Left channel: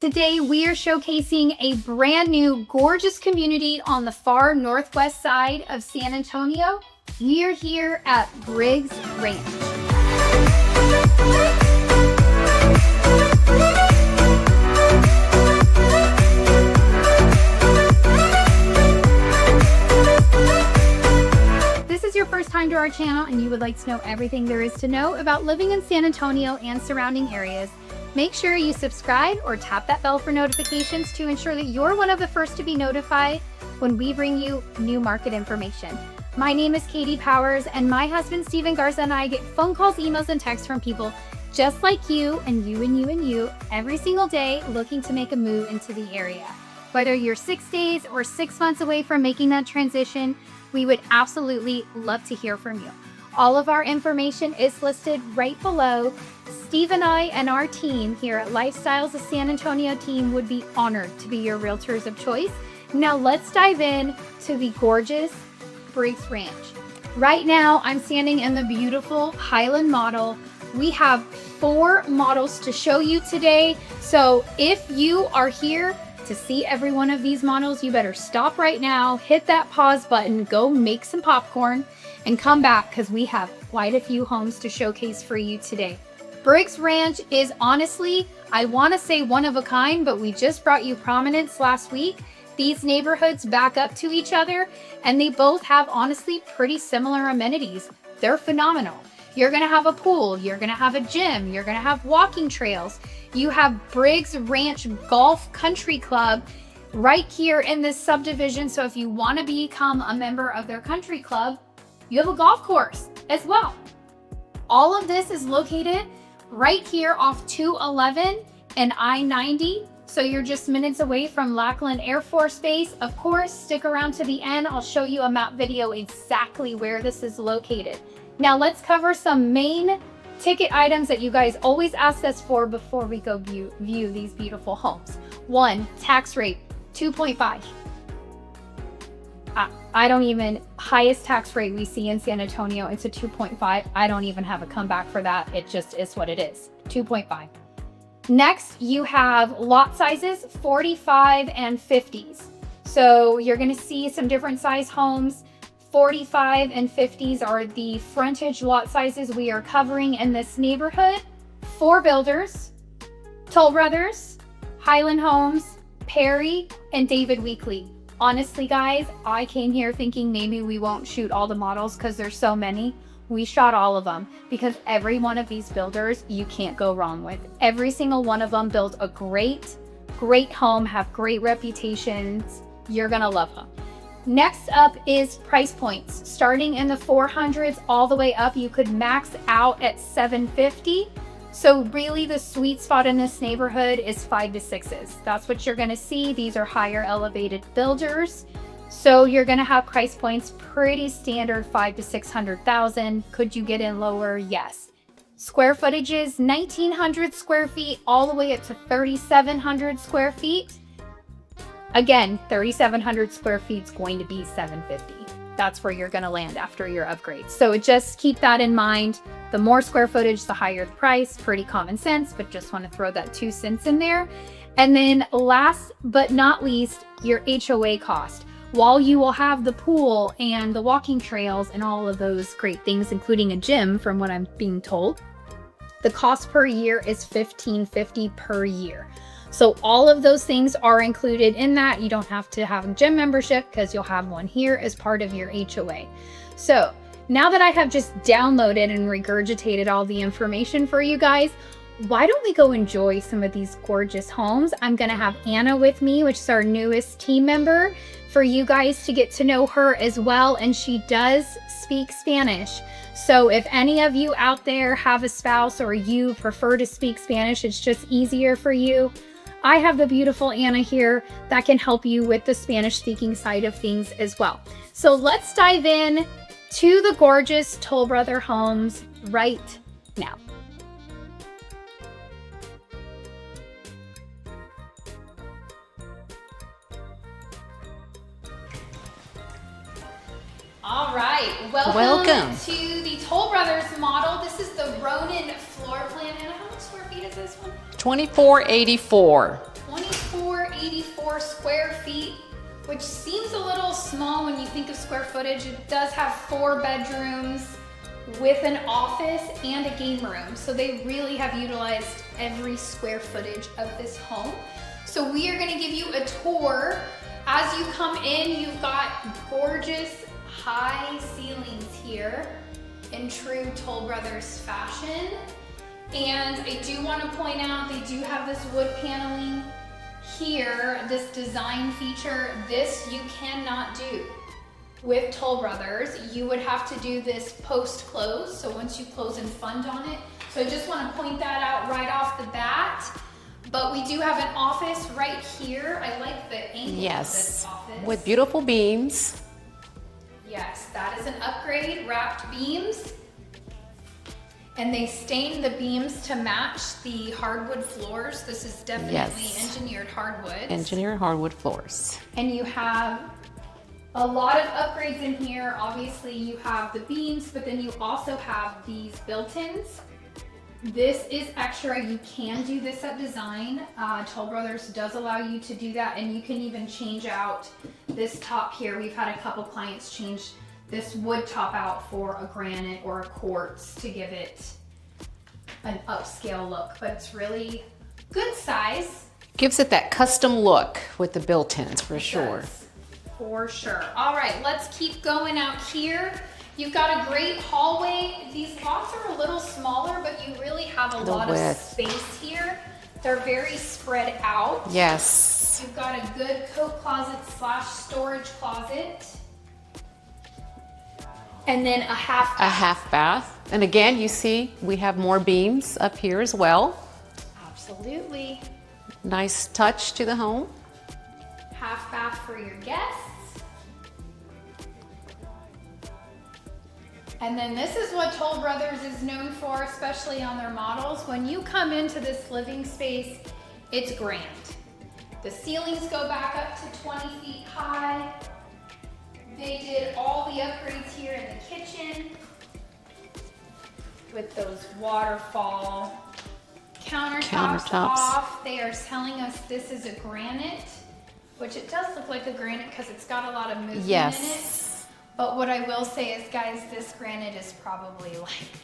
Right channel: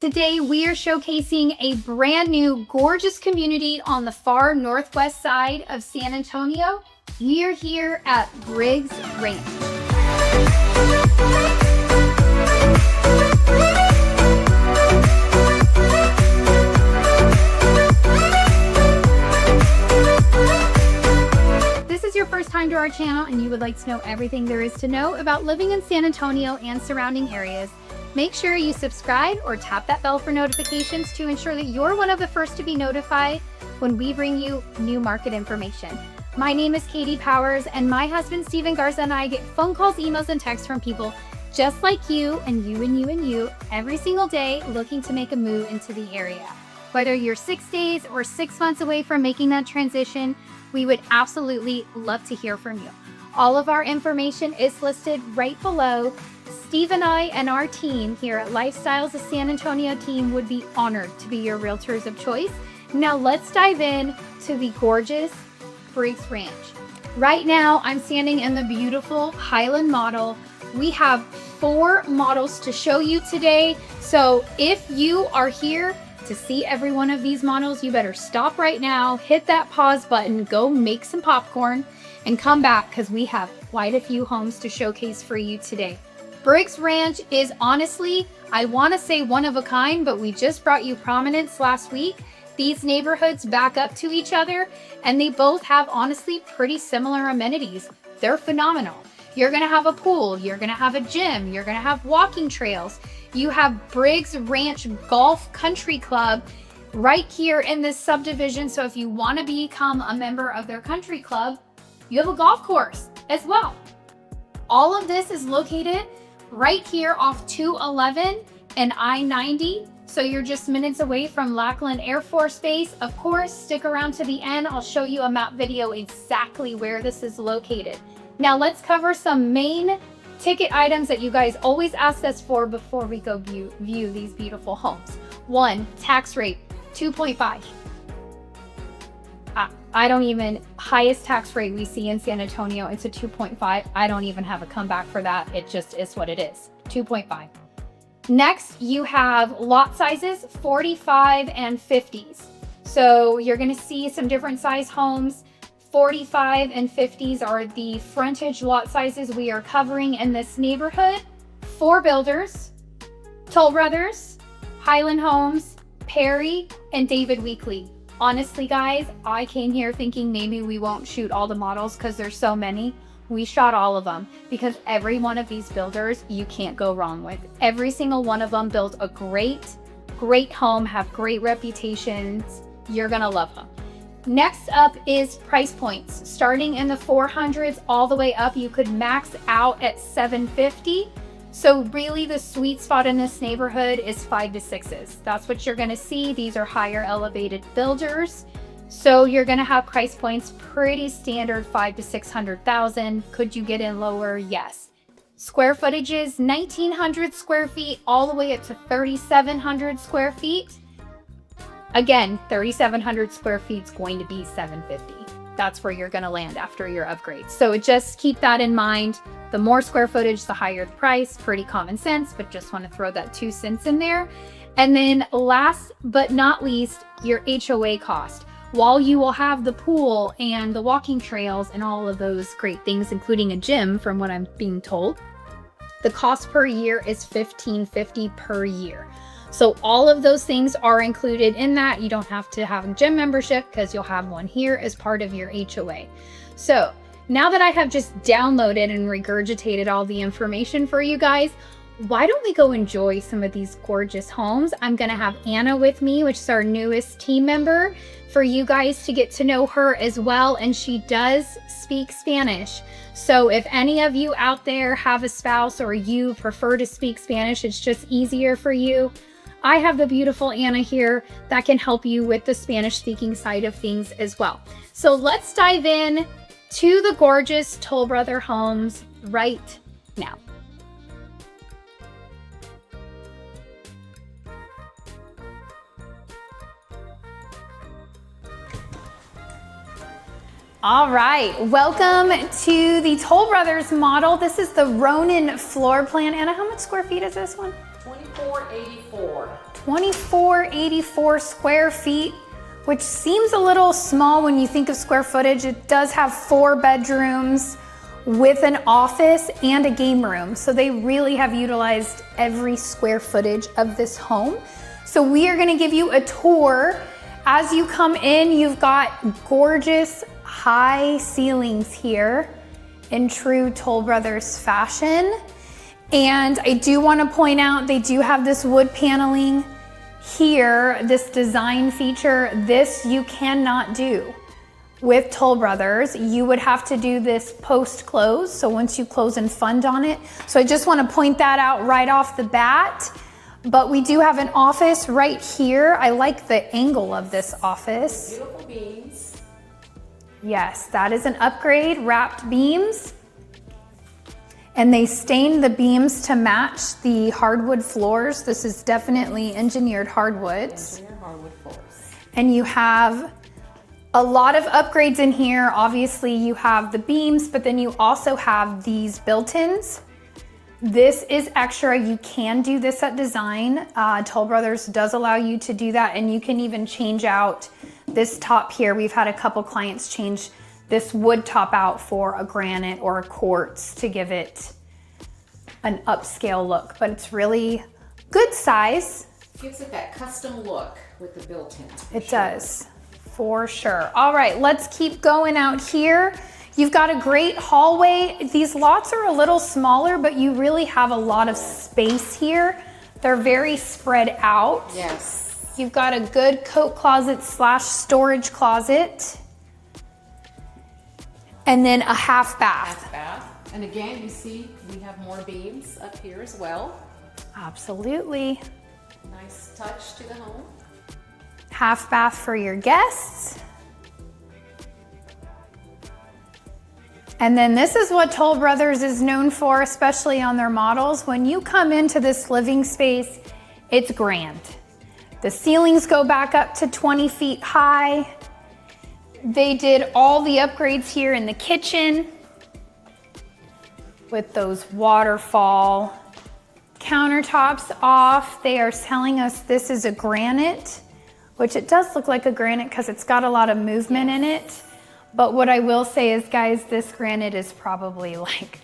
Today, we are showcasing a brand new, gorgeous community on the far northwest side of San Antonio. We are here at Briggs Ranch. If this is your first time to our channel and you would like to know everything there is to know about living in San Antonio and surrounding areas, make sure you subscribe or tap that bell for notifications to ensure that you're one of the first to be notified when we bring you new market information. My name is Katie Powers, and my husband Steven Garza and I get phone calls, emails, and texts from people just like you and you and you and you every single day looking to make a move into the area. Whether you're 6 days or 6 months away from making that transition, we would absolutely love to hear from you. All of our information is listed right below. Steve and I and our team here at Lifestyles of San Antonio team would be honored to be your realtors of choice. Now let's dive in to the gorgeous Briggs Ranch. Right now, I'm standing in the beautiful Highland model. We have 4 models to show you today. So if you are here to see every one of these models, you better stop right now, hit that pause button, go make some popcorn, and come back because we have quite a few homes to showcase for you today. Briggs Ranch is honestly, I want to say one of a kind, but we just brought you Prominence last week. These neighborhoods back up to each other, and they both have honestly pretty similar amenities. They're phenomenal. You're going to have a pool, you're going to have a gym, you're going to have walking trails. You have Briggs Ranch Golf Country Club right here in this subdivision. So if you want to become a member of their country club, you have a golf course as well. All of this is located right here off 211 and I-90. So you're just minutes away from Lackland Air Force Base. Of course, stick around to the end. I'll show you a map video exactly where this is located. Now let's cover some main ticket items that you guys always ask us for before we go view these beautiful homes. 1, tax rate, 2.5. Highest tax rate we see in San Antonio, it's a 2.5. I don't even have a comeback for that. It just is what it is, 2.5. Next, you have lot sizes, 45 and 50s. So you're gonna see some different size homes. 45 and 50s are the frontage lot sizes we are covering in this neighborhood. 4 builders, Toll Brothers, Highland Homes, Perry, and David Weekley. Honestly, guys, I came here thinking maybe we won't shoot all the models because there's so many. We shot all of them because every one of these builders you can't go wrong with. Every single one of them built a great home, have great reputations. You're gonna love them. Next up is price points. Starting in the 400s all the way up, you could max out at 750. So really the sweet spot in this neighborhood is 5 to 6s. That's what you're gonna see. These are higher elevated builders. So you're gonna have price points pretty standard, 5 to 600,000. Could you get in lower? Yes. Square footage is 1,900 square feet all the way up to 3,700 square feet. Again, 3,700 square feet is going to be 750. That's where you're gonna land after your upgrade. So just keep that in mind. The more square footage, the higher the price. Pretty common sense, but just want to throw that 2 cents in there. And then last but not least, your HOA cost. While you will have the pool and the walking trails and all of those great things, including a gym from what I'm being told, the cost per year is $1,550 per year. So all of those things are included in that. You don't have to have a gym membership because you'll have one here as part of your HOA. So now that I have just downloaded and regurgitated all the information for you guys, why don't we go enjoy some of these gorgeous homes? I'm gonna have Anna with me, which is our newest team member, for you guys to get to know her as well. And she does speak Spanish. So if any of you out there have a spouse or you prefer to speak Spanish, it's just easier for you, I have the beautiful Anna here that can help you with the Spanish speaking side of things as well. So let's dive in to the gorgeous Toll Brother homes right now. All right, welcome to the Toll Brothers model. This is the Ronin floor plan. Anna, how much square feet is this one? 2484. 2484 square feet, which seems a little small when you think of square footage. It does have 4 bedrooms with an office and a game room. So they really have utilized every square footage of this home. So we are gonna give you a tour. As you come in, you've got gorgeous high ceilings here in true Toll Brothers fashion. And I do want to point out, they do have this wood paneling here, this design feature. This you cannot do with Toll Brothers. You would have to do this post-close, so once you close and fund on it. So I just want to point that out right off the bat. But we do have an office right here. I like the angle of this office. With beautiful beams. Yes, that is an upgrade, wrapped beams. And they stained the beams to match the hardwood floors. This is definitely engineered hardwoods. Engineered hardwood floors. And you have a lot of upgrades in here. Obviously you have the beams, but then you also have these built-ins. This is extra. You can do this at design. Toll Brothers does allow you to do that, and you can even change out this top here. We've had a couple clients change this wood top out for a granite or a quartz to give it an upscale look, but it's really good size. Gives it that custom look with the built-ins for sure. It does, for sure. All right, let's keep going out here. You've got a great hallway. These lots are a little smaller, but you really have a lot of space here. They're very spread out. Yes. You've got a good coat closet slash storage closet. And then a half bath. A half bath. And again, you see we have more beams up here as well. Absolutely. Nice touch to the home. Half bath for your guests. And then this is what Toll Brothers is known for, especially on their models. When you come into this living space, it's grand. The ceilings go back up to 20 feet high. They did all the upgrades here in the kitchen with those waterfall countertops off. They are telling us this is a granite, which it does look like a granite because it's got a lot of movement in it. But what I will say is, guys, this granite is probably like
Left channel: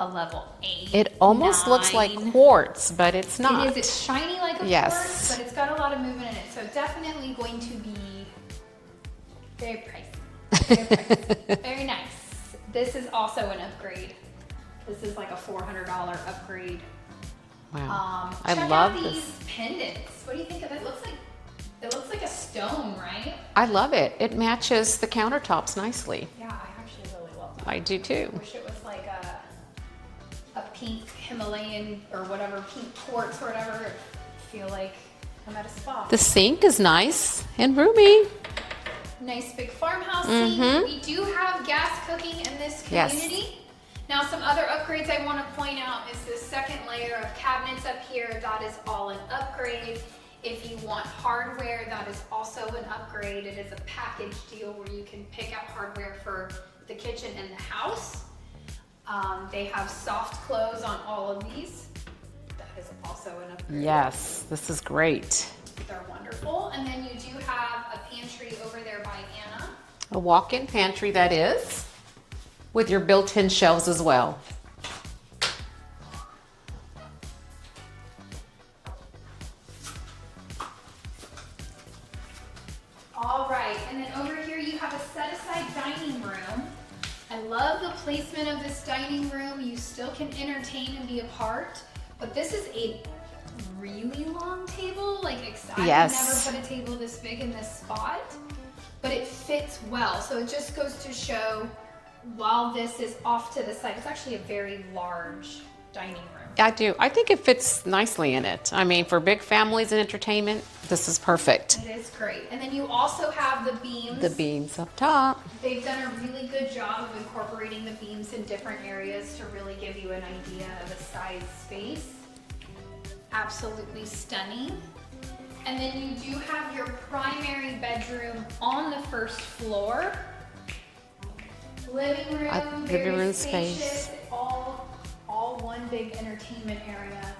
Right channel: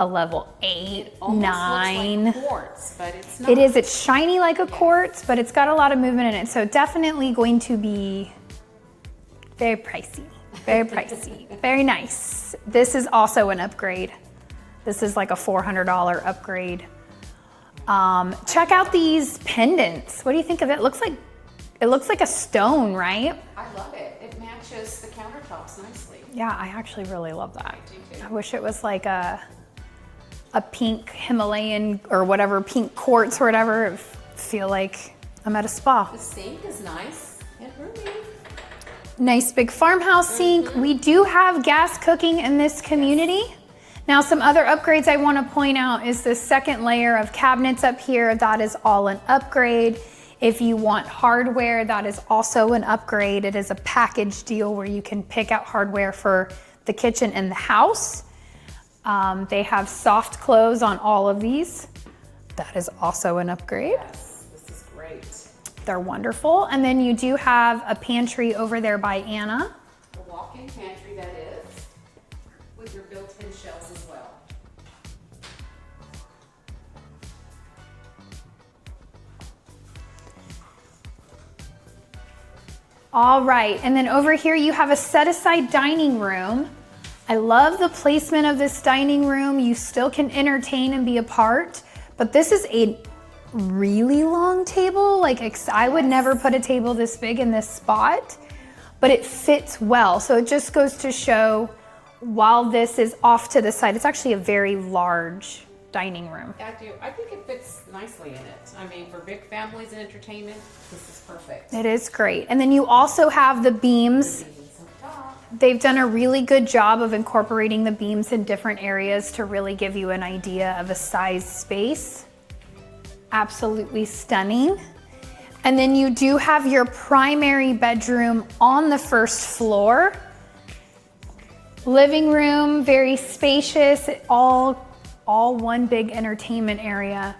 a level 8. It almost looks like quartz, but it's not. It is. It's shiny like a quartz, but it's got a lot of movement in it. So definitely going to be very pricey. Very pricey. Very nice. This is also an upgrade. This is like a $400 upgrade. Wow. Check out these pendants. What do you think of it? It looks like a stone, right? I love it. It matches the countertops nicely. Yeah, I actually really love that. I do too. I wish it was like a pink Himalayan or whatever, pink quartz or whatever. I feel like I'm at a spa. The sink is nice and roomy. Nice big farmhouse sink. We do have gas cooking in this community. Yes. Now, some other upgrades I want to point out is the second layer of cabinets up here. That is all an upgrade. If you want hardware, that is also an upgrade. It is a package deal where you can pick out hardware for the kitchen and the house. They have soft close on all of these. That is also an upgrade. Yes, this is great. They're wonderful. And then you do have a pantry over there by Anna. A walk-in pantry, that is, with your built-in shelves as well. All right, and then over here you have a set-aside dining room. I love the placement of this dining room. You still can entertain and be a part, but this is a really long table. Like, I would never put a table this big in this spot, but it fits well. So it just goes to show, while this is off to the side, it's actually a very large dining room. I do. I think it fits nicely in it. I mean, for big families and entertainment, this is perfect. It is great. And then you also have the beams. The beams up top. They've done a really good job of incorporating the beams in different areas to really give you an idea of a size space. Absolutely stunning. And then you do have your primary bedroom on the first floor. Living room, very spacious, all one big entertainment area.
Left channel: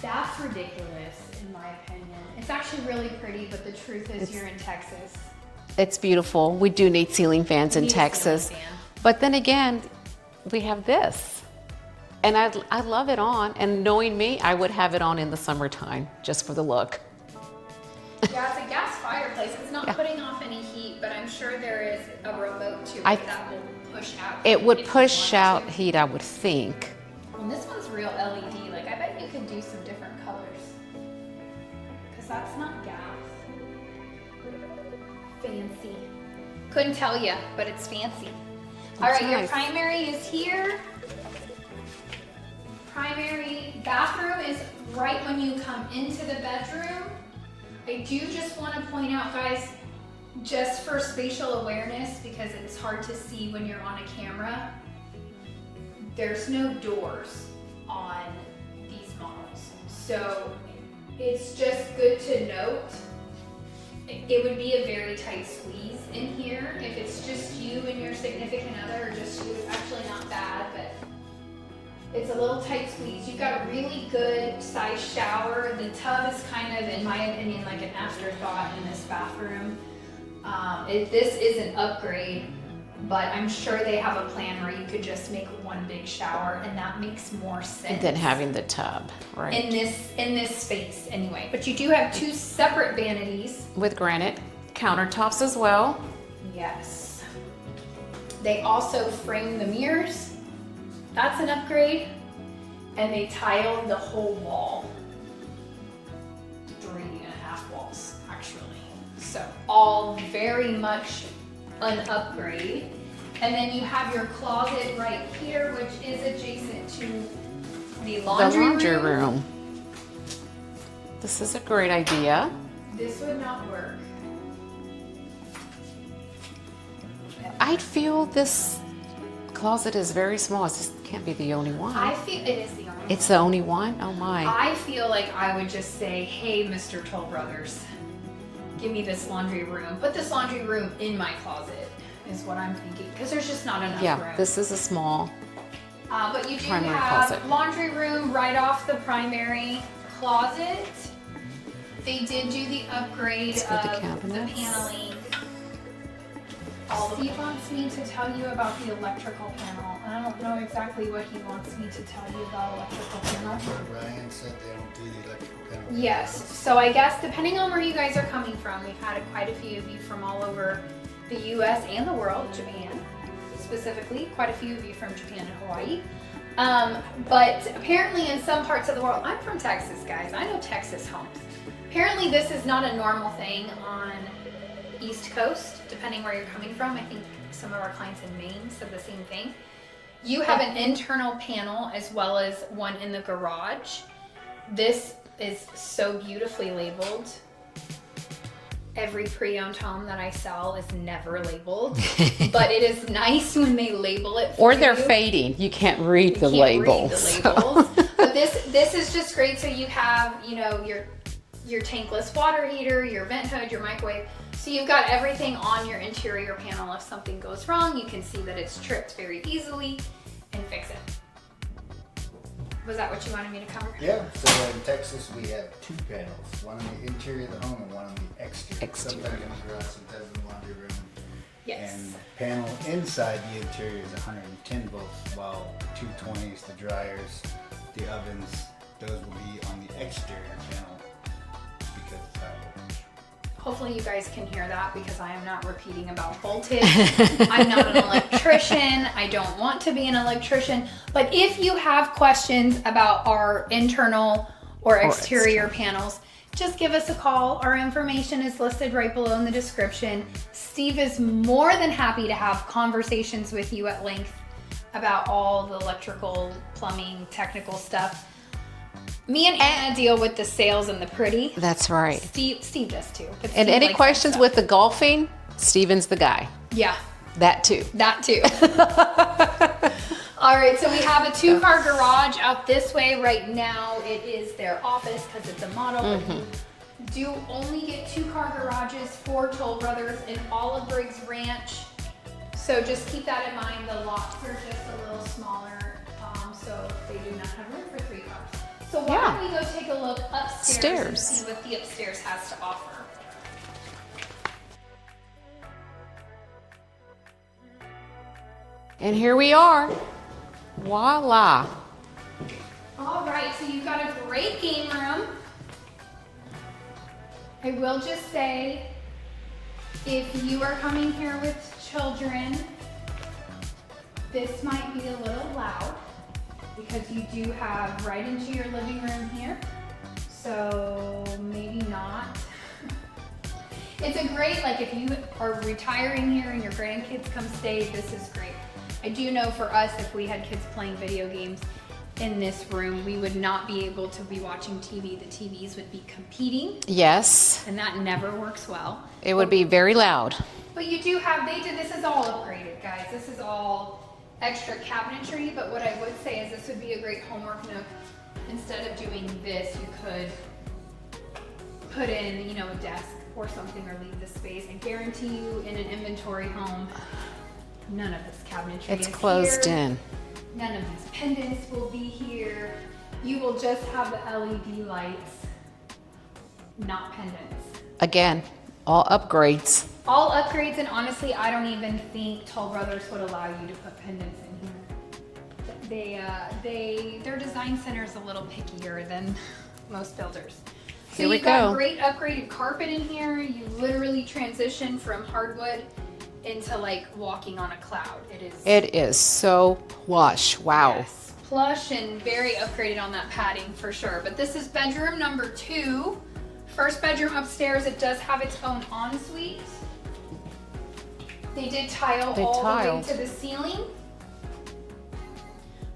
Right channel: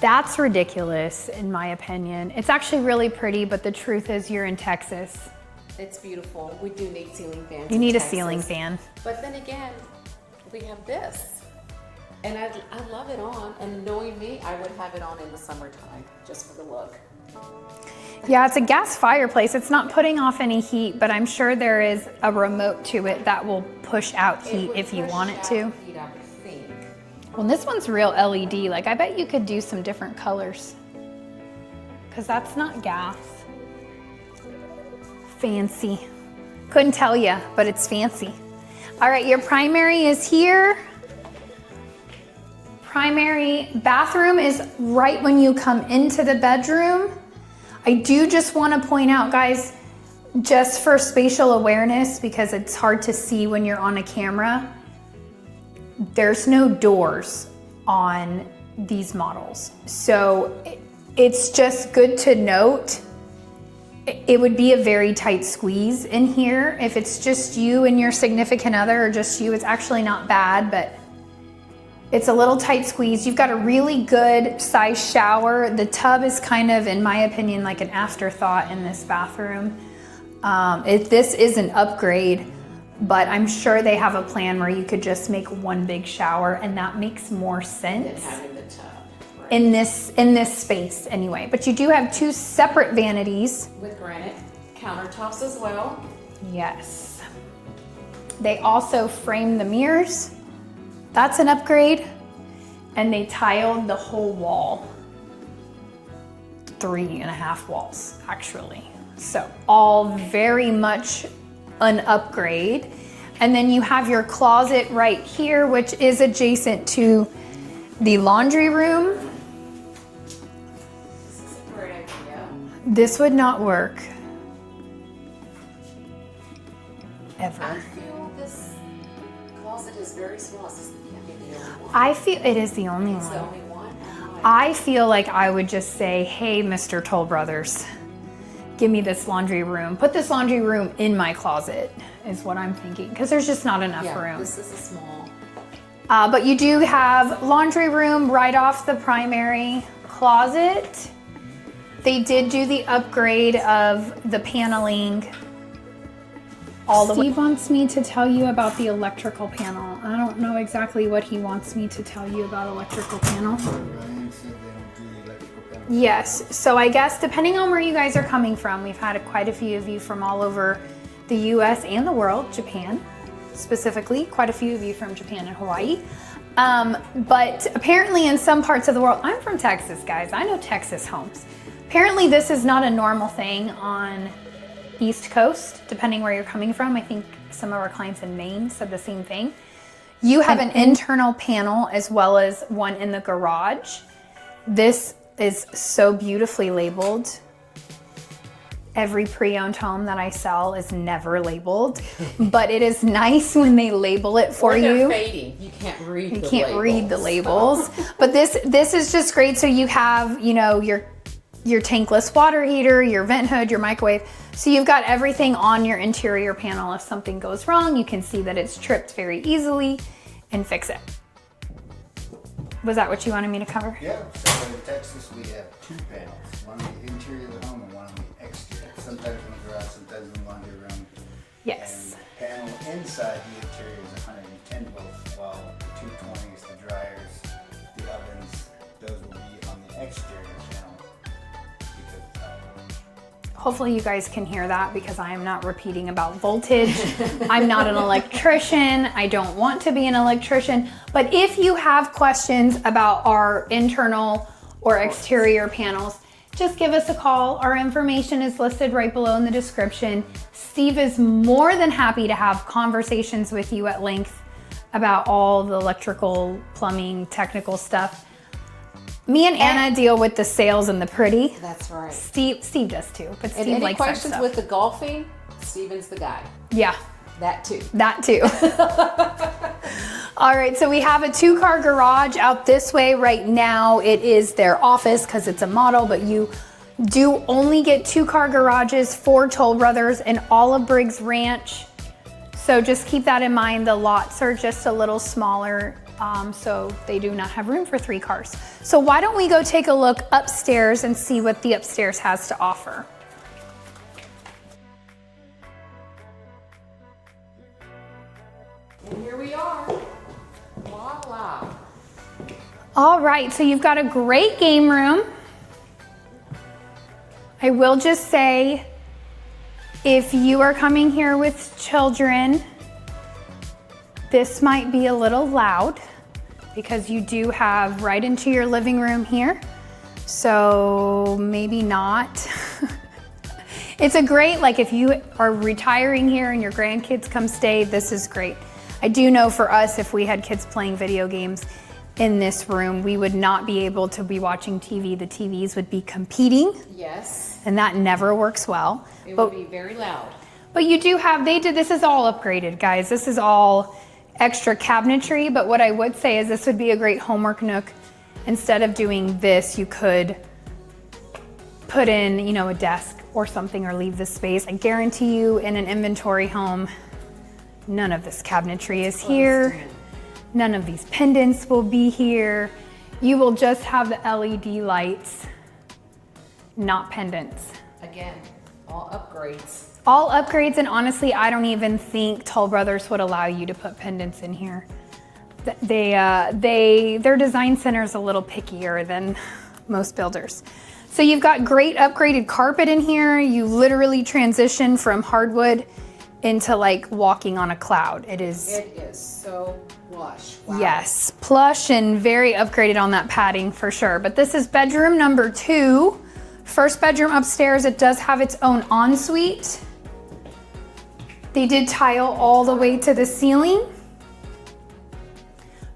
That's ridiculous, in my opinion. It's actually really pretty, but the truth is you're in Texas. It's beautiful. We do need ceiling fans in You need Texas. a ceiling fan. But then again, we have this. And I love it on. And knowing me, I would have it on in the summertime just for the look. Yeah, it's a gas fireplace. It's not putting off any heat, but I'm sure there is a remote to it that will push out heat. It would if push you want out it to. heat, I would think. Well, this one's real LED. Like, I bet you could do some different colors. Because that's not gas. Fancy. Couldn't tell you, but it's fancy. All right, your primary is here. Primary bathroom is right when you come into the bedroom. I do just want to point out, guys, just for spatial awareness, because it's hard to see when you're on a camera, there's no doors on these models. So it's just good to note, it would be a very tight squeeze in here. If it's just you and your significant other, or just you, it's actually not bad, but it's a little tight squeeze. You've got a really good size shower. The tub is kind of, in my opinion, like an afterthought in this bathroom. This is an upgrade, but I'm sure they have a plan where you could just make one big shower, and that makes more sense Than having the tub, right? in this space anyway. But you do have two separate vanities. With granite countertops as well. Yes. They also frame the mirrors. That's an upgrade. And they tiled the whole wall. 3.5 walls, actually. So all very much an upgrade. And then you have your closet right here, which is adjacent to the laundry room. This is a great idea. This would not work. Ever. I feel this closet is very small. This can't be the only one. I feel it is the only It's one. the only one? Oh my. I feel like I would just say, hey, Mr. Toll Brothers, give me this laundry room. Put this laundry room in my closet, is what I'm thinking, because there's just not enough room. This is a small. But you do primary have closet. laundry room right off the primary closet. They did do the upgrade of the paneling all the way. Steve wants me to tell you about the electrical panel. I don't know exactly what he wants me to tell you about electrical panel. Yes, so I guess depending on where you guys are coming from, we've had quite a few of you from all over the US and the world, Japan specifically, quite a few of you from Japan and Hawaii. But apparently in some parts of the world, I'm from Texas, guys, I know Texas homes. Apparently this is not a normal thing on East Coast, depending where you're coming from. I think some of our clients in Maine said the same thing. You have an internal panel as well as one in the garage. This is so beautifully labeled. Every pre-owned home that I sell is never labeled, but it is nice when they label it for you. Or they're fading. You can't read the labels. You can't read the labels. But this is just great. So you have, you know, your tankless water heater, your vent hood, your microwave. So you've got everything on your interior panel. If something goes wrong, you can see that it's tripped very easily and fix it. Was that what you wanted me to cover? Yeah, so in Texas we have two panels, one on the interior of the home and one on the exterior. Sometimes in the garage, sometimes in the laundry room. Yes. And the panel inside the interior is 110 volts, while 220 is the dryers, the ovens, those will be on the exterior panel because of how it works. Hopefully you guys can hear that because I am not repeating about voltage. I'm not an electrician. I don't want to be an electrician. But if you have questions about our internal or exterior panels, just give us a call. Our information is listed right below in the description. Steve is more than happy to have conversations with you at length about all the electrical, plumbing, technical stuff. Me and Anna deal with the sales and the pretty. That's right. Steve does too. But And Steve any likes questions that with the golfing, Steven's the guy. Yeah, That too. that too. All right, so we have a 2-car garage out this way right now. It is their office because it's a model, but you do only get 2-car garages for Toll Brothers and all of Briggs Ranch. So just keep that in mind. The lots are just a little smaller So they do not have room for 3 cars. So why don't we go take a look upstairs and see what the upstairs has to offer. And here we are. Voila. All right, so you've got a great game room. I will just say, if you are coming here with children, this might be a little loud because you do have right into your living room here. So maybe not. It's a great, like if you are retiring here and your grandkids come stay, this is great. I do know for us, if we had kids playing video games in this room, we would not be able to be watching TV. The TVs would be competing. Yes. And that never works well. It would be very loud. But you do have, this is all upgraded, guys. This is all extra cabinetry, but what I would say is this would be a great homework nook. Instead of doing this, you could put in, you know, a desk or something or leave this space. I guarantee you in an inventory home, none of this cabinetry is here. In. None of these pendants will be here. You will just have the LED lights, not pendants. Again, all upgrades. All upgrades, and honestly, I don't even think Toll Brothers would allow you to put pendants in here. Their design center is a little pickier than most builders. So you've got great upgraded carpet in here. You literally transition from hardwood into like walking on a cloud. It is so plush. Wow. Yes, plush and very upgraded on that padding for sure. But this is bedroom number 2. First bedroom upstairs. It does have its own ensuite. They did tile all the way to the ceiling.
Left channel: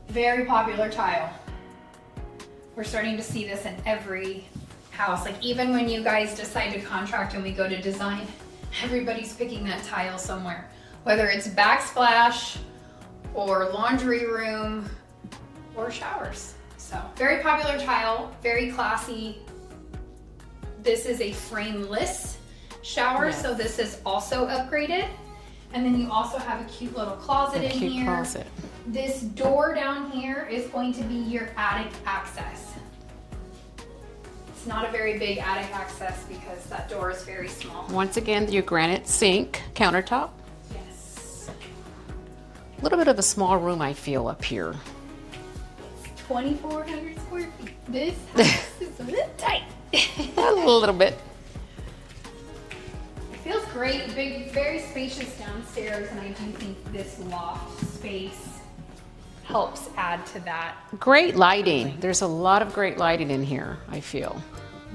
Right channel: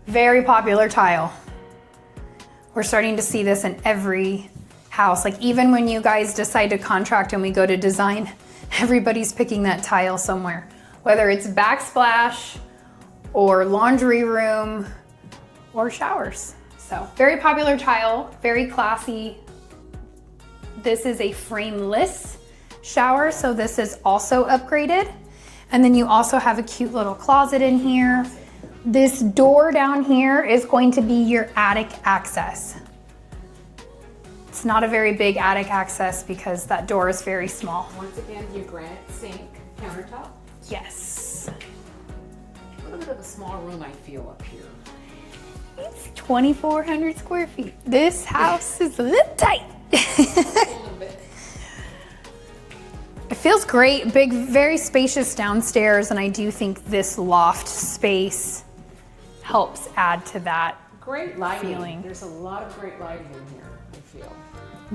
Very popular tile. We're starting to see this in every house. Like even when you guys decide to contract and we go to design, everybody's picking that tile somewhere. Whether it's backsplash or laundry room or showers. So very popular tile, very classy. This is a frameless shower, so this is also upgraded. And then you also have a cute little closet in here. Closet. This door down here is going to be your attic access. It's not a very big attic access because that door is very small. Once again, your granite sink countertop. Yes. A little bit of a small room, I feel, up here. It's 2,400 square feet. This house is a little tight. A little bit. It feels great, big, very spacious downstairs, and I do think this loft space helps add to that. Great lighting. feeling. There's a lot of great lighting in here, I feel.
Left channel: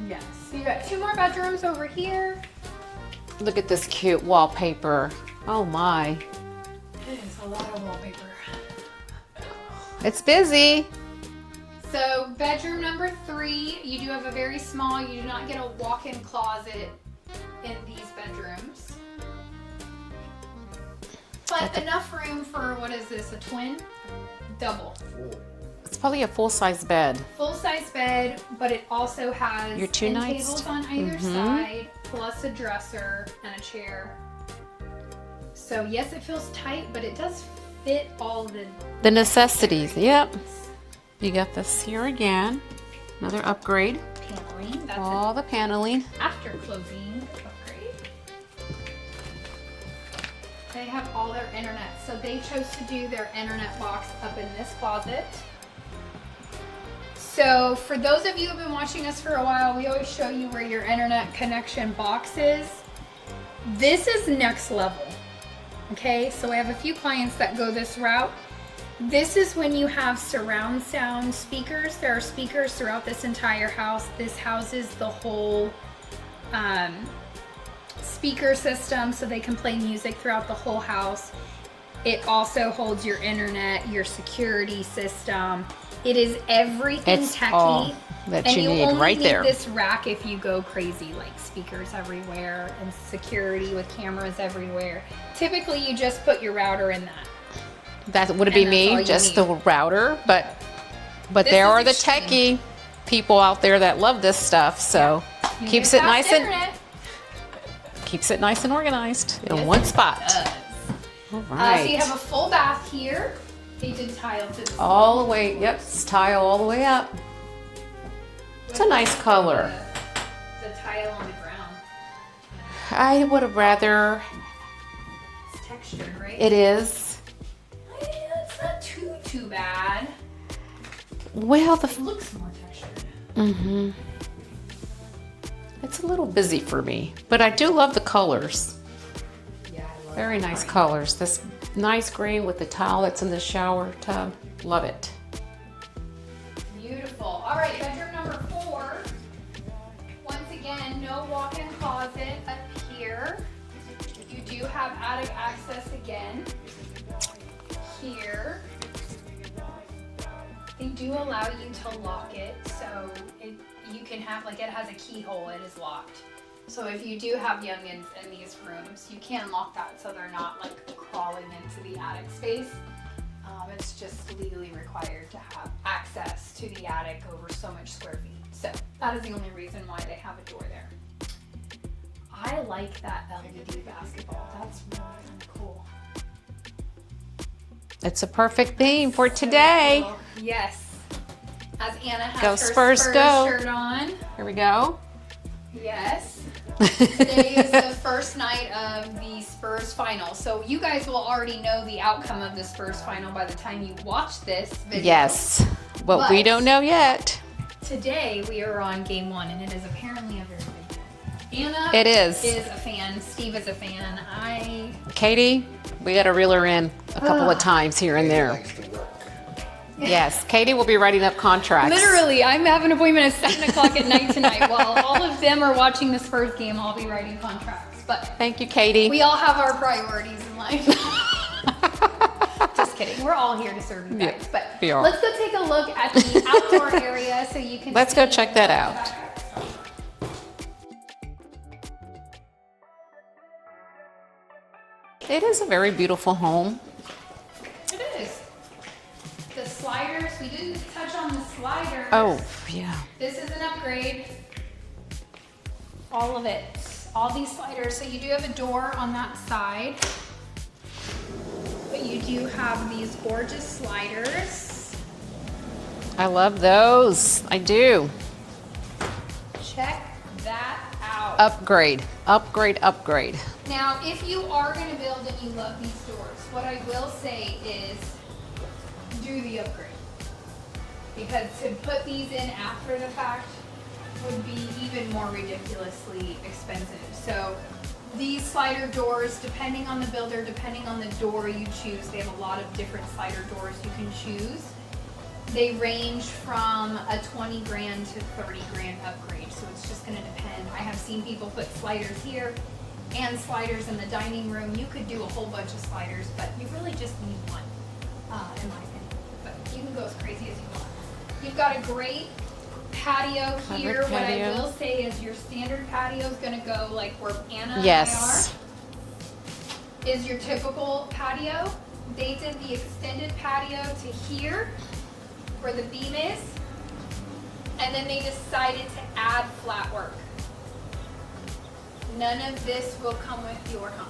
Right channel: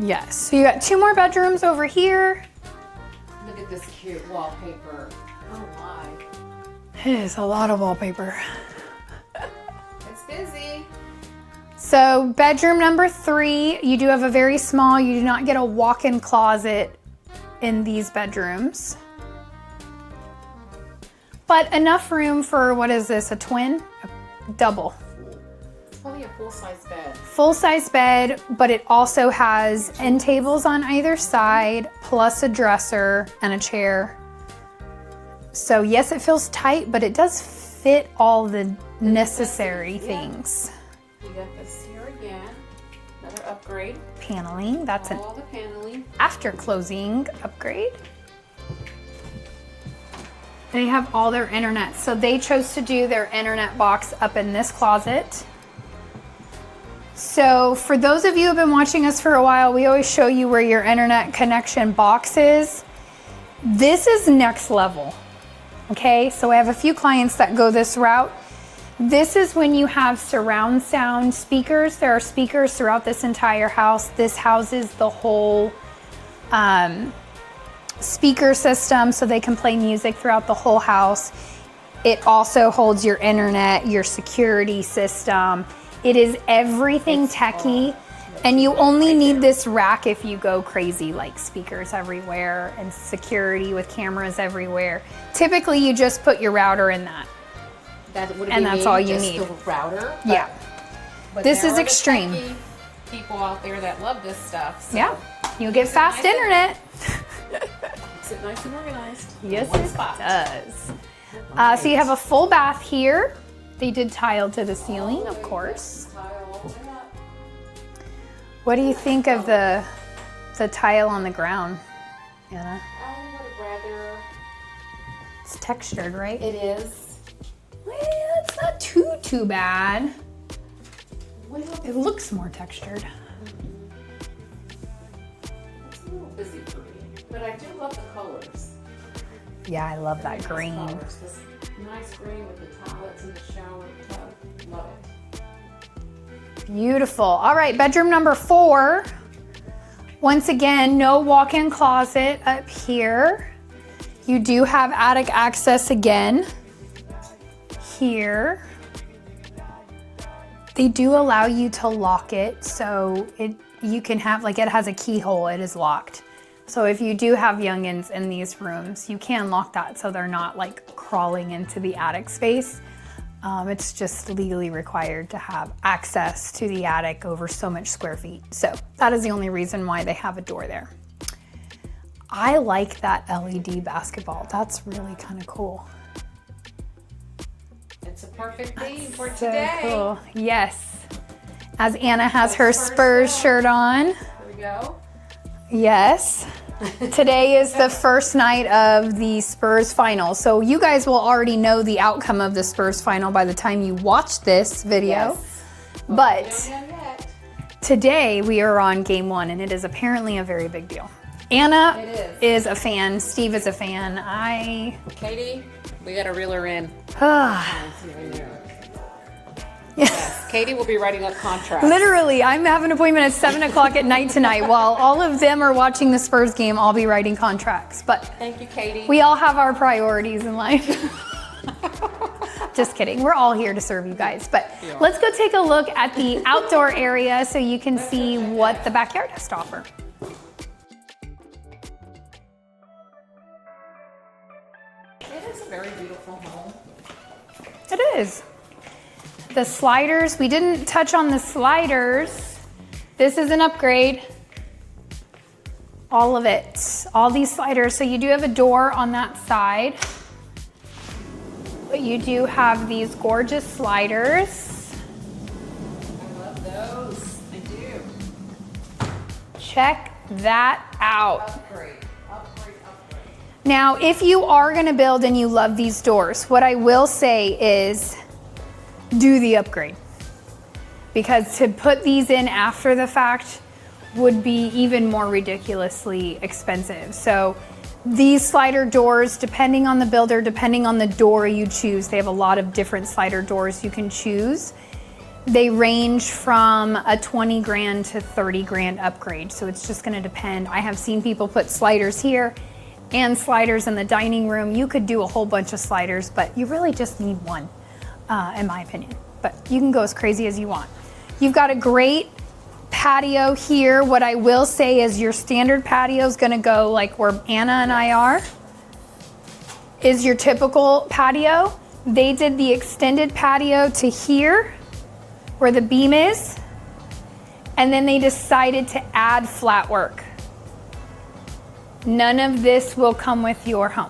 Yes, so you got 2 more bedrooms over here. Look at this cute wallpaper. Oh my. It is a lot of wallpaper. It's busy. So bedroom number 3, you do have a very small, you do not get a walk-in closet in these bedrooms. But enough room for, what is this, a twin? A double. It's probably a full-size bed. Full-size bed, but it also has Your end nights. tables on either side, plus a dresser and a chair. So yes, it feels tight, but it does fit all the necessities. Yep. things. You got this here again. Another upgrade. Paneling, that's All the paneling. an after closing upgrade. They have all their internet. So they chose to do their internet box up in this closet. So for those of you who have been watching us for a while, we always show you where your internet connection box is. This is next level. Okay, so I have a few clients that go this route. This is when you have surround sound speakers. There are speakers throughout this entire house. This houses the whole speaker system so they can play music throughout the whole house. It also holds your internet, your security system. It is everything It's techie. all that And you you need only right need there. this rack if you go crazy, like speakers everywhere and security with cameras everywhere. Typically, you just put your router in that. That would And be that's all me, you just need. the router. But, Yeah. but This there is are the extreme. techie people out there that love this stuff. So Yeah. You get keeps it fast nice internet. and keeps it nice and organized in Yes, one it spot. does. So you have a full bath here. They did tile to the ceiling, All the way, of course. yep, tile all the way up. What It's do a you nice think color. of the tile on the ground? Yeah, I would have rather, it's textured, right? it is. It's not too bad. Well, It looks more textured. it's a little busy for me, but I do love the colors. Yeah, I love Very that nice green. colors. This nice green with the tile that's in the shower tub. Love it. Beautiful. All right, bedroom number 4. Once again, no walk-in closet up here. You do have attic access again here. They do allow you to lock it, so you can have, like, it has a keyhole, it is locked. So if you do have youngins in these rooms, you can lock that so they're not like crawling into the attic space. It's just legally required to have access to the attic over so much square feet. So that is the only reason why they have a door there. I like that LED basketball. That's really kind of cool. It's a perfect theme for So today. cool. Yes. As Anna has Go her Spurs, Spurs go. shirt on. Here we go. Yes. Today is the first night of the Spurs final. So you guys will already know the outcome of the Spurs final by the time you watch this video. Yes. But we But- don't know yet. Today we are on game 1 and it is apparently a very big deal. Anna It is. a fan. Steve is a fan. Katie, we got to reel her in a couple of times here and there. Yes, Katie will be writing up contracts. Literally, I'm having an appointment at 7 o'clock at night tonight. While all of them are watching the Spurs game, I'll be writing contracts. But Thank you, Katie. we all have our priorities in life. Just kidding. We're all here to serve you guys. But We are. let's go take a look at the outdoor area so you can Let's see go check that what out. the backyard has to offer. It is a very beautiful home. It is. The sliders, we didn't touch on the sliders. Oh, yeah. This is an upgrade. All of it. All these sliders. So you do have a door on that side. But you do have these gorgeous sliders. I love those. I do. Check that out. Upgrade, upgrade, upgrade. Now, if you are gonna build and you love these doors, what I will say is do the upgrade. Because to put these in after the fact would be even more ridiculously expensive. So these slider doors, depending on the builder, depending on the door you choose, they have a lot of different slider doors you can choose. They range from a 20 grand to 30 grand upgrade. So it's just gonna depend. I have seen people put sliders here and sliders in the dining room. You could do a whole bunch of sliders, but you really just need one, in my opinion. But you can go as crazy as you want. You've got a great patio here. What I Patio. will say is your standard patio is gonna go like where Anna and I are, is your typical patio. They did the extended patio to here, where the beam is, and then they decided to add flat work. None of this will come with your home.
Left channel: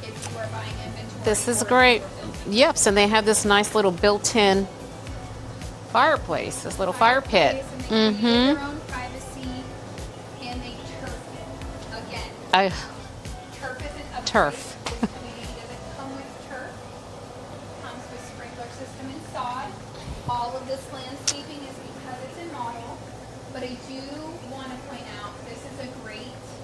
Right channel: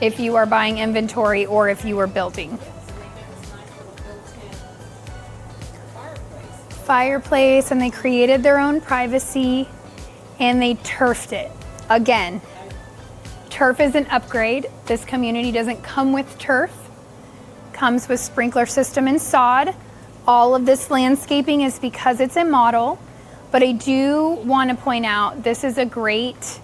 If you are buying inventory This is or if great. you are building. Yep, so they have this nice little built-in fireplace, this little Fireplace, fire and they created their own privacy, and they turfed it. Again, pit. turf is an upgrade. Turf. This community doesn't come with turf. Comes with sprinkler system and sod. All of this landscaping is because it's a model, but I do want to point out this is a great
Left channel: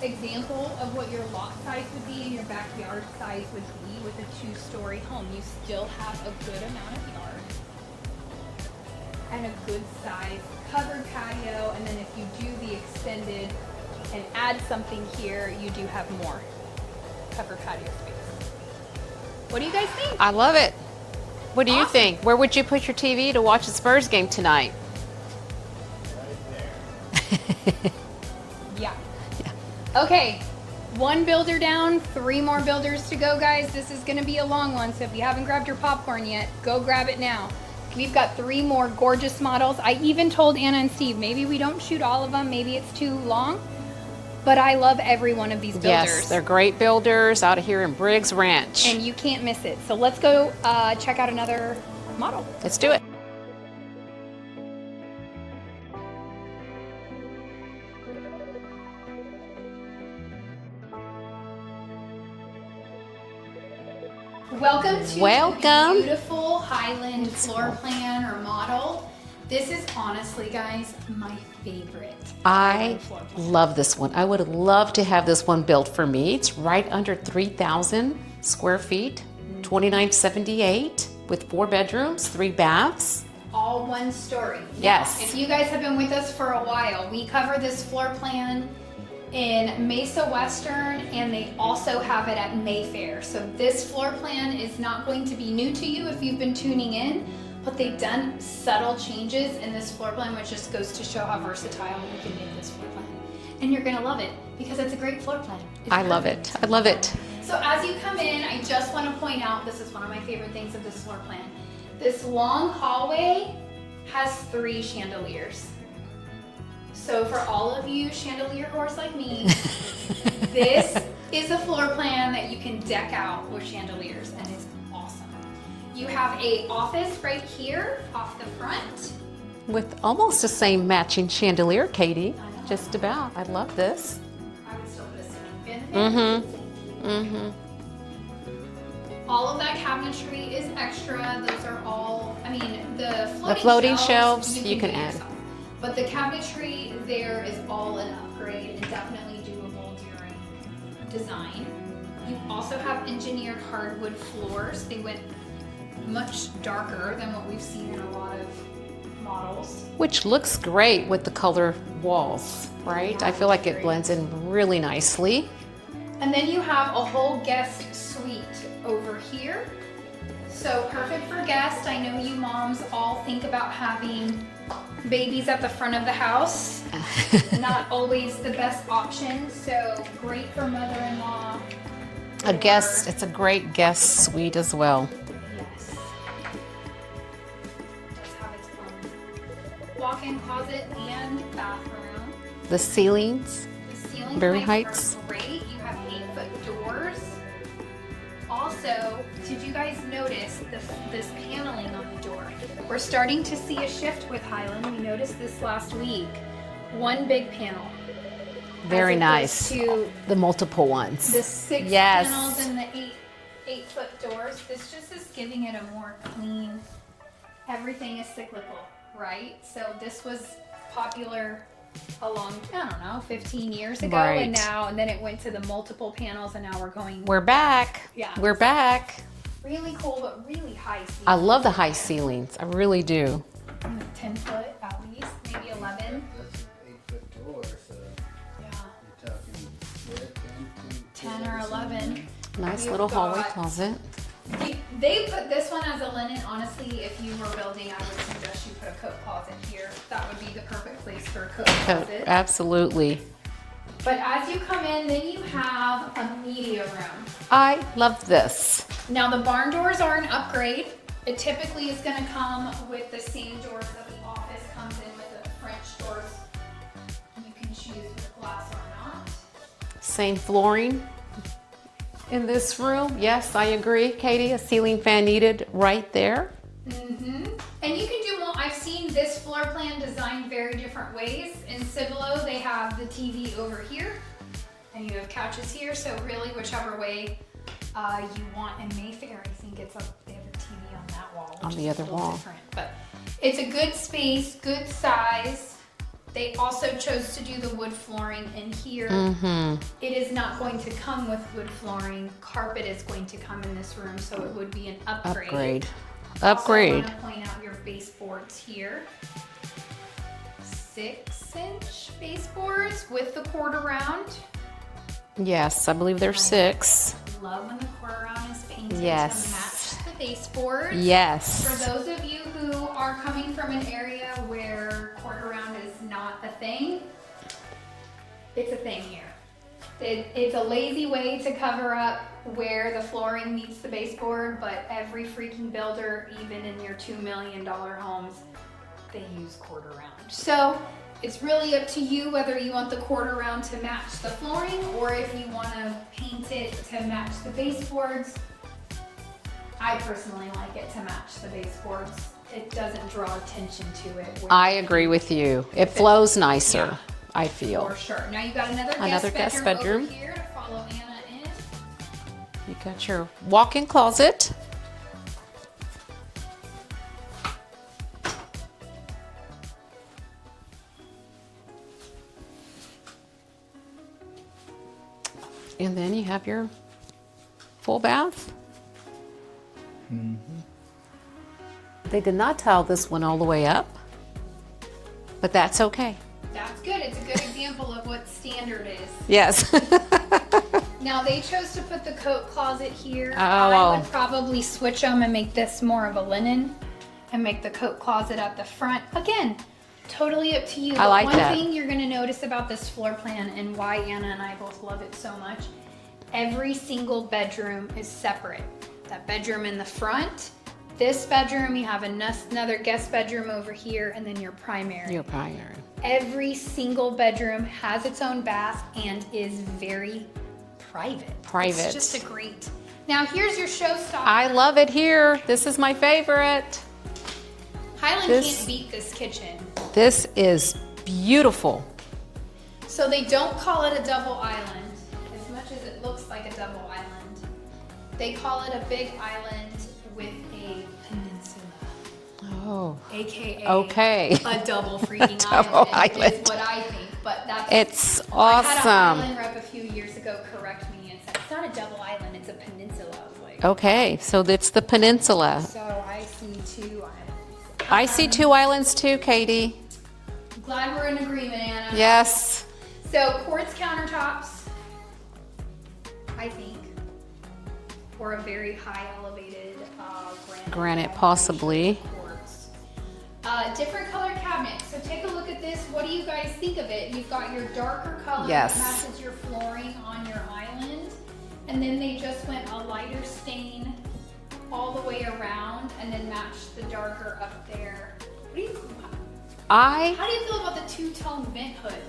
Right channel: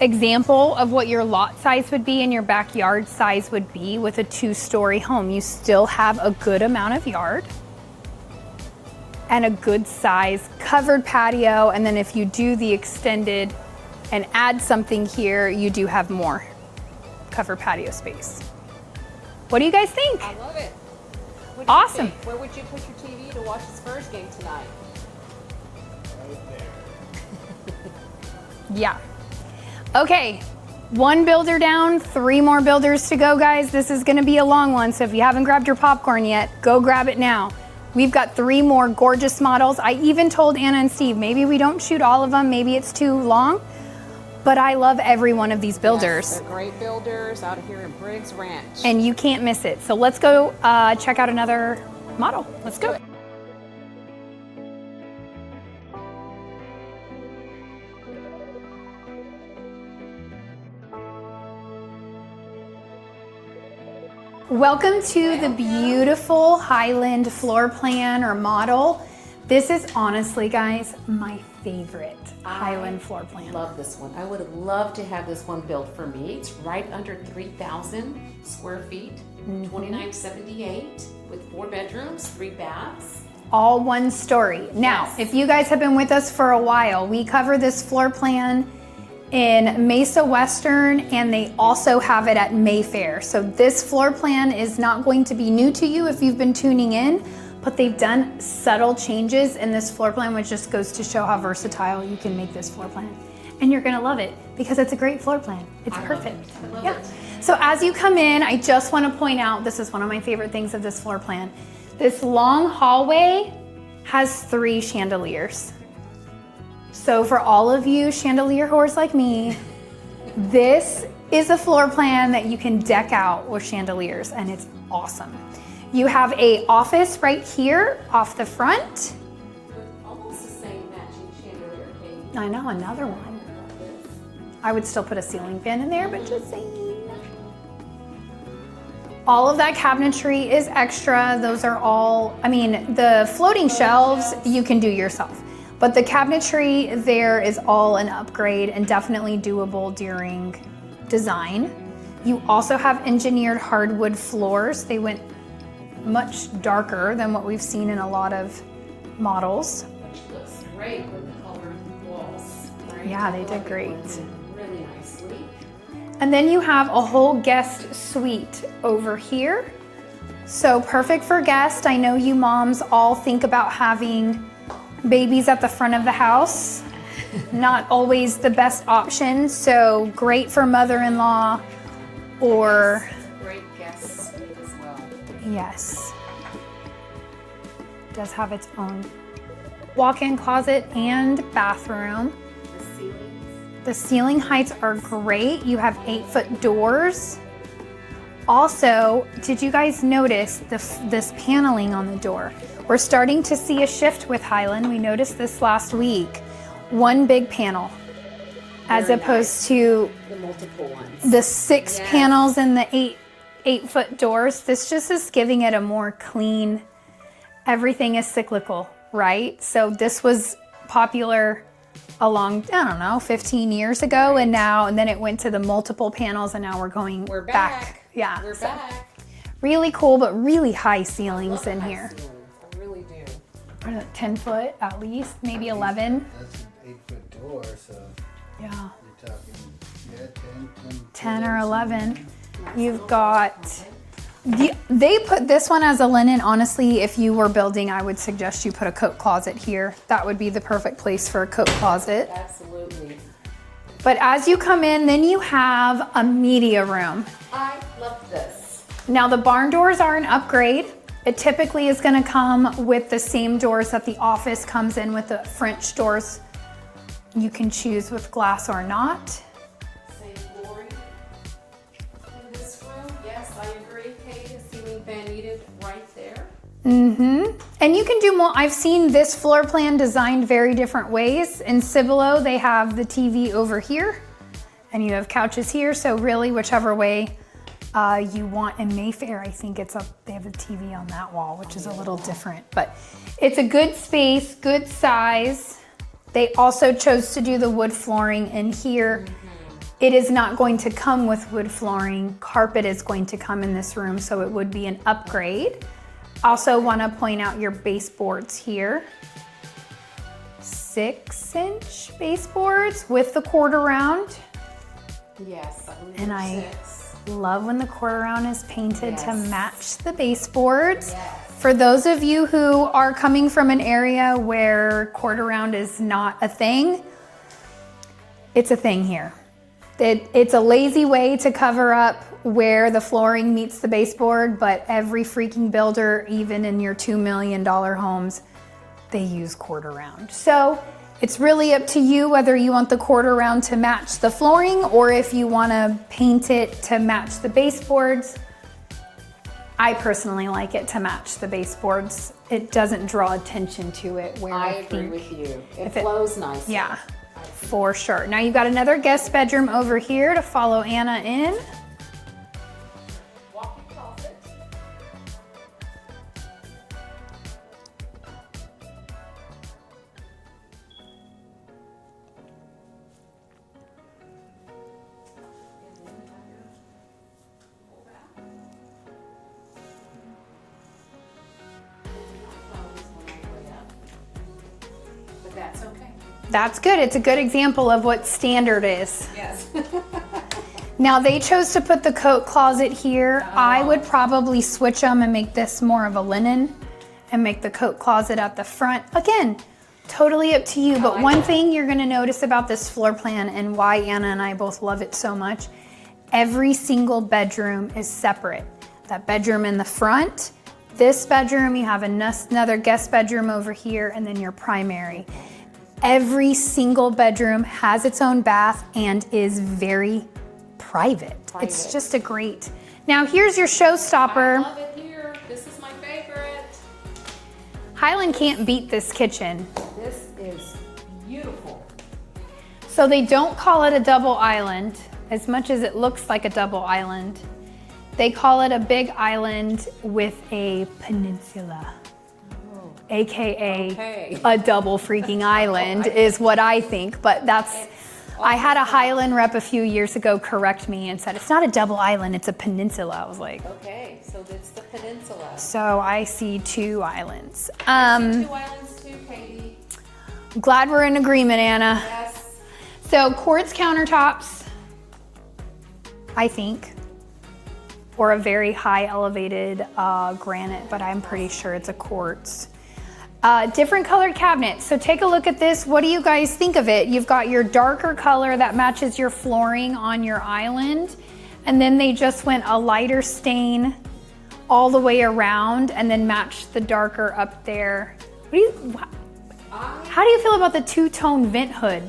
example of what your lot size would be and your backyard size would be with a 2-story home. You still have a good amount of yard and a good size covered patio, and then if you do the extended and add something here, you do have more covered patio space. What do you guys think? I love it. What do you Awesome. think? Where would you put your TV to watch the Spurs game tonight? Yeah. Okay, 1 builder down, 3 more builders to go, guys. This is gonna be a long one, so if you haven't grabbed your popcorn yet, go grab it now. We've got 3 more gorgeous models. I even told Anna and Steve, maybe we don't shoot all of them, maybe it's too long. but I love every one of these builders. Yes, they're great builders out here in Briggs Ranch. And you can't miss it. So let's go check out another model. Let's do it. Welcome to Welcome. the beautiful Highland floor plan or model. This is honestly, guys, my favorite I Highland floor plan. love this one. I would love to have this one built for me. It's right under 3,000 square feet, 2,978 with 4 bedrooms, 3 baths. All one story. Now, Yes. if you guys have been with us for a while, we cover this floor plan in Mesa Western, and they also have it at Mayfair. So this floor plan is not going to be new to you if you've been tuning in, but they've done subtle changes in this floor plan, which just goes to show how versatile you can make this floor plan. And you're gonna love it because it's a great floor plan. It's I love perfect. it. I love it. So as you come in, I just want to point out, this is one of my favorite things of this floor plan. This long hallway has 3 chandeliers. So for all of you chandelier whores like me, this is a floor plan that you can deck out with chandeliers, and it's awesome. You have a office right here off the front. With almost the same matching chandelier, Katie. I know, Just another about. I love this. I would still put a ceiling fan in there, but just saying. All of that cabinetry is extra. Those are all, I mean, the floating shelves you can do yourself. But the cabinetry there is all an upgrade and definitely doable during design. You also have engineered hardwood floors. They went much darker than what we've seen in a lot of models. Which looks great with the color walls, right? Yeah, I they feel like did it great. blends in really nicely. And then you have a whole guest suite over here. So perfect for guests. I know you moms all think about having babies at the front of the house. Not always the best option. So great for mother-in-law or It's a great guest suite as well. yes. Does have its own walk-in closet and bathroom. The ceilings. The ceiling Very heights are great. You have 8-foot doors. Also, did you guys notice this paneling on the door? We're starting to see a shift with Highland. We noticed this last week. One big panel, Very as opposed nice. to The multiple ones. the 6 Yes. panels and the 8-foot doors. This just is giving it a more clean. Everything is cyclical, right? So this was popular along, I don't know, 15 years ago, Right. and then it went to the multiple panels, and now We're back. Yeah, We're so back. really cool, but really high I ceilings. love the in high here. ceilings. I really do. 10 foot at least, maybe 11. That's an 8-foot door, so Yeah, you're talking 10 or 11. Nice You've little got- hallway closet. They put this one as a linen. Honestly, if you were building, I would suggest you put a coat closet here. That would be the perfect place for a coat closet. Absolutely. But as you come in, then you have a media room. I love this. Now the barn doors are an upgrade. It typically is gonna come with the same doors that the office comes in with, the French doors. You can choose with glass or not. Same flooring in this room. Yes, I agree, Katie. A ceiling fan needed right there. And you can do more. I've seen this floor plan designed very different ways. In Cibolo, they have the TV over here and you have couches here. So really whichever way you want. In Mayfair, I think they have a TV on that wall, which On is the a other little wall. different, but it's a good space, good size. They also chose to do the wood flooring in here. It is not going to come with wood flooring. Carpet is going to come in this room, so it would be an upgrade. Also Upgrade. want to point out your baseboards here. 6-inch baseboards with the quarter round. Yes, I believe there's Nice. 6. Love when the quarter round is painted Yes. to match the baseboards. Yes. For those of you who are coming from an area where quarter round is not a thing, it's a thing here. It's a lazy way to cover up where the flooring meets the baseboard, but every freaking builder, even in your $2 million homes, they use quarter round. So it's really up to you whether you want the quarter round to match the flooring or if you want to paint it to match the baseboards. I personally like it to match the baseboards. It doesn't draw attention to it. I agree with you. It flows nicer, yeah, I feel. for sure. Now you got another guest bedroom over here to follow Anna in. You got your walk-in closet. And then you have your full bath. They did not tile this one all the way up, but that's okay. That's good. It's a good example of what standard is. Yes. Now they chose to put the coat closet here. I would probably switch them and make this more of a linen and make the coat closet at the front. Again, totally up to you. But like one that. thing you're gonna notice about this floor plan and why Anna and I both love it so much, every single bedroom is separate. That bedroom in the front, this bedroom, you have another guest bedroom over here, and then your primary. Every single bedroom has its own bath and is very private. It's just a great. Now here's your showstopper. I love it here. This is my favorite. Highland can't beat this kitchen. This is beautiful. So they don't call it a double island, as much as it looks like a double island. They call it a big island with a peninsula. Oh. AKA a double freaking island is what I think, but that's. It's awesome. I had a Highland rep a few years ago correct me and said, it's not a double island, it's a peninsula. I was like. Okay, so it's the peninsula. So I see two islands. I see two islands too, Katie. Glad we're in agreement, Anna. Yes. So quartz countertops, I think. Or a very high elevated granite, but I'm pretty sure it's a quartz. Different colored cabinets. So take a look at this. What do you guys think of it? You've got your darker color that matches your flooring on your island. And then they just went a lighter stain all the way around and then matched the darker up there. How do you feel about the two-tone vent hood?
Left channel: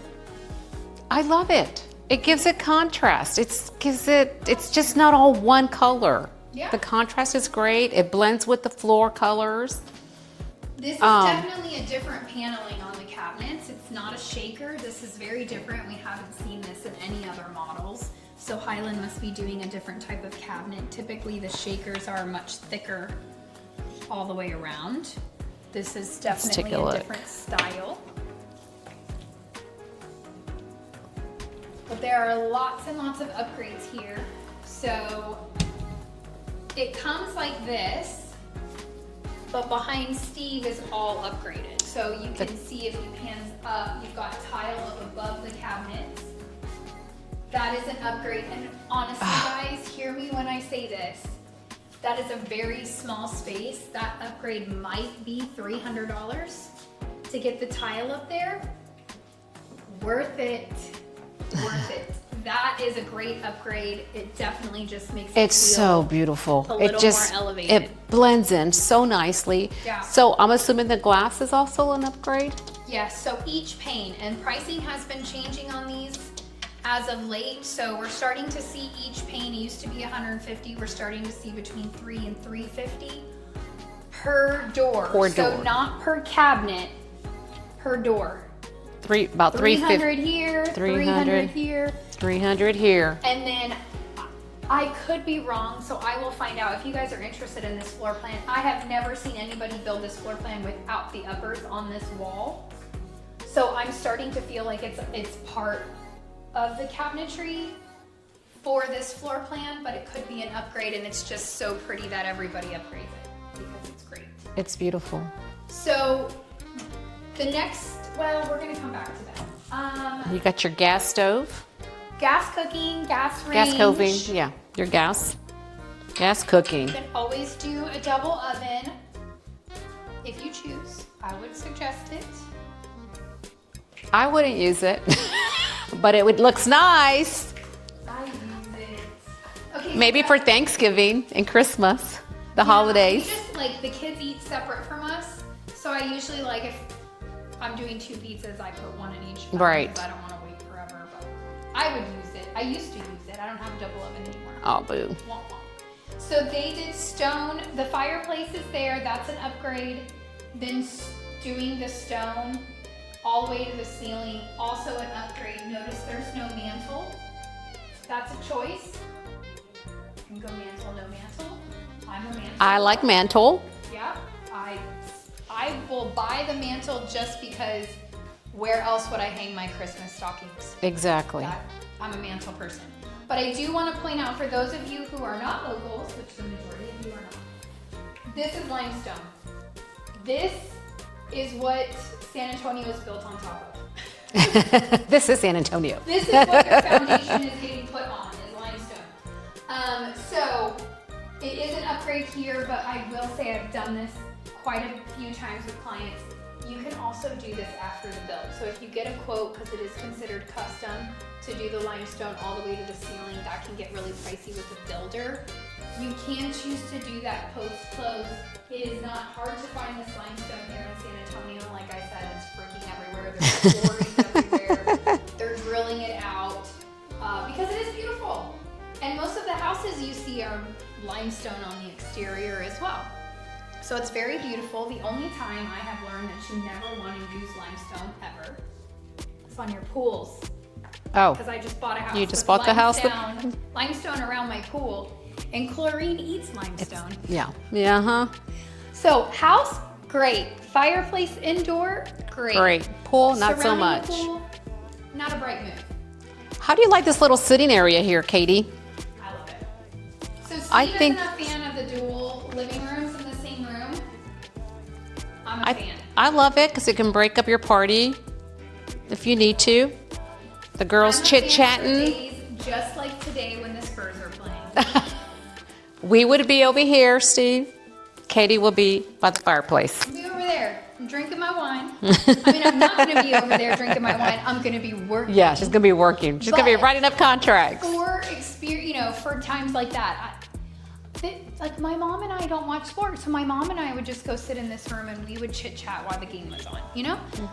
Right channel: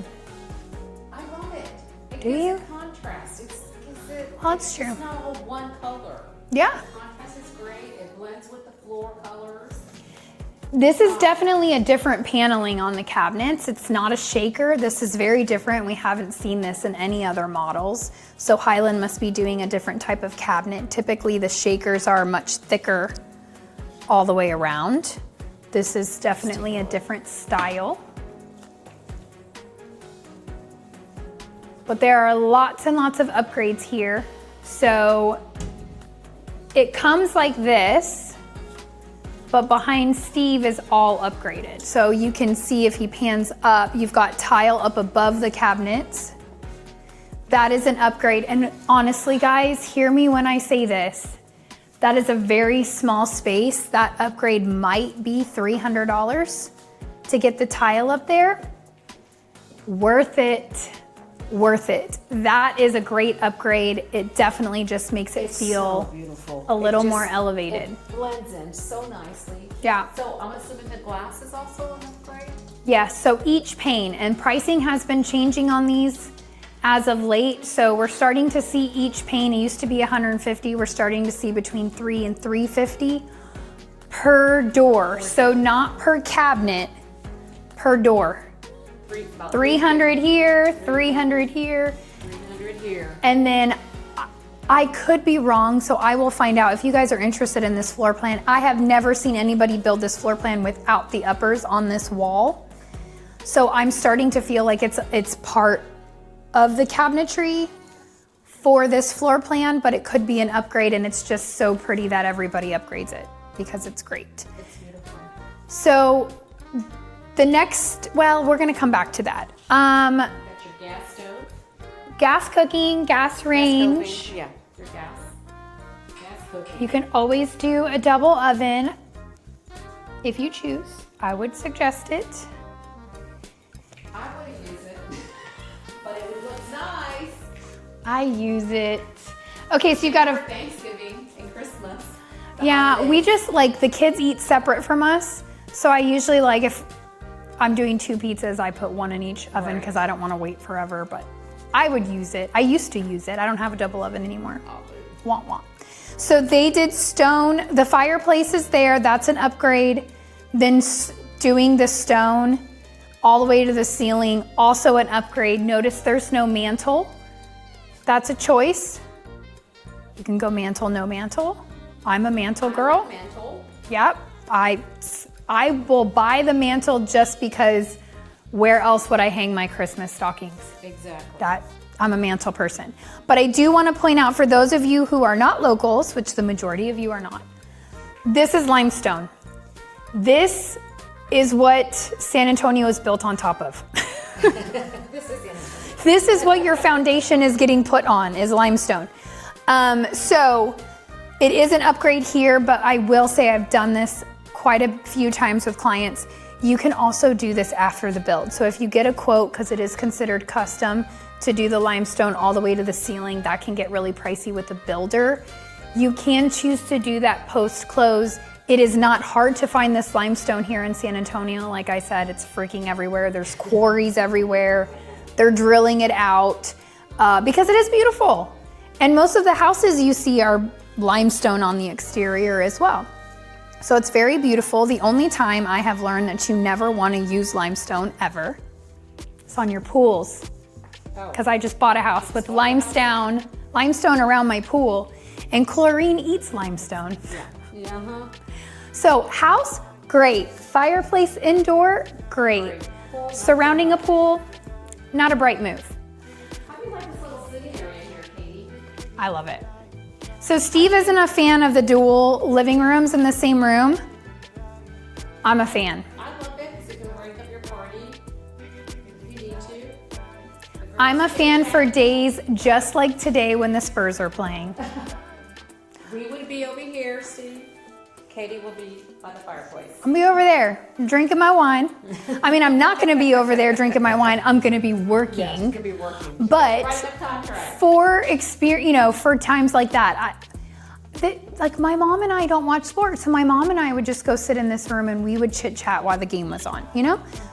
I love it. It gives it contrast. It's just not all one color. Yeah. The contrast is great. It blends with the floor colors. This is definitely a different paneling on the cabinets. It's not a shaker. This is very different. We haven't seen this in any other models. So Highland must be doing a different type of cabinet. Typically the shakers are much thicker all the way around. This is definitely a different style. But there are lots and lots of upgrades here. So it comes like this, but behind Steve is all upgraded. So you can see if he pans up, you've got tile up above the cabinets. That is an upgrade. And honestly, guys, hear me when I say this. That is a very small space. That upgrade might be $300 to get the tile up there. Worth it. Worth it. That is a great upgrade. It definitely just makes it feel so beautiful. A little more elevated. It blends in so nicely. Yeah. So I'm assuming the glass is also an upgrade? Yes, so each pane, and pricing has been changing on these as of late. So we're starting to see each pane, it used to be 150, we're starting to see between $300 and $350 per door. So not per cabinet, per door. About 300 here, 300 here. 300 here. And then I could be wrong, so I will find out. If you guys are interested in this floor plan, I have never seen anybody build this floor plan without the uppers on this wall. So I'm starting to feel like it's part of the cabinetry for this floor plan, but it could be an upgrade, and it's just so pretty that everybody upgrades it because it's great. It's beautiful. So the next, well, we're gonna come back to that. You got your gas stove. Gas cooking, gas range. Gas cooking, yeah. Your gas cooking. You can always do a double oven if you choose. I would suggest it. I wouldn't use it, but it looks nice. I use it. Okay, so maybe for Thanksgiving and Christmas, the yeah, holidays. we just like the kids eat separate from us. So I usually like if I'm doing 2 pizzas. I put 1 in each oven Right. because I don't want to wait forever, but I would use it. I used to use it. I don't have a double oven anymore. Oh, boo. Wah, wah. So they did stone. The fireplace is there. That's an upgrade. Then doing the stone all the way to the ceiling, also an upgrade. Notice there's no mantle. That's a choice. You can go mantle, no mantle. I'm a mantle girl. I like mantle. Yep. I will buy the mantle just because where else would I hang my Christmas stockings? Exactly. I'm a mantle person. But I do want to point out for those of you who are not locals, which the majority of you are not, this is limestone. This is what San Antonio is built on top of. This is San Antonio. This is what your foundation is getting put on, is limestone. So it is an upgrade here, but I will say I've done this quite a few times with clients. You can also do this after the build. So if you get a quote, because it is considered custom, to do the limestone all the way to the ceiling, that can get really pricey with the builder. You can choose to do that post-close. It is not hard to find this limestone here in San Antonio. Like I said, it's freaking everywhere. There's quarries everywhere. They're drilling it out because it is beautiful. And most of the houses you see are limestone on the exterior as well. So it's very beautiful. The only time I have learned that you never want to use limestone ever is on your pools. Oh. Because I just bought a house You just with bought the house limestone around my pool, and chlorine eats limestone. Yeah. Yeah, huh? So house, great. Fireplace indoor, great. Great. Pool, not Surrounding so much. a pool, not a bright move. How do you like this little sitting area here, Katie? I love it. So Steve think- isn't a fan of the dual living rooms in the same room. I'm a fan. I love it because it can break up your party if you need to. The girls I'm a chit-chatting. fan for days just like today when the Spurs are playing. We would be over here, Steve. Katie will be by the fireplace. I'll be over there drinking my wine. I mean, I'm not going to be over there drinking my wine. I'm going to be working. Yeah, she's gonna be working. She's gonna be But writing up contracts. For experience, for times like that, like my mom and I don't watch sports, so my mom and I would just go sit in this room and we would chit chat while the game was on.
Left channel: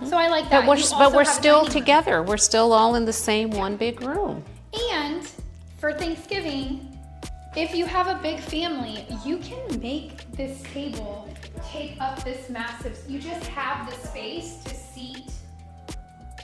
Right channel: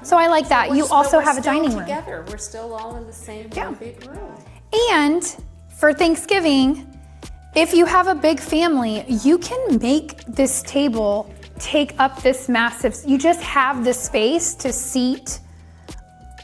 So I like that. But You we're also have a still dining room. together. We're still all in the same one big room. And for Thanksgiving, if you have a big family, you can make this table take up this massive. You just have the space to seat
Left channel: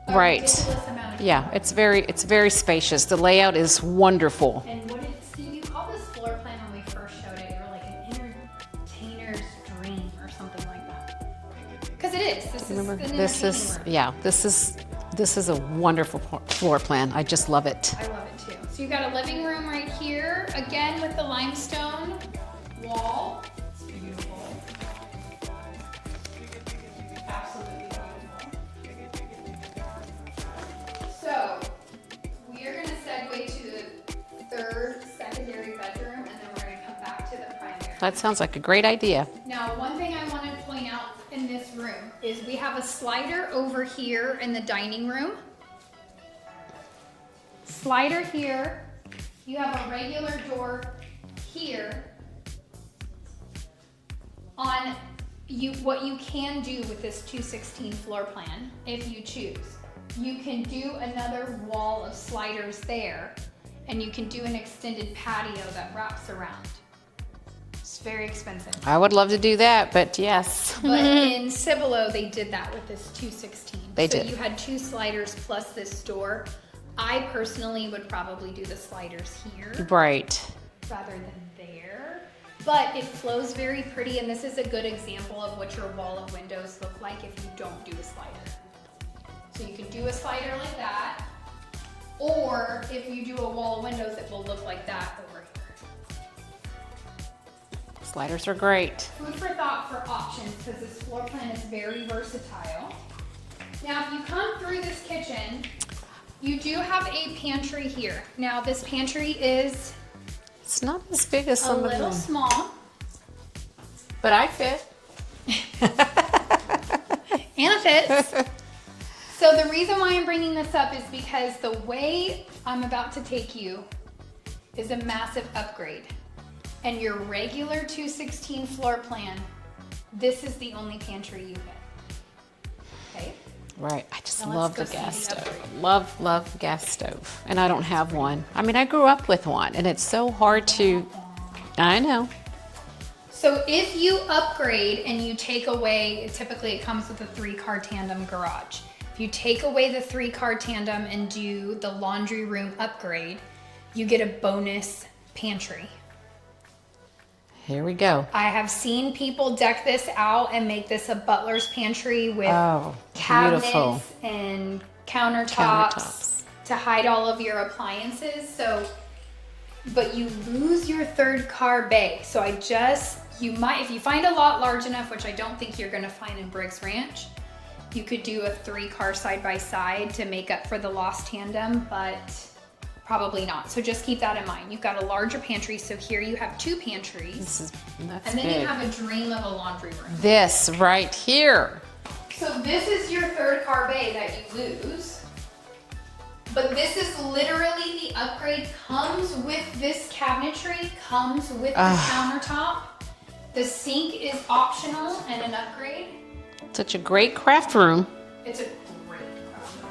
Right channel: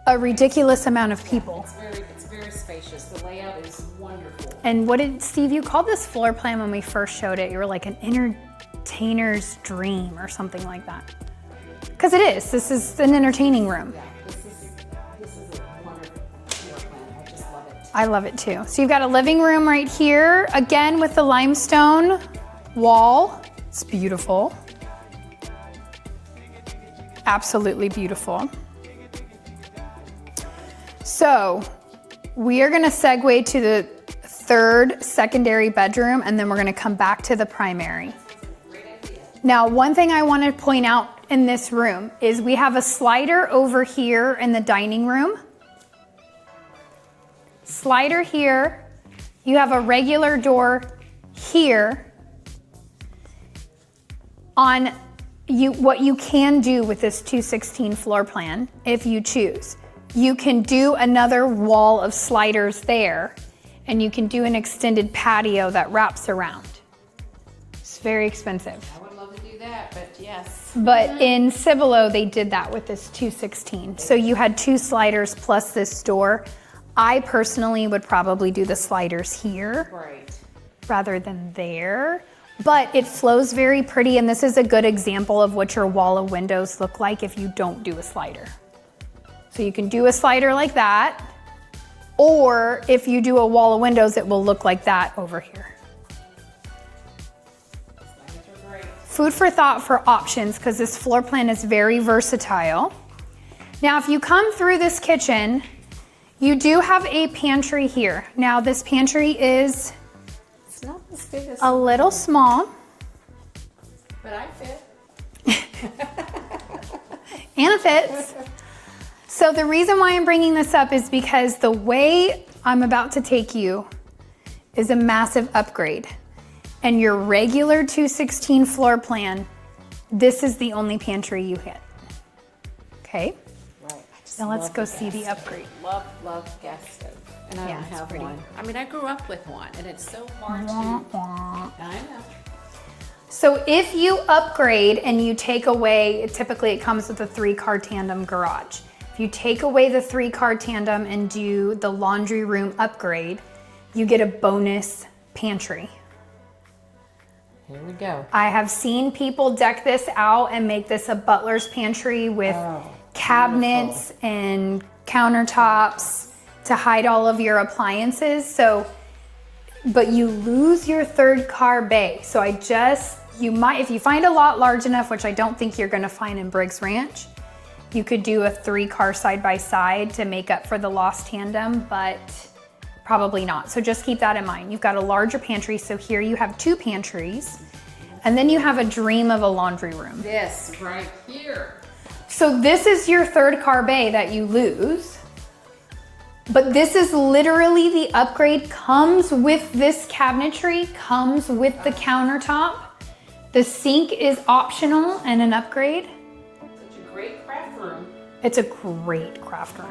a Right. ridiculous amount of people. Yeah, it's very spacious. The layout is wonderful. And what did Steve, you called this floor plan when we first showed it? You were like an entertainer's dream or something like that. Because it is. This is an entertaining room. Yeah, this is a wonderful floor plan. I just love it. I love it too. So you've got a living room right here, again with the limestone wall. It's beautiful. Absolutely beautiful. So we are gonna segue to the third secondary bedroom, and then we're gonna come back to the primary. That sounds like a great idea. Now, one thing I want to point out in this room is we have a slider over here in the dining room. Slider here. You have a regular door here. What you can do with this 216 floor plan, if you choose, you can do another wall of sliders there, and you can do an extended patio that wraps around. It's very expensive. I would love to do that, but yes. But in Cibolo, they did that with this 216. They So did. you had 2 sliders plus this door. I personally would probably do the sliders here Right. rather than there. But it flows very pretty, and this is a good example of what your wall of windows look like if you don't do a slider. So you can do a slider like that, or if you do a wall of windows, it will look like that over here. Sliders are great. Food for thought for options, because this floor plan is very versatile. Now, if you come through this kitchen, you do have a pantry here. Now, this pantry is It's not as big as a some of little them, small, but I fit. and it fits. So the reason why I'm bringing this up is because the way I'm about to take you is a massive upgrade. And your regular 216 floor plan, this is the only pantry you get. Okay? Right. I just Now let's love go the see gas the stove. upgrade. Love gas stove. And I don't have one. I mean, I grew up with one and it's so hard to, I know. So if you upgrade and you take away, typically it comes with a 3-car tandem garage. If you take away the 3-car tandem and do the laundry room upgrade, you get a bonus pantry. Here we go. I have seen people deck this out and make this a butler's pantry with cabinets and countertops to hide all of your appliances. So, but you lose your 3rd car bay. So you might, if you find a lot large enough, which I don't think you're gonna find in Briggs Ranch, you could do a 3-car side by side to make up for the lost tandem, but probably not. So just keep that in mind. You've got a larger pantry. So here you have 2 pantries. And then you have a dream of a laundry room. This right here. So this is your 3rd car bay that you lose. But this is literally the upgrade, comes with this cabinetry, comes with the countertop. The sink is optional and an upgrade. Such a great craft room. It's a great craft room.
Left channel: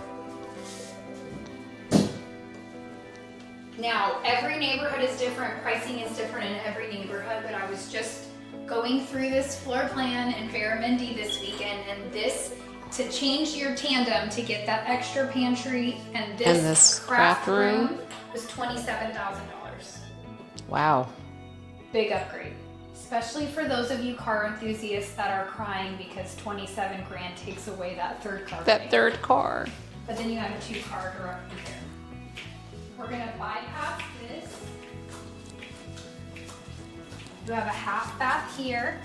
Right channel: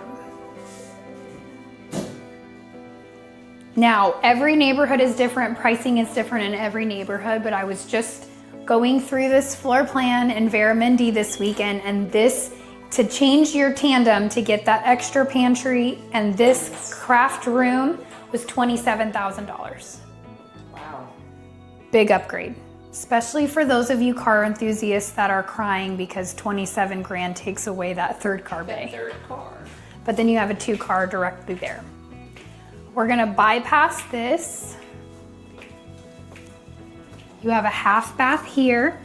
Now, every neighborhood is different, pricing is different in every neighborhood, but I was just going through this floor plan in Veramendi this weekend, and this, to change your tandem to get that extra pantry and this craft room was $27,000. Wow. Big upgrade, especially for those of you car enthusiasts that are crying because 27 grand takes away that 3rd car bay. That 3rd car. But then you have a 2-car directly there. We're gonna bypass this. You have a half bath here.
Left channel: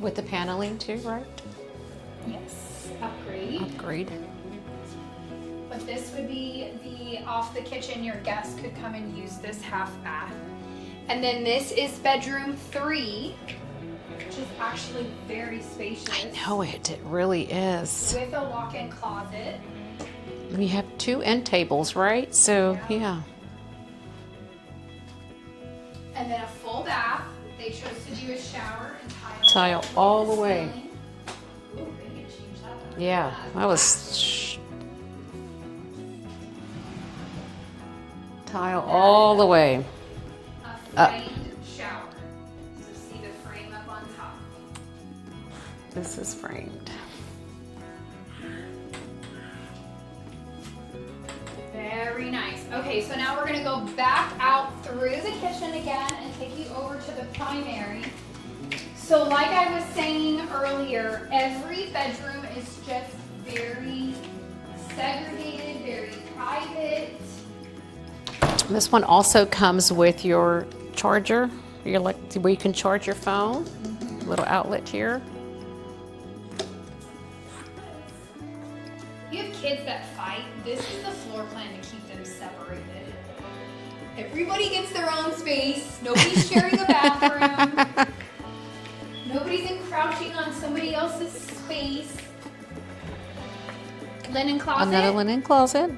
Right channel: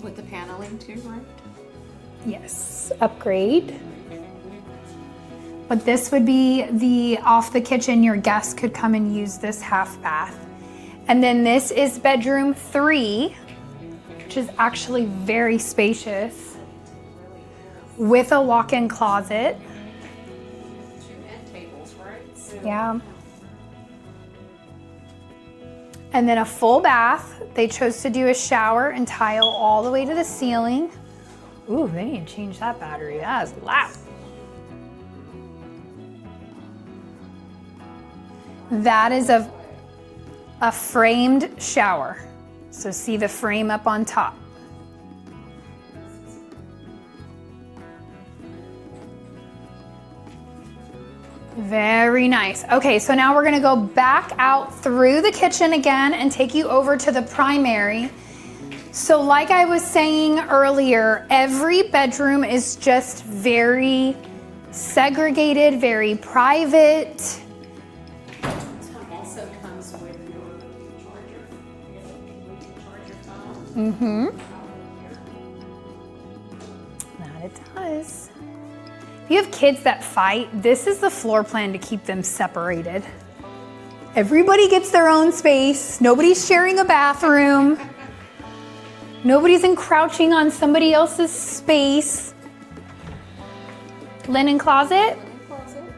With the paneling too, right? Yes, upgrade. Great. But this would be off the kitchen. Your guests could come and use this half bath. And then this is bedroom 3, which is actually very spacious. No, it really is. With a walk-in closet. We have 2 end tables, right? So, yeah. And then a full bath. They chose to do a shower and tile all the way to the ceiling. Ooh, they need to change that battery. Yeah, That that was tile all the way. A framed shower. So see the frame up on top. This is framed. Very nice. Okay, so now we're gonna go back out through the kitchen again and take you over to the primary. So like I was saying earlier, every bedroom is just very segregated, very private. This one also comes with your charger, where you can charge your phone. Little outlet here. That it does. If you have kids that fight, this is the floor plan to keep them separated. Everybody gets their own space. Nobody's sharing a bathroom. Nobody's encroaching on somebody else's space. Linen closet. Another linen closet.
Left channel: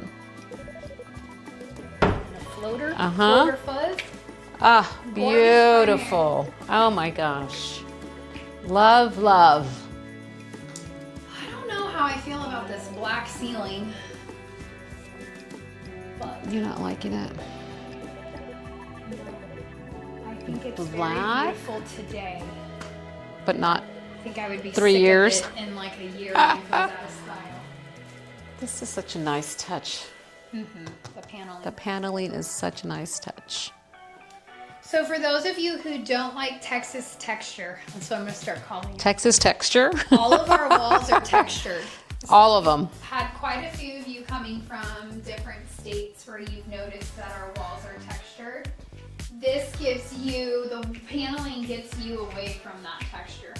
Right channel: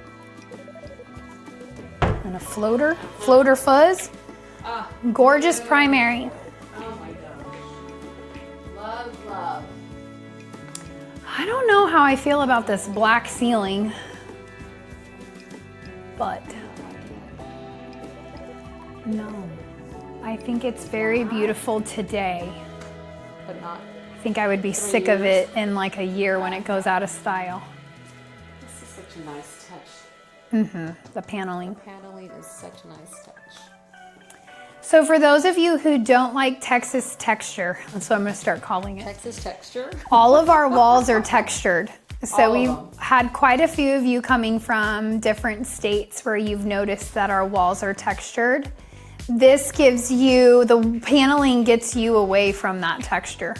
And a floater. Floater fuzz. Ah, Gorgeous beautiful. primary. Oh my gosh. Love, love. I don't know how I feel about this black ceiling, but You're not liking it. no, I think it's very Black? beautiful today. But not. I think I would be 3 sick years. of it in like a year when it goes out of style. This is such a nice touch. The paneling. The paneling is such a nice touch. So for those of you who don't like Texas texture, that's what I'm gonna start calling it. Texas texture. All of our walls are textured. So All of we've them. had quite a few of you coming from different states where you've noticed that our walls are textured. This gives you, the paneling gets you away from that texture.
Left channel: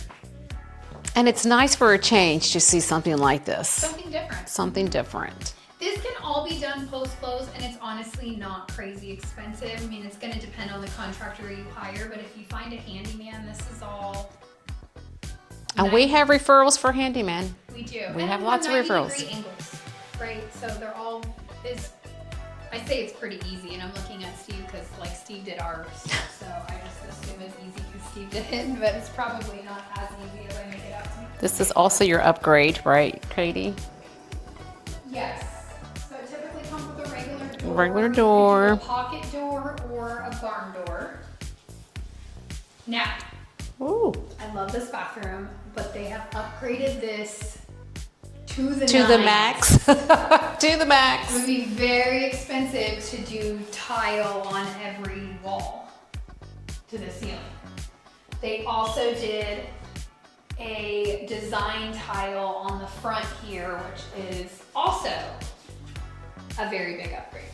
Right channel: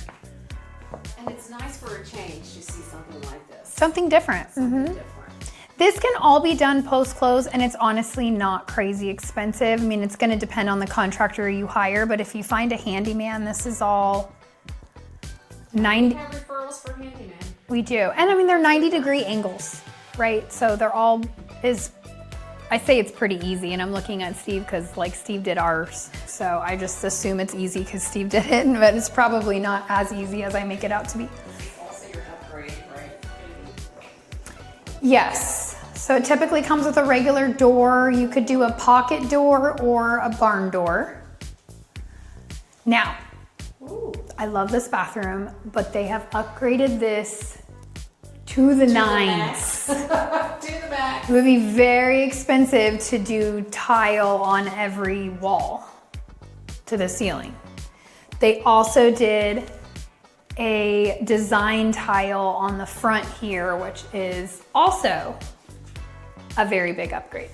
And it's nice for a change to see something like this. Something different. Something different. This can all be done post-close, and it's honestly not crazy expensive. I mean, it's gonna depend on the contractor you hire, but if you find a handyman, this is all And we have referrals for handyman. We do. And I have mean, they're lots of 90-degree referrals. angles, right? So they're all as I say it's pretty easy, and I'm looking at Steve because like Steve did ours, so I just assume it's easy because Steve did it, but it's probably not as easy as I make it out to be. This is also your upgrade, right, Katie? Yes. So it typically comes with a regular door. You could do a pocket door or a barn door. Now, Ooh. I love this bathroom, but they have upgraded this to the To nines. the max. To the max. It would be very expensive to do tile on every wall to the ceiling. They also did a design tile on the front here, which is also a very big upgrade.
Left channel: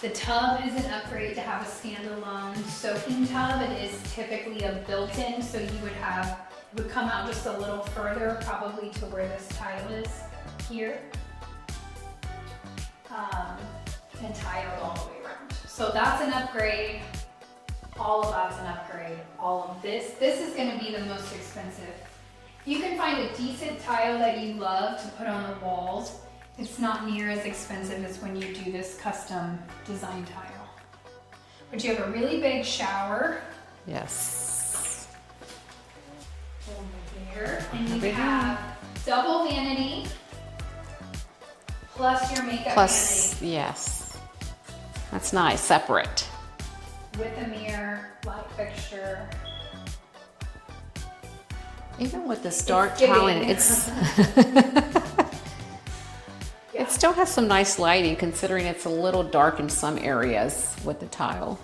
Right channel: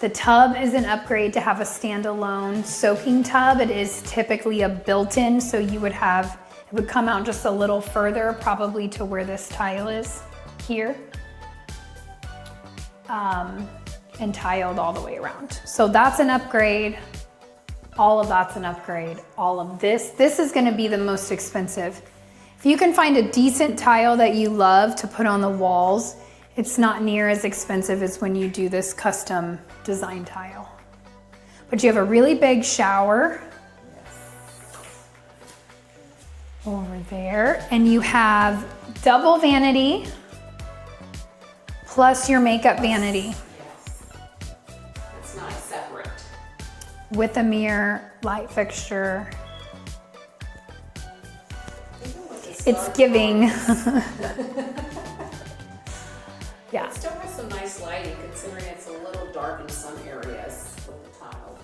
The tub is an upgrade to have a standalone soaking tub. It is typically a built-in, so you would have, it would come out just a little further, probably to where this tile is here. And tiled all the way around. So that's an upgrade. All of that's an upgrade. All of this is gonna be the most expensive. If you can find a decent tile that you love to put on the walls, it's not near as expensive as when you do this custom design tile. But you have a really big shower. Yes. Over there. And you have double vanity plus your makeup vanity. Yes. That's nice, separate. With a mirror, light fixture. Even with the dark giving. tile, Yeah. it still has some nice lighting considering it's a little dark in some areas with the tile.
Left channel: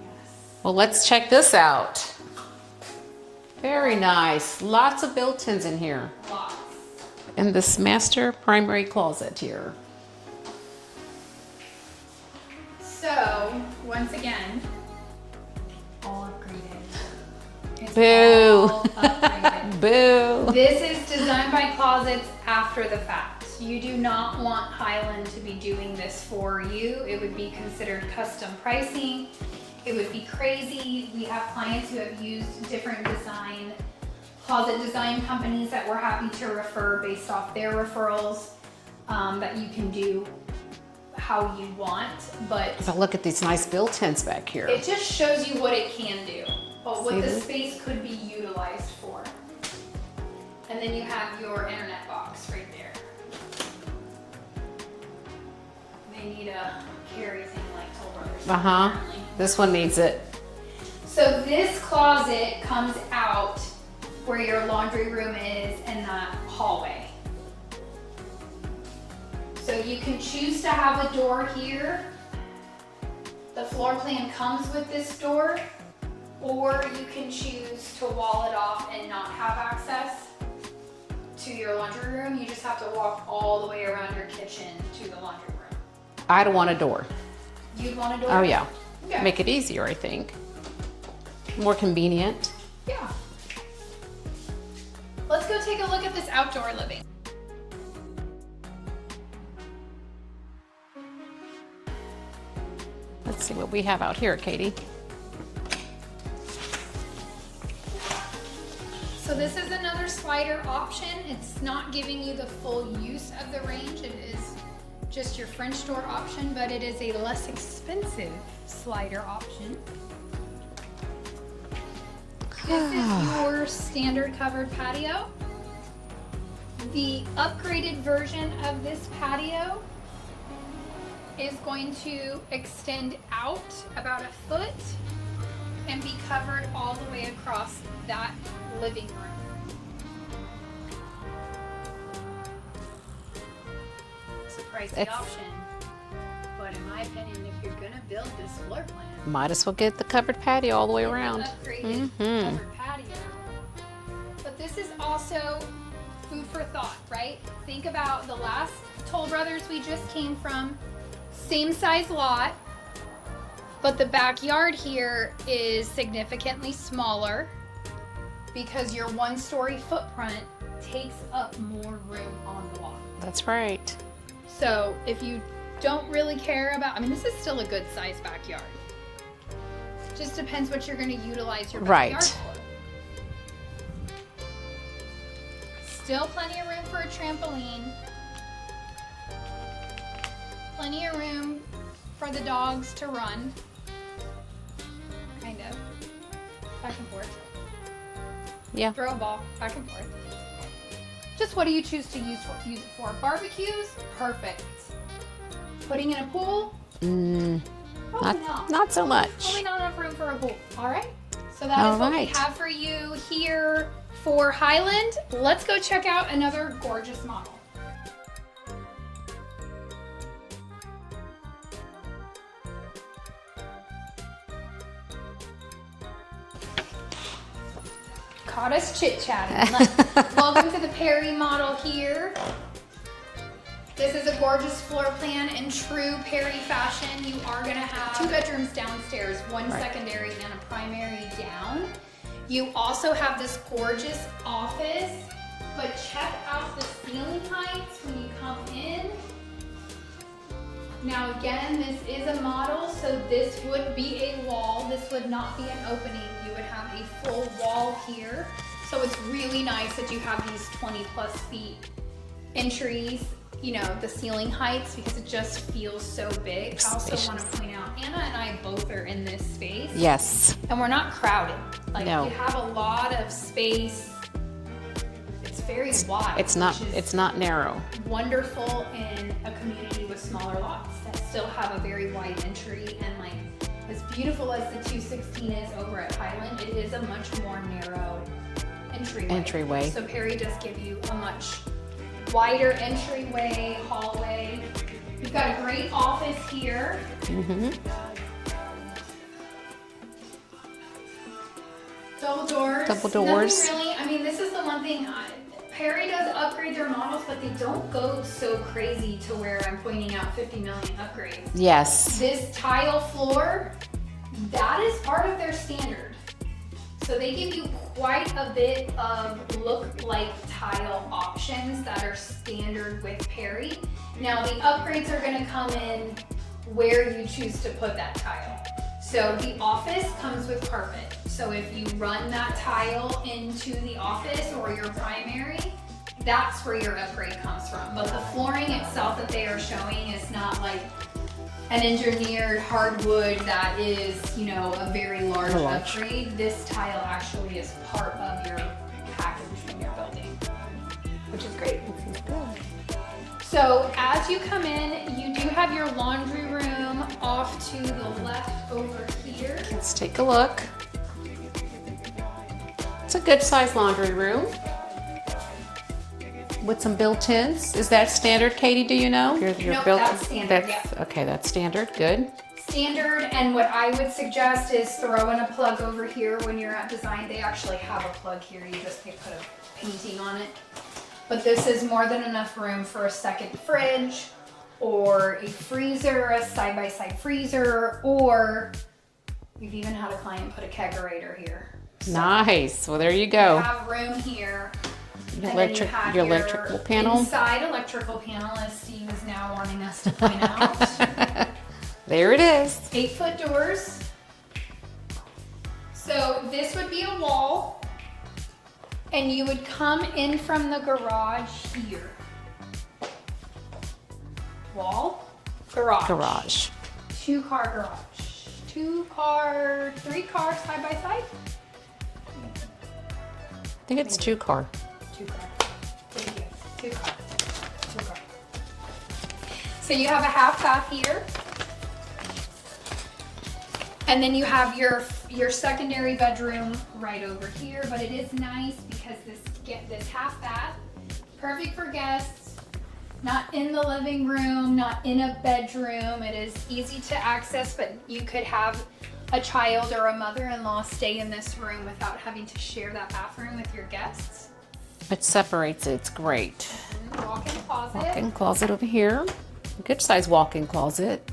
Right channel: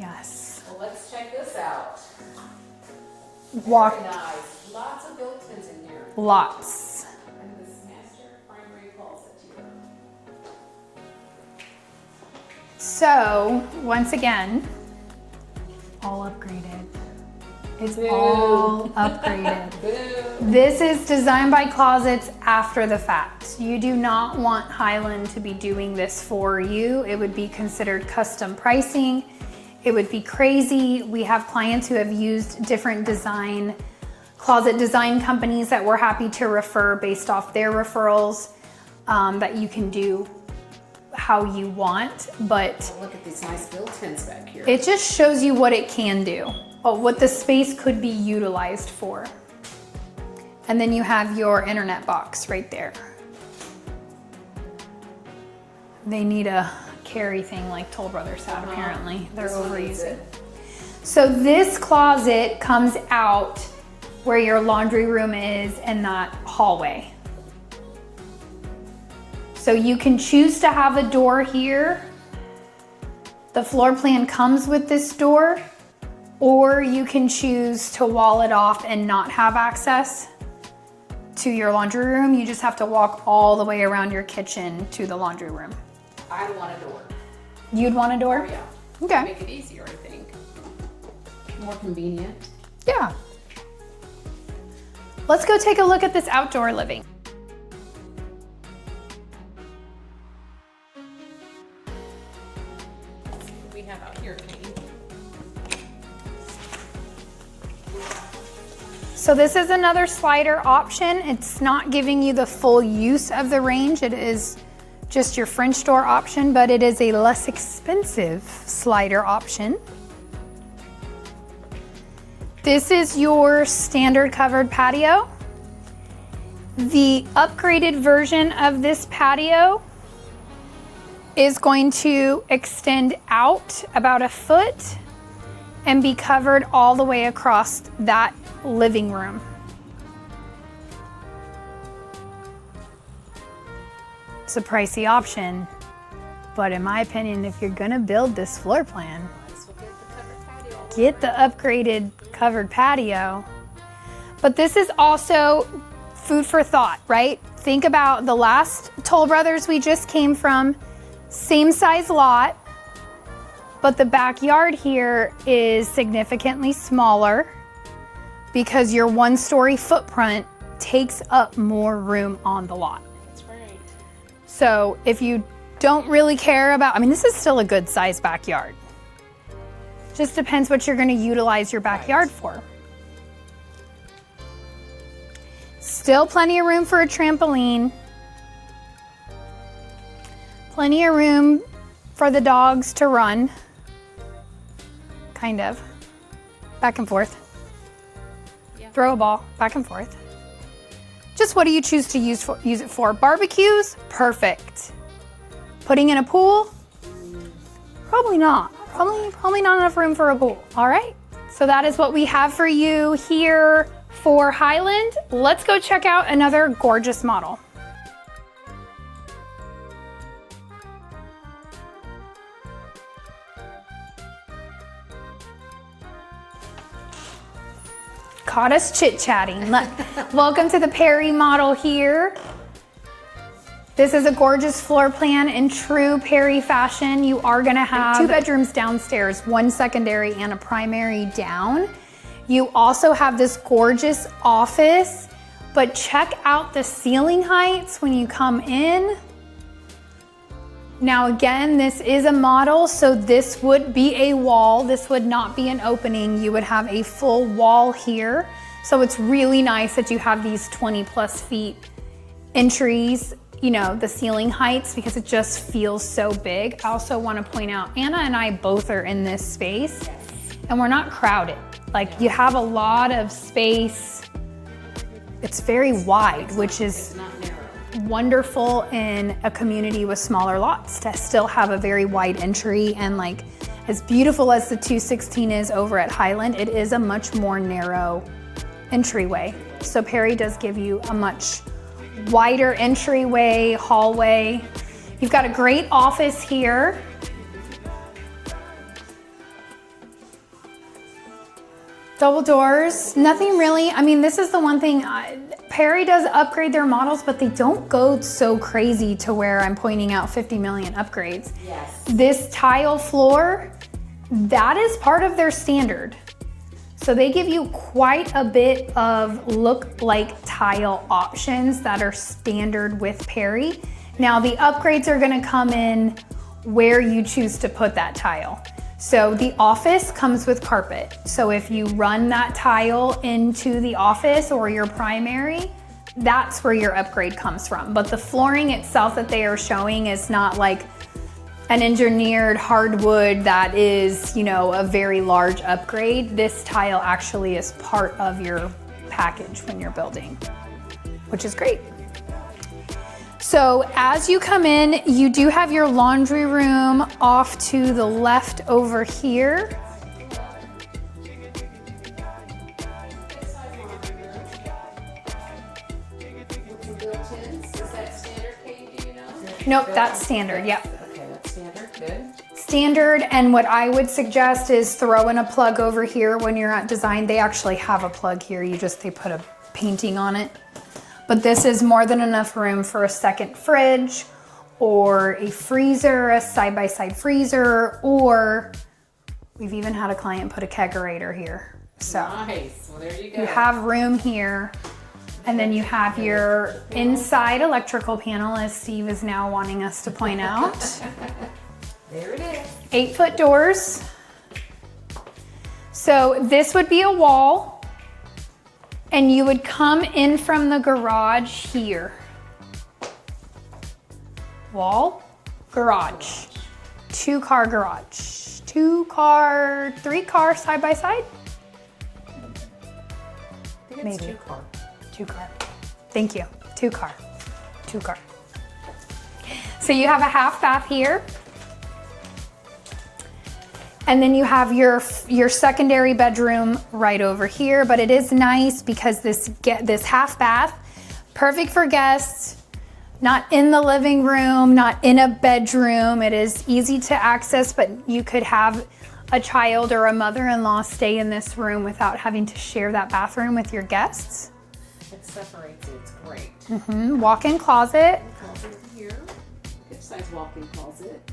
Yes. Well, let's check this out. Very nice. Lots of built-ins in here. Lots. And this master primary closet here. So, once again, all upgraded. It's Boo. all upgraded. Boo. This is designed by Closets after the fact. You do not want Highland to be doing this for you. It would be considered custom pricing. It would be crazy. We have clients who have used different closet design companies that we're happy to refer based off their referrals, that you can do how you want, but So look at these nice built-ins back here. it just shows you what it can do, or what the space could be utilized for. And then you have your internet box right there. They need a carry thing like Toll Brothers have, apparently. This one needs it. So this closet comes out where your laundry room is in that hallway. So you can choose to have a door here. The floor plan comes with this door, or you can choose to wall it off and not have access to your laundry room. You just have to walk all the way around your kitchen to the laundry room. I don't want a door. You'd want a door? Oh yeah. Okay. Make it easier, I think. More convenient. Yeah. Let's go take a look at this outdoor living. Let's see what we have out here, Katie. So this is another slider option. It's not giving you the full use of the range. It is just your French door option, but it is a less expensive slider option. This is your standard covered patio. The upgraded version of this patio is going to extend out about a foot and be covered all the way across that living room. It's a pricey option, but in my opinion, if you're gonna build this floor plan, Might as well get the covered patio all the way get around. the upgraded covered patio. But this is also food for thought, right? Think about the last Toll Brothers we just came from, same size lot, but the backyard here is significantly smaller because your one-story footprint takes up more room on the lot. That's right. So if you don't really care about, I mean, this is still a good sized backyard. Just depends what you're gonna utilize your backyard Right. for. Still plenty of room for a trampoline. Plenty of room for the dogs to run. Kind of. Back and forth. Yeah. Throw a ball back and forth. Just what do you choose to use it for? Barbecues? Perfect. Putting in a pool? Probably not. Not so much. Probably not enough room for a pool. All right. So that is what we have for you here for Highland. Let's go check out another gorgeous model. Caught us chit-chatting. Welcome to the Perry model here. This is a gorgeous floor plan in true Perry fashion. You are gonna have 2 bedrooms downstairs, 1 secondary and a primary down. You also have this gorgeous office, but check out the ceiling heights when you come in. Now again, this is a model, so this would be a wall. This would not be an opening. You would have a full wall here. So it's really nice that you have these 20+ feet entries, you know, the ceiling heights, because it just feels so big. I also want to point out, Anna and I both are in this space. Yes. And we're not crowded. Like No. you have a lot of space. It's very wide, It's not narrow. wonderful in a community with smaller lots to still have a very wide entry. And like as beautiful as the 216 is over at Highland, it is a much more narrow entryway. So Perry does give you a much wider entryway, hallway. You've got a great office here. Double doors. Nothing really, I mean, this is the one thing, Perry does upgrade their models, but they don't go so crazy to where I'm pointing out 50 million upgrades. Yes. This tile floor, that is part of their standard. So they give you quite a bit of look-like tile options that are standard with Perry. Now the upgrades are gonna come in where you choose to put that tile. So the office comes with carpet. So if you run that tile into the office or your primary, that's where your upgrade comes from. But the flooring itself that they are showing is not like an engineered hardwood that is, you know, a very large upgrade. This tile actually is part of your package when you're building, which is great. So as you come in, you do have your laundry room off to the left over here. Let's take a look. It's a good sized laundry room with some built-ins. Is that standard, Katie? Do you know? Nope, that's standard, yep. Okay, that's standard, good. Standard, and what I would suggest is throw in a plug over here when you're at design. They actually have a plug here, they put a painting on it. But this is more than enough room for a second fridge or a freezer, a side-by-side freezer, or we've even had a client put a kegerator here. So Nice, well there you go. you have room here. And then you have your electrical panel. inside electrical panel, as Steve is now wanting us to point out. There it is. 8-foot doors. So this would be a wall. And you would come in from the garage here. Wall, garage. 2-car garage. 3-car side by side? I think it's Maybe. 2-car. 2-car. Thank you. 2-car. 2-car. So you have a half bath here. And then you have your secondary bedroom right over here, but it is nice because this half bath, perfect for guests, not in the living room, not in a bedroom. It is easy to access, but you could have a child or a mother-in-law stay in this room without having to share that bathroom with your guests. It separates it, it's great. Walk-in closet. Walk-in closet over here. Good size walk-in closet.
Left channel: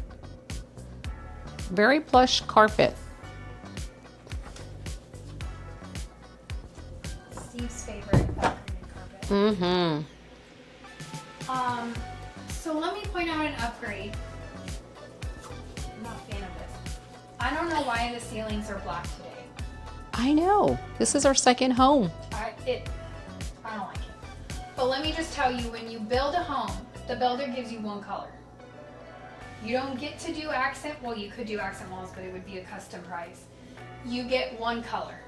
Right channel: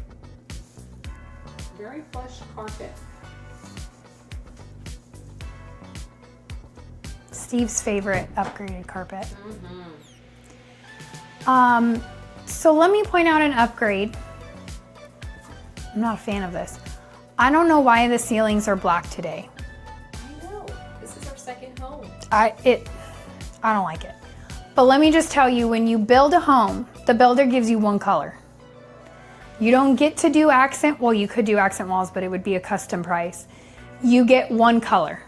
Very plush carpet. Steve's favorite upgraded carpet. So let me point out an upgrade. I'm not a fan of this. I don't know why the ceilings are black today. I know. This is our second home. I don't like it. But let me just tell you, when you build a home, the builder gives you one color. You don't get to do accent, well, you could do accent walls, but it would be a custom price. You get one color.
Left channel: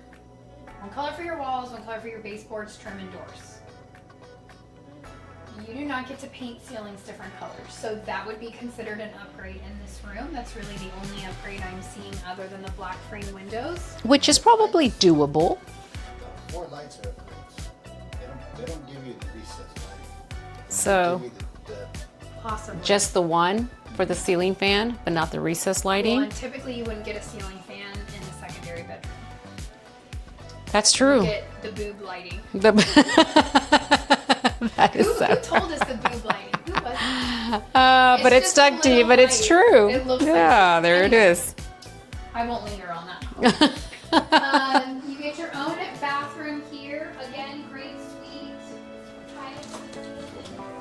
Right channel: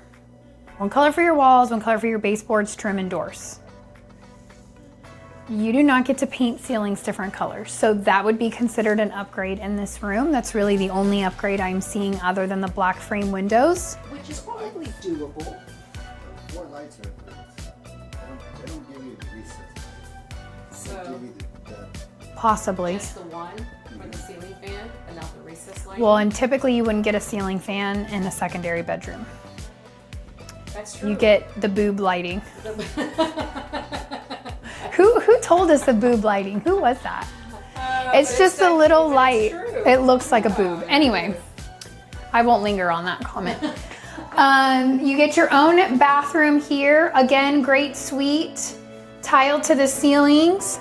One color for your walls, one color for your baseboards, trim, and doors. You do not get to paint ceilings different colors. So that would be considered an upgrade in this room. That's really the only upgrade I'm seeing other than the black frame windows. Which is probably doable. Four lights are upgrades. They don't give you the recessed light. So They give you the Possibly. just the one for the ceiling fan, but not the recessed lighting? Well, and typically you wouldn't get a ceiling fan in a secondary bedroom. That's true. You get the boob lighting. That is Who told us the boob lighting? Who was that? but it's just a stuck to little you, but it's light. true. It looks like a Yeah, boob. there Anyway. it is. I won't linger on that comment. You get your own bathroom here. Again, great suite, tile to the ceilings.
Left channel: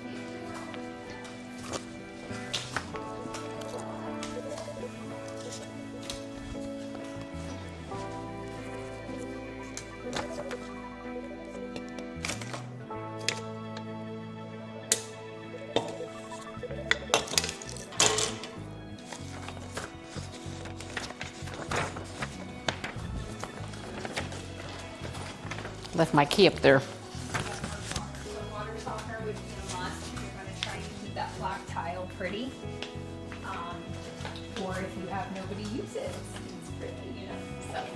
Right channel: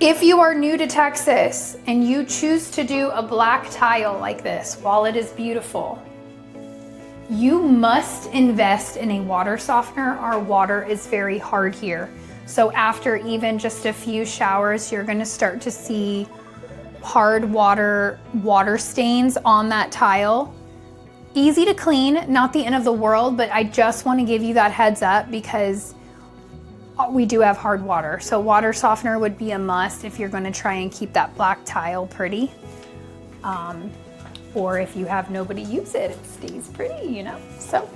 If you are new to Texas and you choose to do a black tile like this, while it is beautiful, you must invest in a water softener. Our water is very hard here. So after even just a few showers, you're gonna start to see hard water stains on that tile. Easy to clean, not the end of the world, but I just want to give you that heads up because Left my key up there. we do have hard water. So water softener would be a must if you're going to try and keep that black tile pretty. Or if you have nobody use it, it stays pretty, you know. So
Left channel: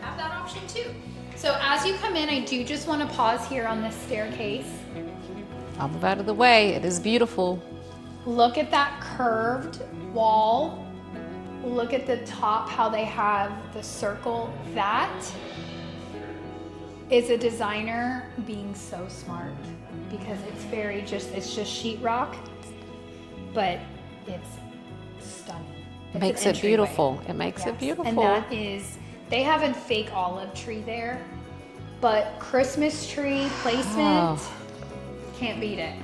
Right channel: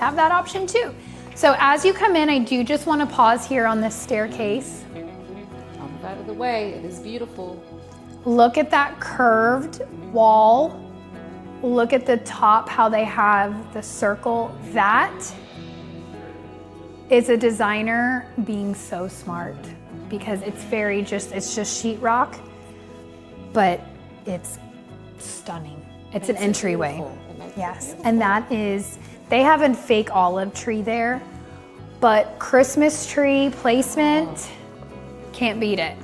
have that option too. So as you come in, I do just want to pause here on this staircase. I'll move out of the way. It is beautiful. Look at that curved wall. Look at the top, how they have the circle. That is a designer being so smart because it's just sheetrock, but it's stunning. It's Makes an it entryway. beautiful. It makes it beautiful. And that is, they have a fake olive tree there, but Christmas tree placement, can't beat it.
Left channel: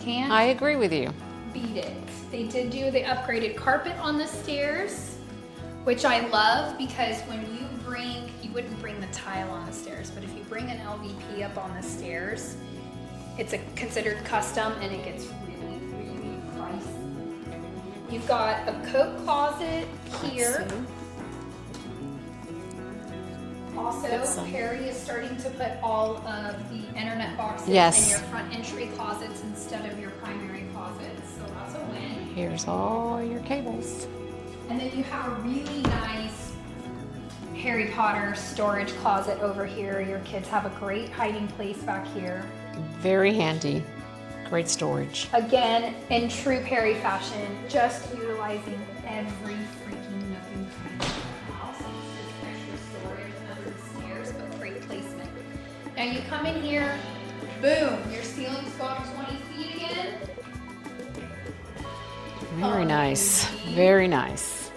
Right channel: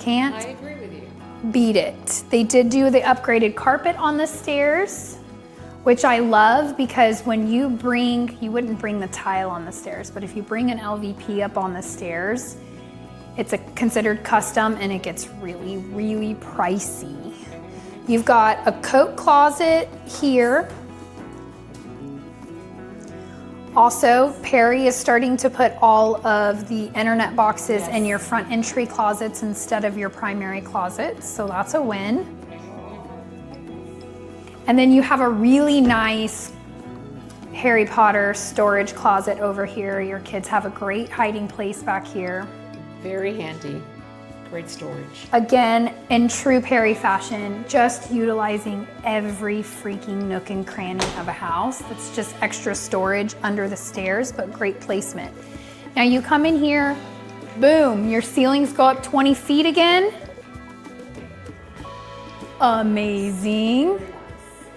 Can't I agree with you. beat it. They did do the upgraded carpet on the stairs, which I love because when you wouldn't bring the tile on the stairs, but if you bring an LVP up on the stairs, it's considered custom and it gets really, really pricey. You've got a coat closet here. Also, Perry is starting to put all of the internet boxes in your front entry closets instead of your primary closets, so that's a win. Here's all your cables. And then you have a really nice Harry Potter storage closet over here. Your kids have a great hiding place back here. Very handy. Great storage. Again, in true Perry fashion, just utilizing every freaking nook and cranny of a house. It's just extra storage under the stairs, but great placement. Now you come in here, boom, your ceilings go up 20 feet again. Very nice. Amazing. Very nice.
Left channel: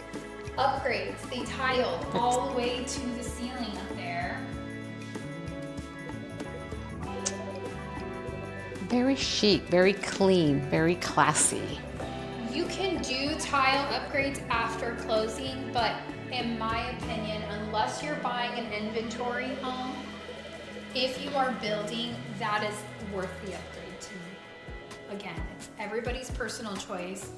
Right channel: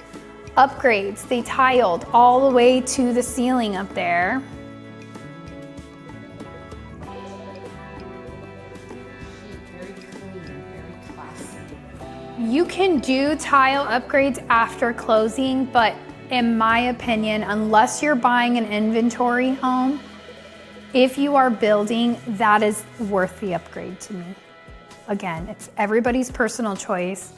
Upgrades, they tiled all the way to the ceiling up there. Very chic, very clean, very classy. You can do tile upgrades after closing, but in my opinion, unless you're buying an inventory home, if you are building, that is worth the upgrade to me. Again, it's everybody's personal choice,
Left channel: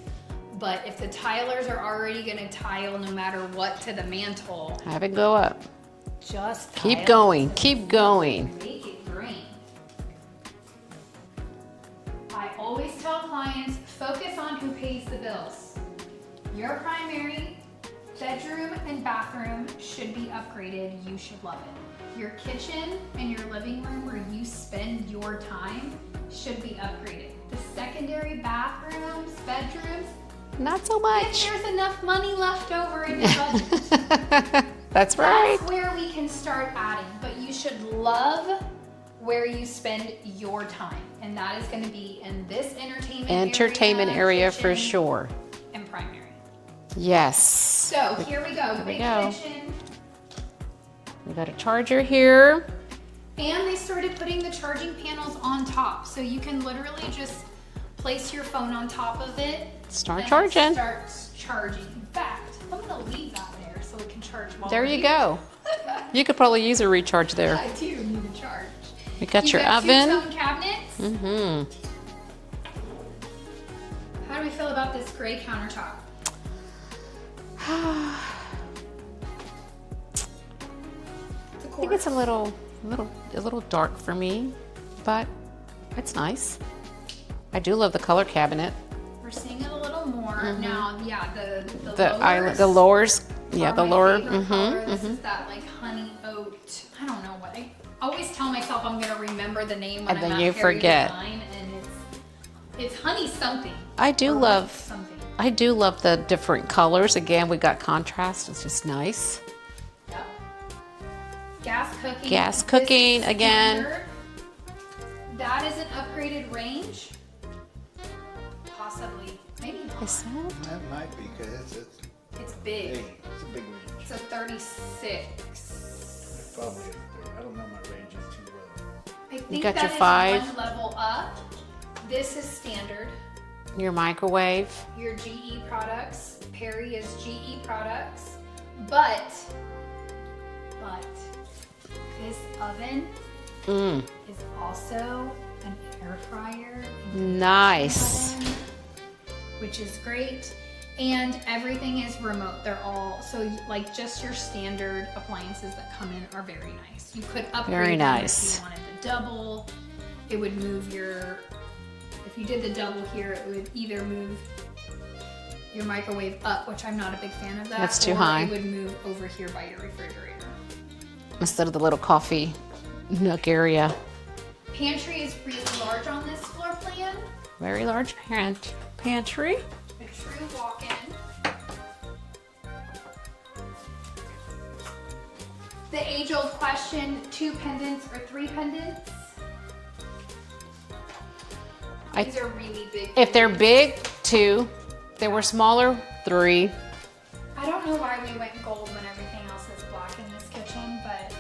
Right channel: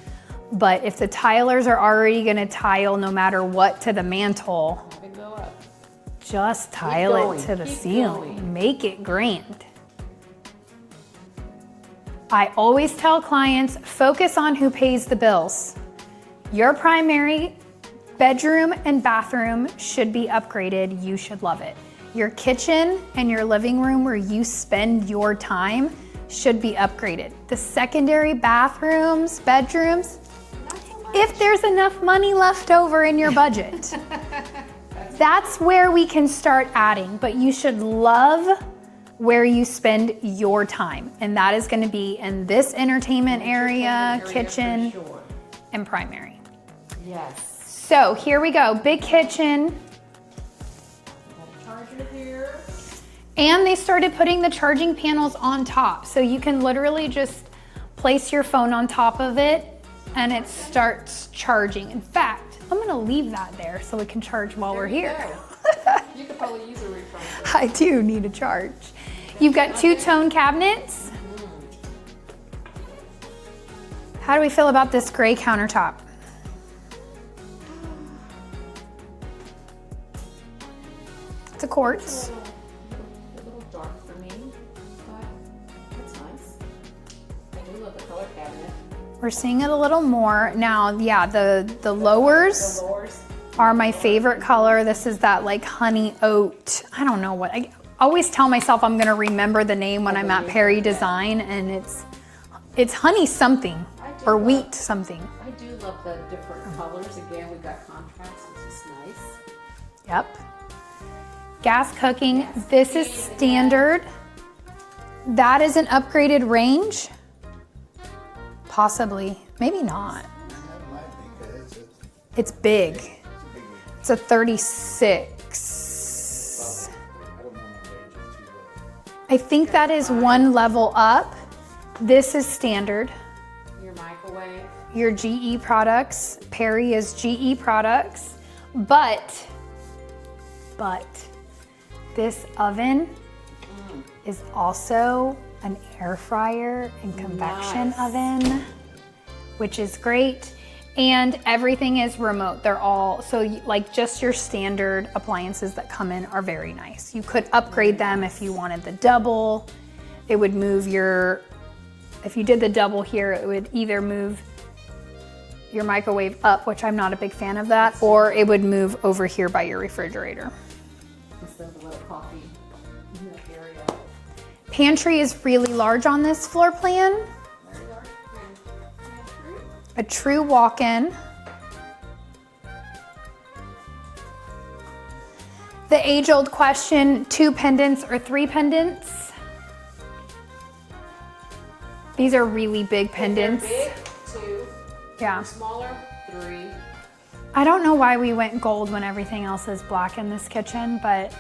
but if the tilers are already gonna tile no matter what to the mantle, Have it go up. just tile Keep it going, to the keep ceiling. going. Make it grand. I always tell clients, focus on who pays the bills. Your primary bedroom and bathroom should be upgraded. You should love it. Your kitchen and your living room where you spend your time should be upgraded. The secondary bathrooms, bedrooms, Not so much. if there's enough money left over in your budget. That's right. That's where we can start adding, but you should love where you spend your time. And that is gonna be in this entertainment area, for kitchen, sure. and primary. Yes. So here we go, big There we go. kitchen. We got a charger here. And they started putting the charging panels on top. So you can literally just place your phone on top of it Start and charging. it starts charging. In fact, I'm gonna leave that there so it can charge while There we're you here. go. You could probably use a recharge there. I do need a charge. You got You've your got oven. two-tone cabinets. How do we feel about this gray countertop? It's a I think quartz. it's a little dark for me, but it's nice. I do love the color cabinet. We're seeing it a little more now. Yeah, the lowers. The lowers are my favorite color. This is that like honey oat. I don't know what. I always tell myself I'm gonna remember the name when I'm at Perry Design, and it's honey something. I do or love wheat something. I do love the different colors. Again, we got contrast. It's just nice. Yep. Gas cooking. Gas This cooking is again. standard. That is an upgraded range. Possibly, maybe not. That might be because It's big. it's a big range. It's a 36. I don't know my range is too low. I think got that your is 5. one level up. This is standard. Your microwave. Your GE products. Perry is GE products. But this oven is also an air fryer and convection Nice. oven, which is great. And everything is remote. They're all, so like just your standard appliances that come in are very nice. You could upgrade Very them nice. if you wanted the double. It would move if you did the double here, it would either move your microwave up, which I'm not a big fan of that, That's too or high. it would move over here by your refrigerator. Instead of the little coffee nook area. Pantry is really large on this floor plan. Very large pantry. A true walk-in. The age-old question, 2 pendants or 3 pendants? These are really big pendants. If they're big, 2. If they Yeah. were smaller, 3. I don't know why we went gold when everything else is black in this kitchen, but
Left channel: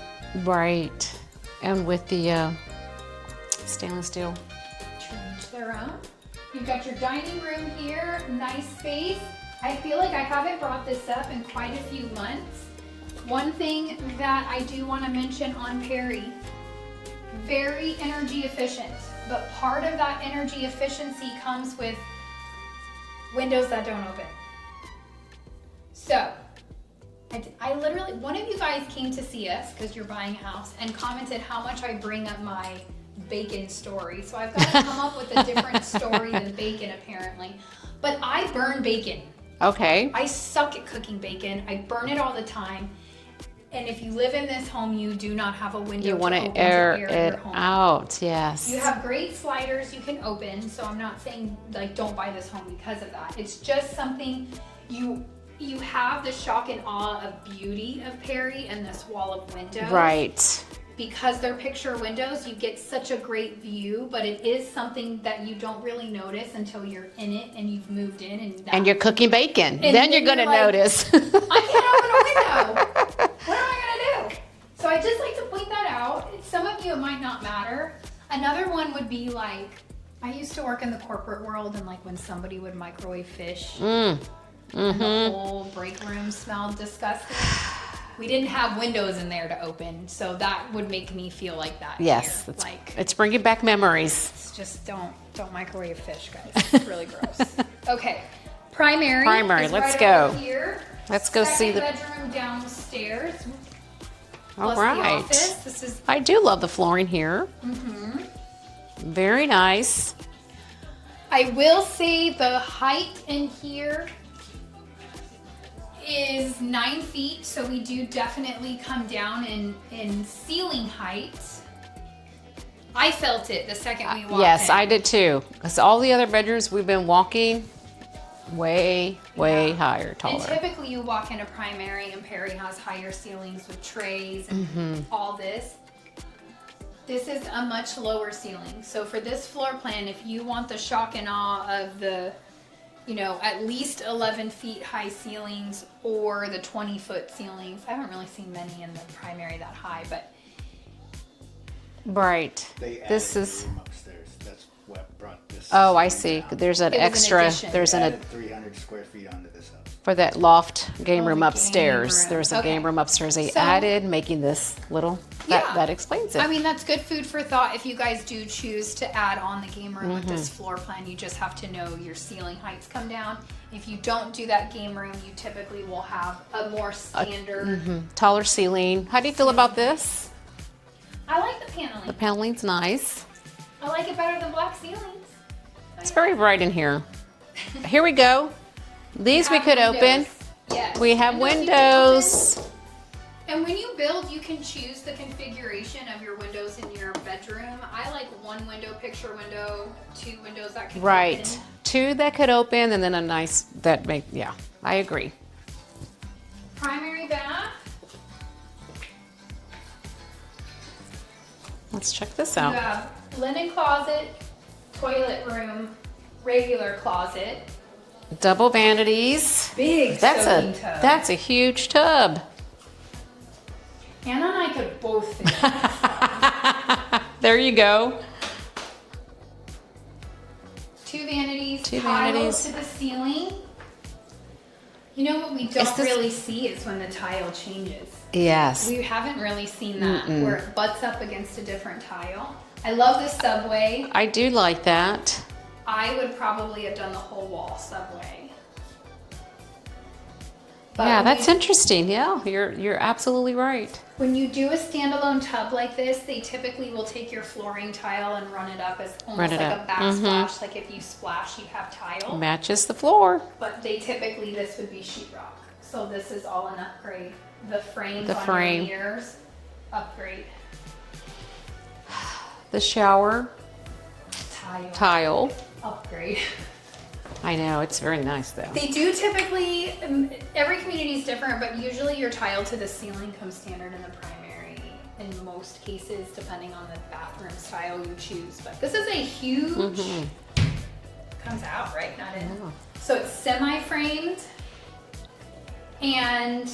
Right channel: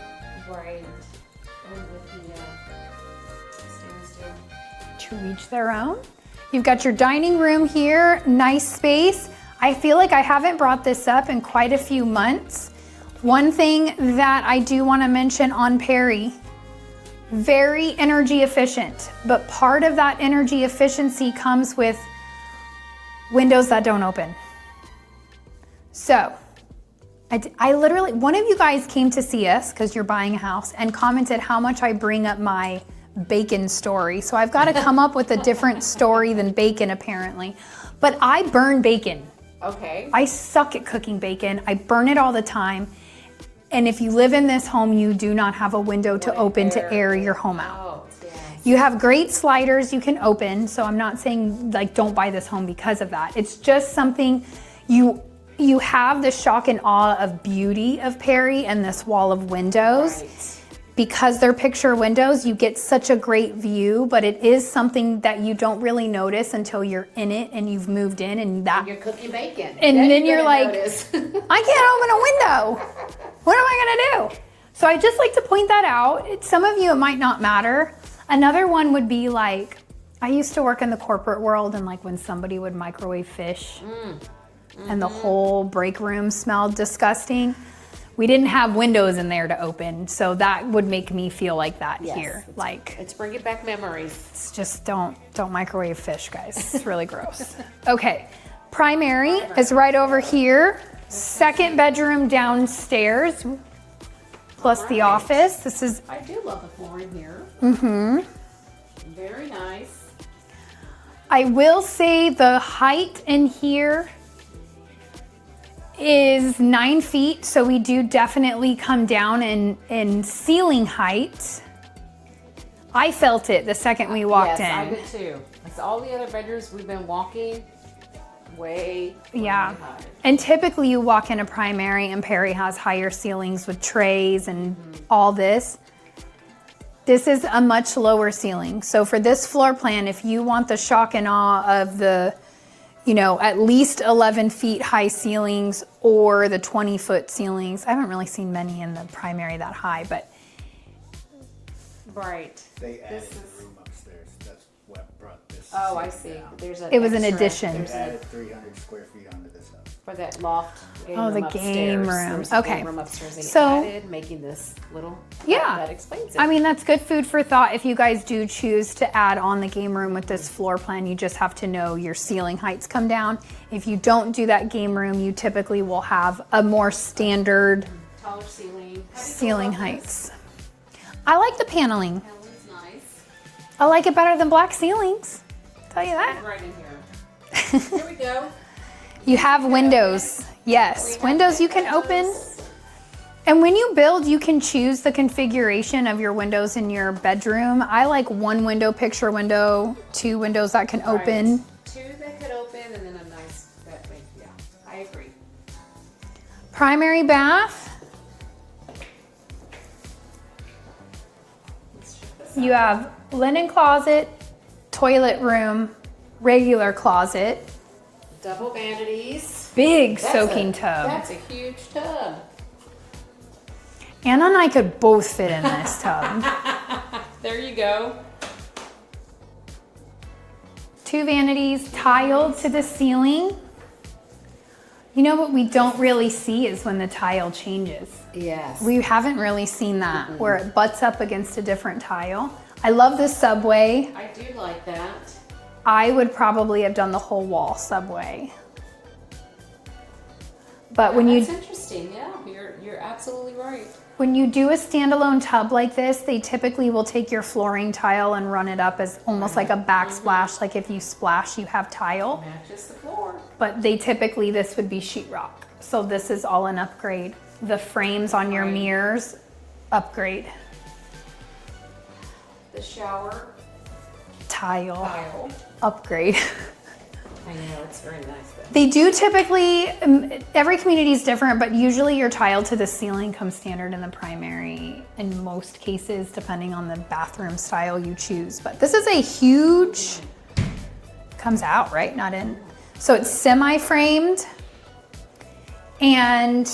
Right. And with the stainless steel. to each their own. You've got your dining room here, nice space. I feel like I haven't brought this up in quite a few months. One thing that I do want to mention on Perry, very energy efficient, but part of that energy efficiency comes with windows that don't open. So, I literally, one of you guys came to see us because you're buying a house and commented how much I bring up my bacon story. So I've got to come up with a different story than bacon apparently. But I burn bacon. Okay. I suck at cooking bacon. I burn it all the time. And if you live in this home, you do not have a window to wanna open to air it your home out. out. Yes. You have great sliders you can open. So I'm not saying like don't buy this home because of that. It's just something you have the shock and awe of beauty of Perry and this wall of windows. Right. Because they're picture windows, you get such a great view, but it is something that you don't really notice until you're in it and you've moved in And you're cooking bacon. And then then you're going to you're like, notice. I can't open a window. What am I gonna do? So I just like to point that out. Some of you, it might not matter. Another one would be like, I used to work in the corporate world and like when somebody would microwave fish and the whole break room smelled disgusting. We didn't have windows in there to open, so that would make me feel like that Yes. here. Like, It's bringing back memories. it's just don't microwave fish, guys. It's really gross. Okay, primary Primary, is right let's over go. here. Let's go see Second the- bedroom downstairs, plus All the right. office. This is, I do love the flooring here. Mm-hmm. Very nice. I will say the height in here is 9 feet, so we do definitely come down in ceiling height. I felt it the second we walked in. Yes, I did too. Because all the other bedrooms we've been walking way Yeah. higher. And taller. typically you walk in a primary and Perry has higher ceilings with trays and all this. This is a much lower ceiling. So for this floor plan, if you want the shock and awe of the, at least 11 feet high ceilings or the 20-foot ceilings, I haven't really seen many in the primary that high, but Right. They This added is. room upstairs. That's what brought this. Oh, I see. down. There's an It was an extra. addition. There's They an added 300 square feet onto this house. For that loft game Oh, room the upstairs. game room. There's a Okay. game room upstairs they So- added, making this little, Yeah. that explains it. I mean, that's good food for thought. If you guys do choose to add on the game room with Mm-hmm. this floor plan, you just have to know your ceiling heights come down. If you don't do that game room, you typically will have a more standard Taller ceiling. How do you feel about ceiling this? heights. I like the paneling. Paneling's nice. I like it better than black ceilings. Tell It's you very that. bright in here. Here we go. You These we have can windows. open. Yes, We have windows you can open. windows. And when you build, you can choose the configuration of your windows in your bedroom. I like one window, picture window, 2 windows that can Right. open. 2 that could open, and then a nice that make. Yeah, I agree. Primary bath. Let's check this You out. have linen closet, toilet room, regular closet, Double vanities. big soaking tub. That's a huge tub. Anna and I could both fit in this tub. There you go. 2 vanities, Two tiled vanities. to the ceiling. You know what we don't this- really see is when the tile changes. Yes. We haven't really seen that where it butts up against a different tile. I love the subway. I do like that. I would probably have done the whole wall subway. But Yeah, when that's you, interesting. Yeah, you're absolutely right. when you do a standalone tub like this, they typically will take your flooring tile and run it up as almost Run it like a up. backsplash. Like if you splash, you have tile. Matches the floor. But they typically, this would be sheetrock. So this is all an upgrade. The frames The on frame. your mirrors, upgrade. The shower tile. Upgrade. I know, it's very nice though. They do typically, every community is different, but usually your tile to the ceiling comes standard in the primary in most cases, depending on the bathroom style you choose. But this is a huge, comes out, right? Not in. So it's semi-framed, and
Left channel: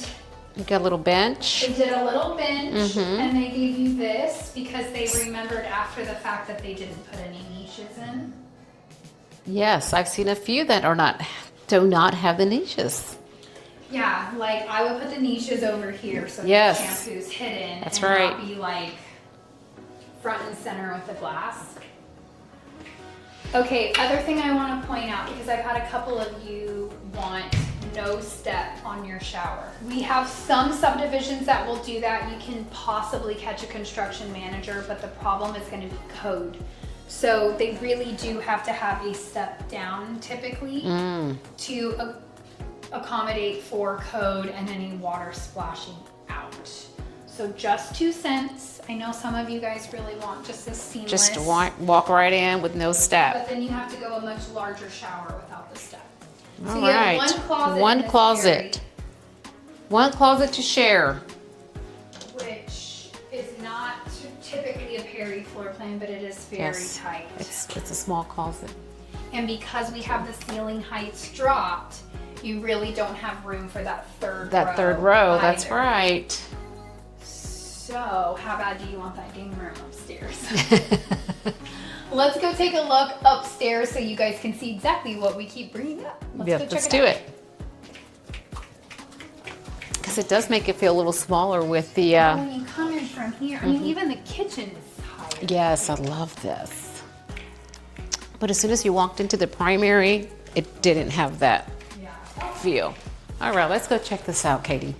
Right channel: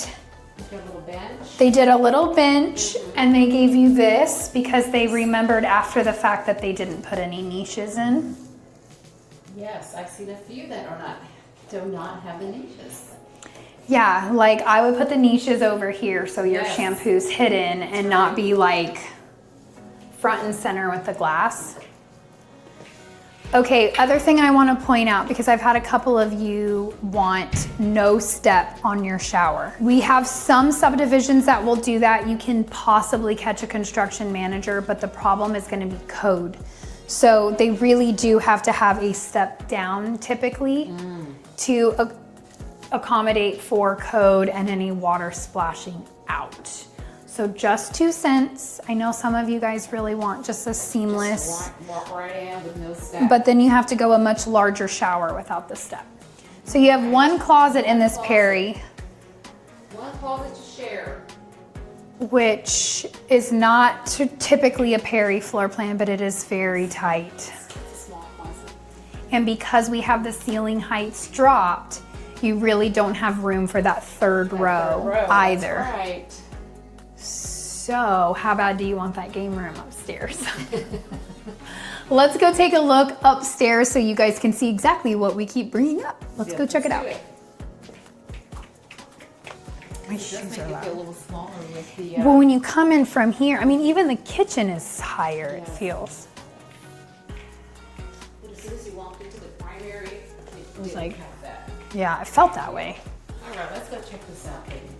You got a little bench. they did a little bench, and they gave you this because they remembered after the fact that they didn't put any niches in. Yes, I've seen a few that do not have the niches. Yeah, like I would put the niches over here so Yes. your shampoo's hidden and right. not be like front and center with the glass. Okay, other thing I want to point out, because I've had a couple of you want no step on your shower. We have some subdivisions that will do that. You can possibly catch a construction manager, but the problem is going to be code. So they really do have to have a step down typically to accommodate for code and any water splashing out. So just 2 cents. I know some of you guys really want just a seamless, Just walk right in with no step. but then you have to go a much larger shower without the step. So you have Alright. one closet One in this closet. Perry, One closet to share. which is not typically a Perry floor plan, but it is very Yes. tight. It's a small closet. And because we have the ceiling heights dropped, you really don't have room for that third row That's either. right. So how bad do you want that game room upstairs? Let's go take a look upstairs so you guys can see exactly what we keep bringing up. Let's go check Let's it do out. it. Because it does make it feel a little smaller with the. But when you come in from here, I mean, even the kitchen is higher. Yes, I feels. love this. But as soon as you walked into the primary, it didn't have that Yeah, I felt that feel. way. All right, let's go check this out, Katie.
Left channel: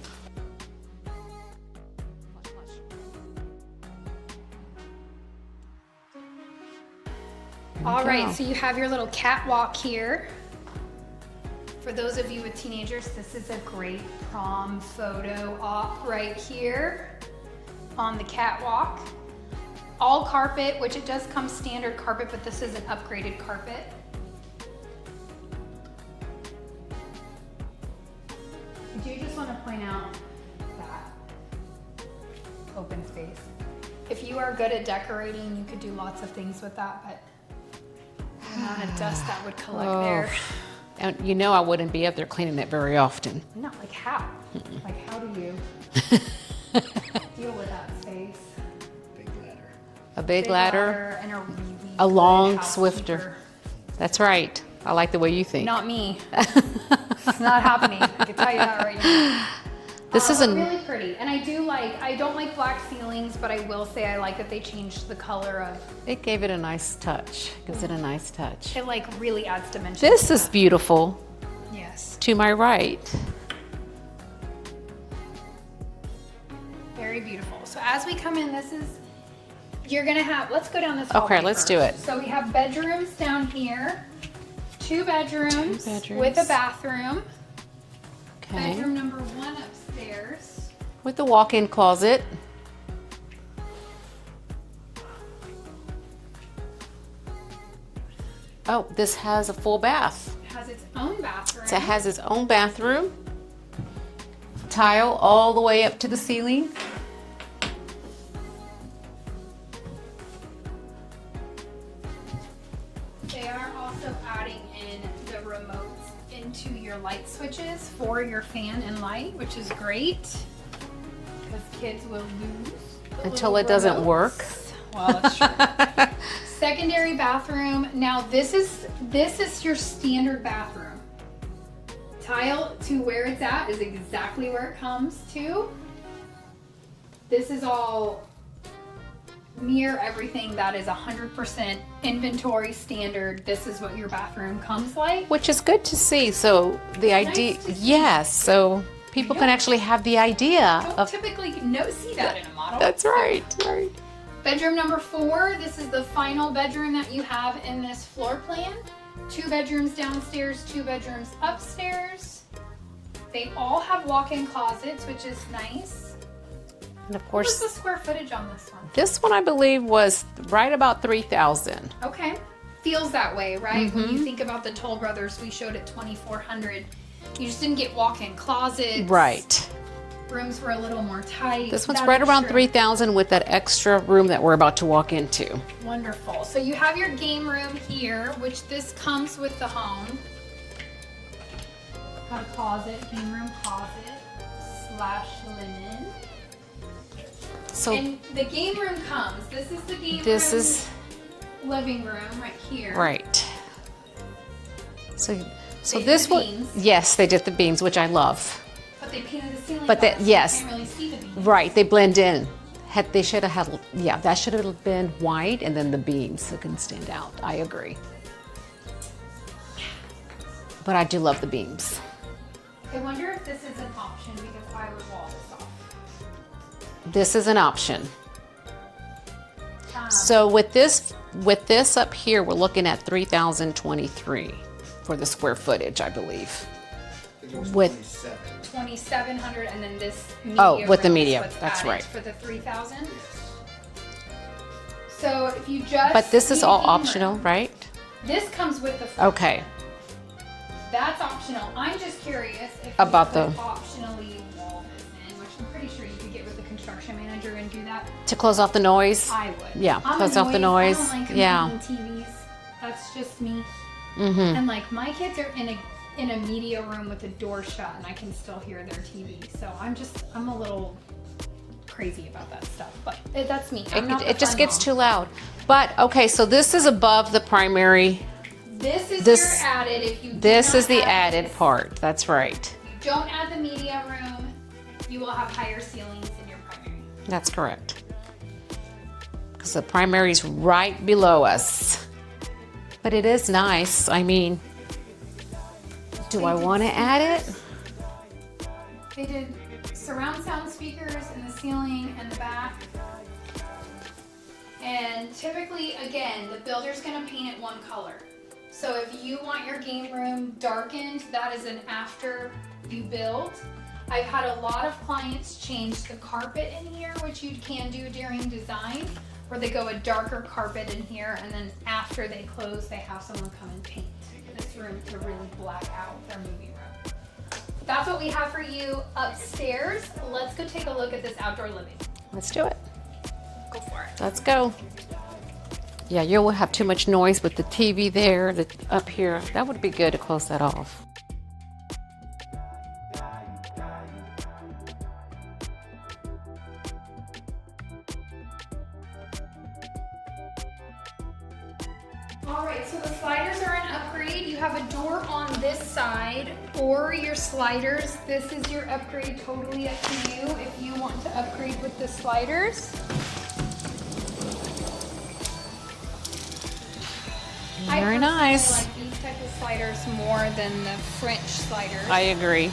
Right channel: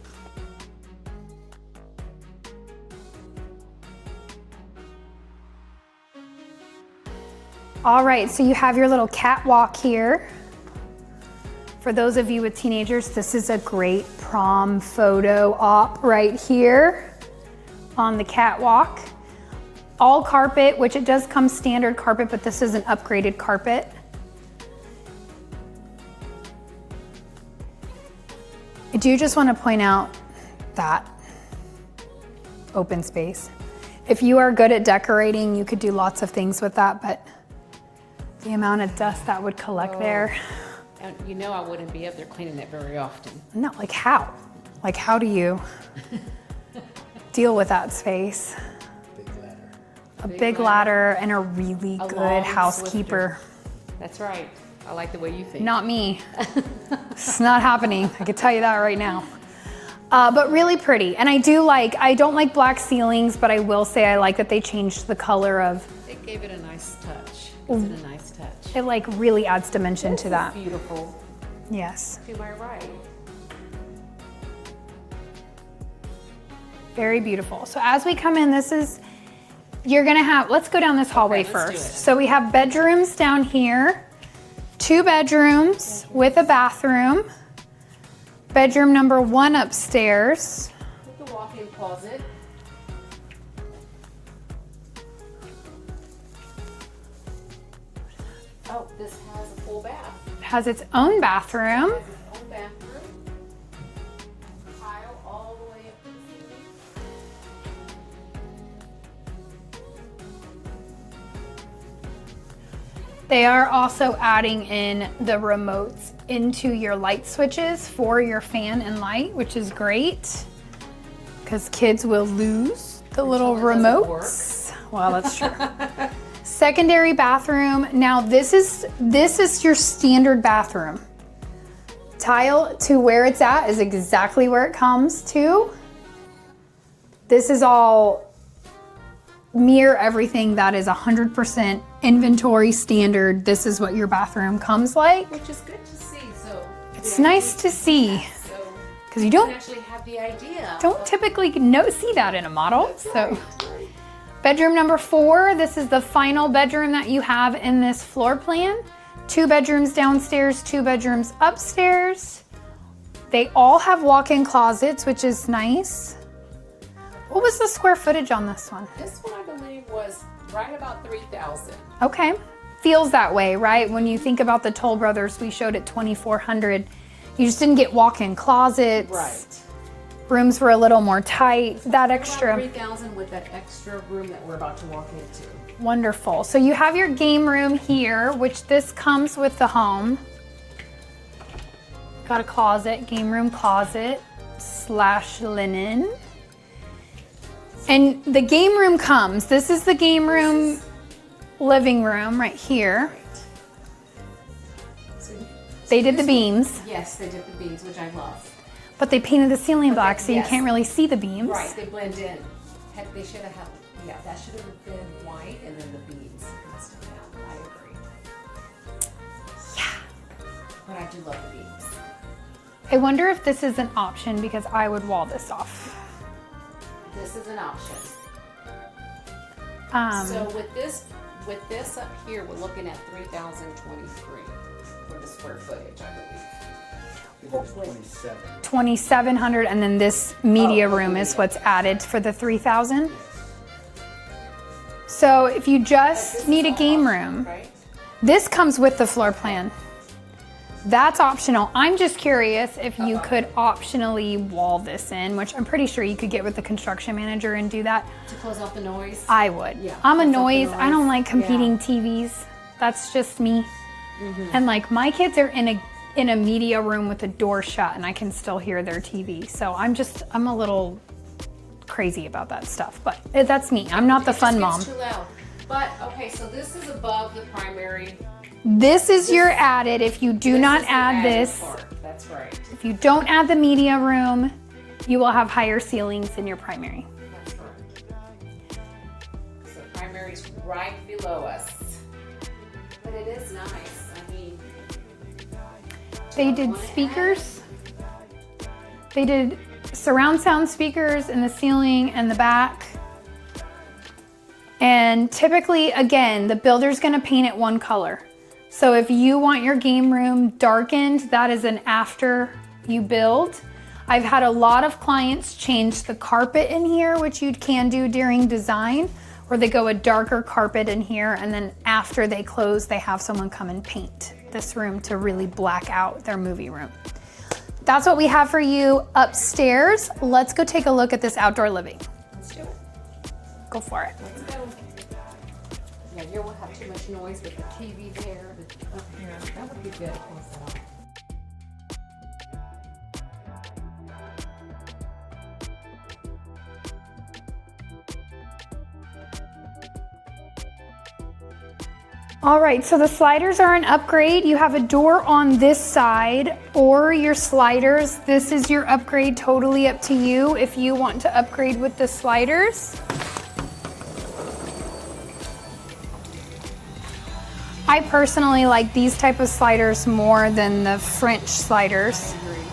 All right, so you have your little catwalk here. For those of you with teenagers, this is a great prom photo op right here on the catwalk. All carpet, which it does come standard carpet, but this is an upgraded carpet. I do just want to point out that open space. If you are good at decorating, you could do lots of things with that, but the amount of dust that would collect there. And you know I wouldn't be up there cleaning it very often. No, like how? Like how do you deal with that space? Big ladder. A Big ladder and a really A good long housekeeper. Swifter. That's right. I like the way you think. Not me. It's not happening. I can tell you that right now. This is but really pretty. And I don't like black ceilings, but I will say I like that they changed the color of. It gave it a nice touch. Gives it a nice touch. It like really adds dimension This to is that. beautiful. Yes. To my right. Very beautiful. So as we come in, you're gonna have, let's go down this hallway let's first. do it. So we have bedrooms down here, two bedrooms with a bathroom. Okay. Bedroom number 1 upstairs. With the walk-in closet. Oh, this has a full bath. It has its own bathroom. So it has its own bathroom. Tile all the way up to the ceiling. They are also adding in the remotes into your light switches for your fan and light, which is great because kids will lose the Until little it remotes. doesn't work. Well, that's true. Secondary bathroom. Now this is your standard bathroom. Tile to where it's at is exactly where it comes to. This is all mirror everything that is 100% inventory standard. This is what your bathroom comes like. Which is good to see. So the It's idea, nice to see. Yes, so people don't- can actually have the idea. Don't typically see that in a model. That's So, right. Right. bedroom number 4. This is the final bedroom that you have in this floor plan. 2 bedrooms downstairs, 2 bedrooms upstairs. They all have walk-in closets, which is nice. And of What was course, the square footage on this one? this one I believe was right about 3,000. Okay. Feels that way, right? Mm-hmm. When you think about the Toll Brothers, we showed at 2,400. You just didn't get walk-in closets. Right. Rooms were a little more tight. This one's That right around extra- 3,000 with that extra room that we're about to walk into. Wonderful. So you have your game room here, which this comes with the home. Got a closet, game room closet / linen. So And the game room comes. This is the game this room, is living room right here. right. So They did this the one- beams. Yes, they did the beams, which I love. But they painted the ceiling But black, so yes. you can't really see the beams. Right, they blend in. They should have had, yeah, that should have been white and then the beams so it can stand out. I agree. Yeah. But I do love the beams. I wonder if this is an option because I would wall this off. This is an option. Um, So with this up here, we're looking at 3,023 for the square footage, I believe. With 2,700, and then this media with the room is media, what's that's added right. for the 3,000. So if you just but this need is a all game optional, room, right? this comes with the floor Okay. plan. That's optional. I'm just curious if you About could the- optionally wall this in, which I'm pretty sure you could get with the construction manager and do that. To close off the noise. I would. Yeah, I'm a close off the noise. I don't noise. like Yeah. competing TVs. That's just me. And like my kids are in a media room with the door shut, and I can still hear their TV. So I'm a little crazy about that stuff. But that's me. I'm not the It just fun gets mom. too loud. But okay, so this is above the primary. This is your added. If you do This not is the add added this, part. That's right. if you don't add the media room, you will have higher ceilings in your primary. That's correct. Because the primary's right below us. But it is nice. I mean, do I did want to add it? speakers. They did surround sound speakers in the ceiling and the back. And typically, again, the builder's gonna paint it one color. So if you want your game room darkened, that is an after you build. I've had a lot of clients change the carpet in here, which you can do during design, where they go a darker carpet in here, and then after they close, they have someone come and paint this room to really black out their movie room. That's what we have for you upstairs. Let's go take a look at this outdoor living. Let's do it. Go for it. Let's go. Yeah, you will have too much noise with the TV there, up here. That would be good to close that off. All right, so the sliders are an upgrade. You have a door on this side or your sliders. This is your upgrade, totally up to you if you want to upgrade with the sliders. I personally like these type of sliders more than the French sliders. I agree.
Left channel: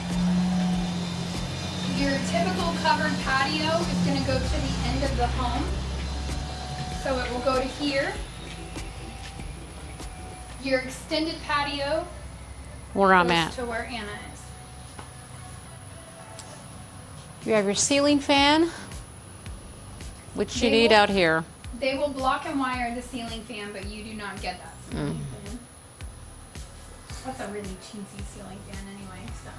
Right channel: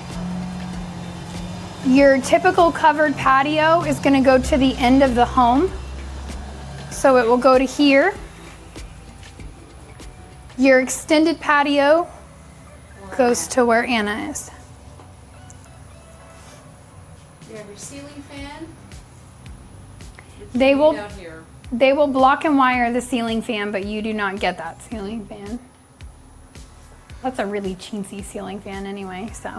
Your typical covered patio is going to go to the end of the home. So it will go to here. Your extended patio goes to where Anna is. You have your ceiling fan, which you need out here. They will block and wire the ceiling fan, but you do not get that ceiling fan. That's a really chintzy ceiling fan anyway, so.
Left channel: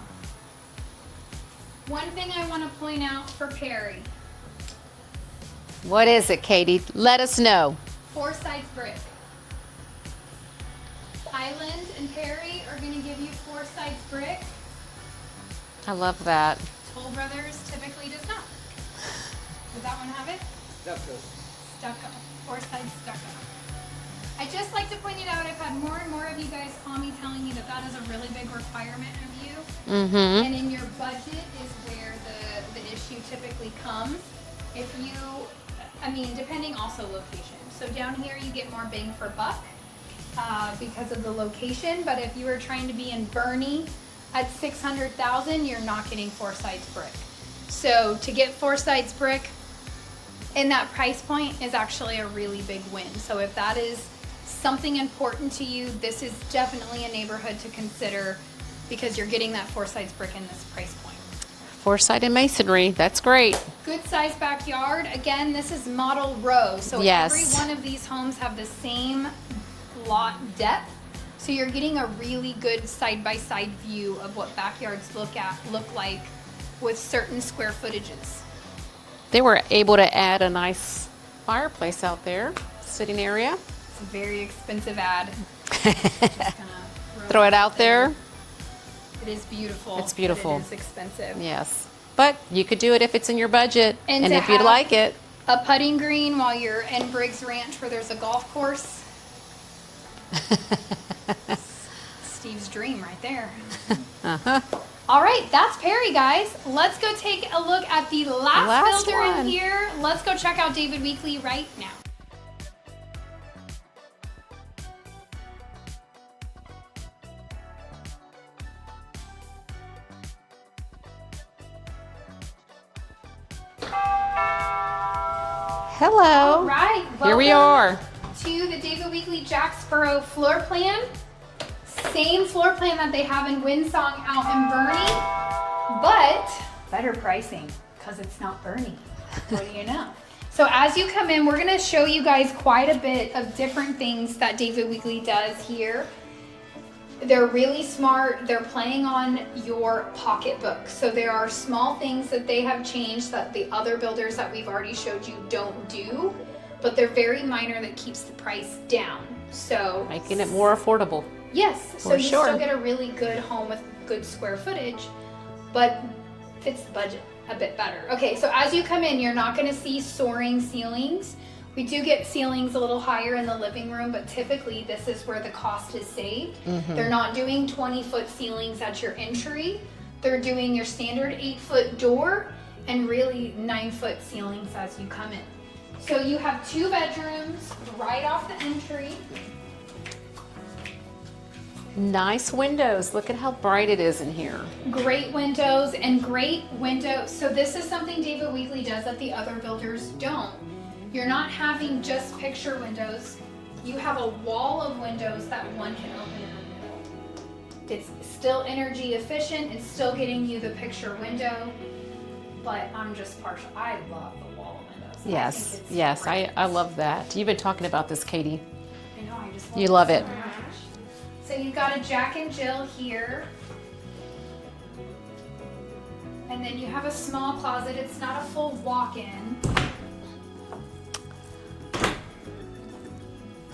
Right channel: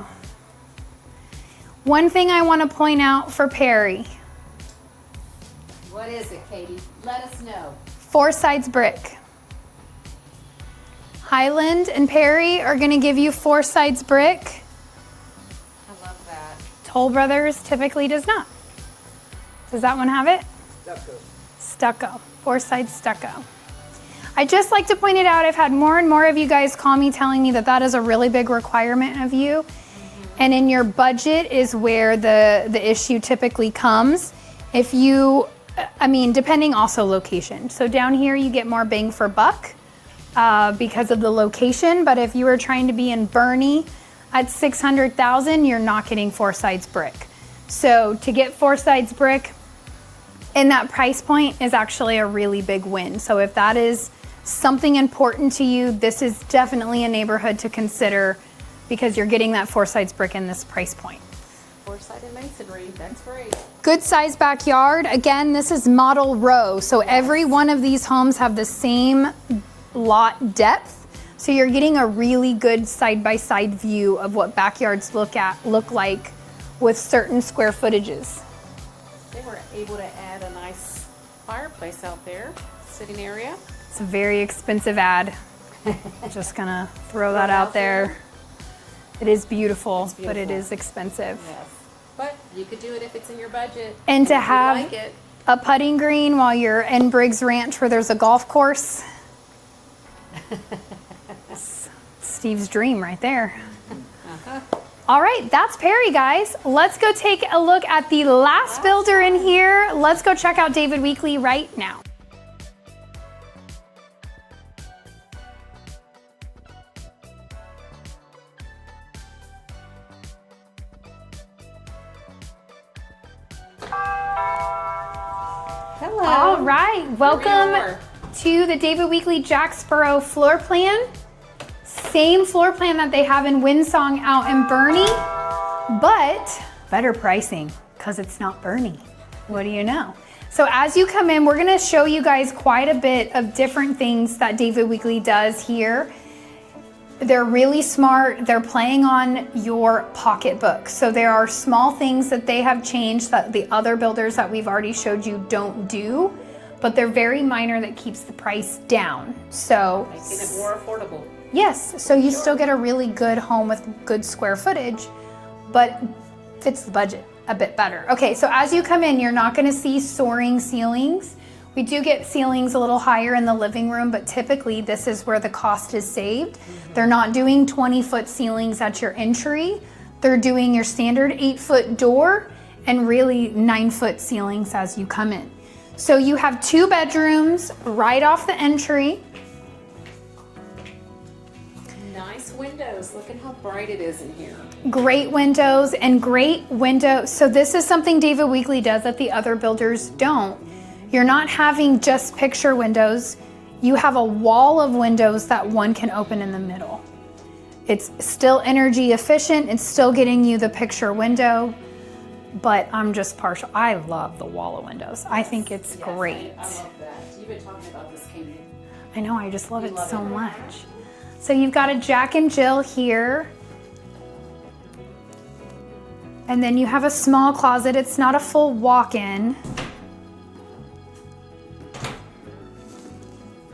One thing I want to point out for Perry. What is it, Katie? Let us know. 4 sides brick. Highland and Perry are going to give you 4 sides brick. I love that. Toll Brothers typically does not. Does that one have it? Stucco. 4 sides stucco. I just like to point it out. I've had more and more of you guys call me telling me that that is a really big requirement of you. And in your budget is where the issue typically comes. If you, I mean, depending also location. So down here you get more bang for buck because of the location. But if you were trying to be in Bernie at 600,000, you're not getting 4 sides brick. So to get 4 sides brick in that price point is actually a really big win. So if that is something important to you, this is definitely a neighborhood to consider because you're getting that 4 sides brick in this price point. 4-sided masonry, that's great. Good size backyard. Again, this is model row. So Yes. every one of these homes have the same lot depth. So you're getting a really good side-by-side view of what backyards look like with certain square footages. They were able to add a nice fireplace out there, sitting area. It's a very expensive ad. Just gonna throw Throw that it out out there. It is beautiful. It's beautiful. But it is expensive. Yes, but you could do it if it's in your budget And and to if you'd have like it. a putting green while you're in Briggs Ranch where there's a golf course. Steve's dream right there. All right, that's Perry, guys. Let's go take a look at the last builder in one. here. Let's go check out David Weekley right now. Hello. All right, welcome Here we are. to the David Weekley Jacksboro floor plan. Same floor plan that they have in Windsong out in Bernie, but better pricing because it's not Bernie. What do you know? So as you come in, we're gonna show you guys quite a bit of different things that David Weekley does here. They're really smart. They're playing on your pocketbook. So there are small things that they have changed that the other builders that we've already showed you don't do, but they're very minor that keeps the price down. So Making it more affordable. yes, so you sure. still get a really good home with good square footage, but fits the budget a bit better. Okay, so as you come in, you're not gonna see soaring ceilings. We do get ceilings a little higher in the living room, but typically this is where the cost is saved. They're not doing 20-foot ceilings at your entry. They're doing your standard 8-foot door and really 9-foot ceilings as you come in. So you have 2 bedrooms right off the entry. Nice windows. Look at how bright it is in here. Great windows and great windows. So this is something David Weekley does that the other builders don't. You're not having just picture windows. You have a wall of windows that one can open in the middle. It's still energy efficient. It's still getting you the picture window, but I'm just partial. I love the wall of windows. I think it's great. I love that. You've been talking about this, Katie. I know, I just love You it love so it. much. So you've got a Jack and Jill here. And then you have a small closet. It's not a full walk-in.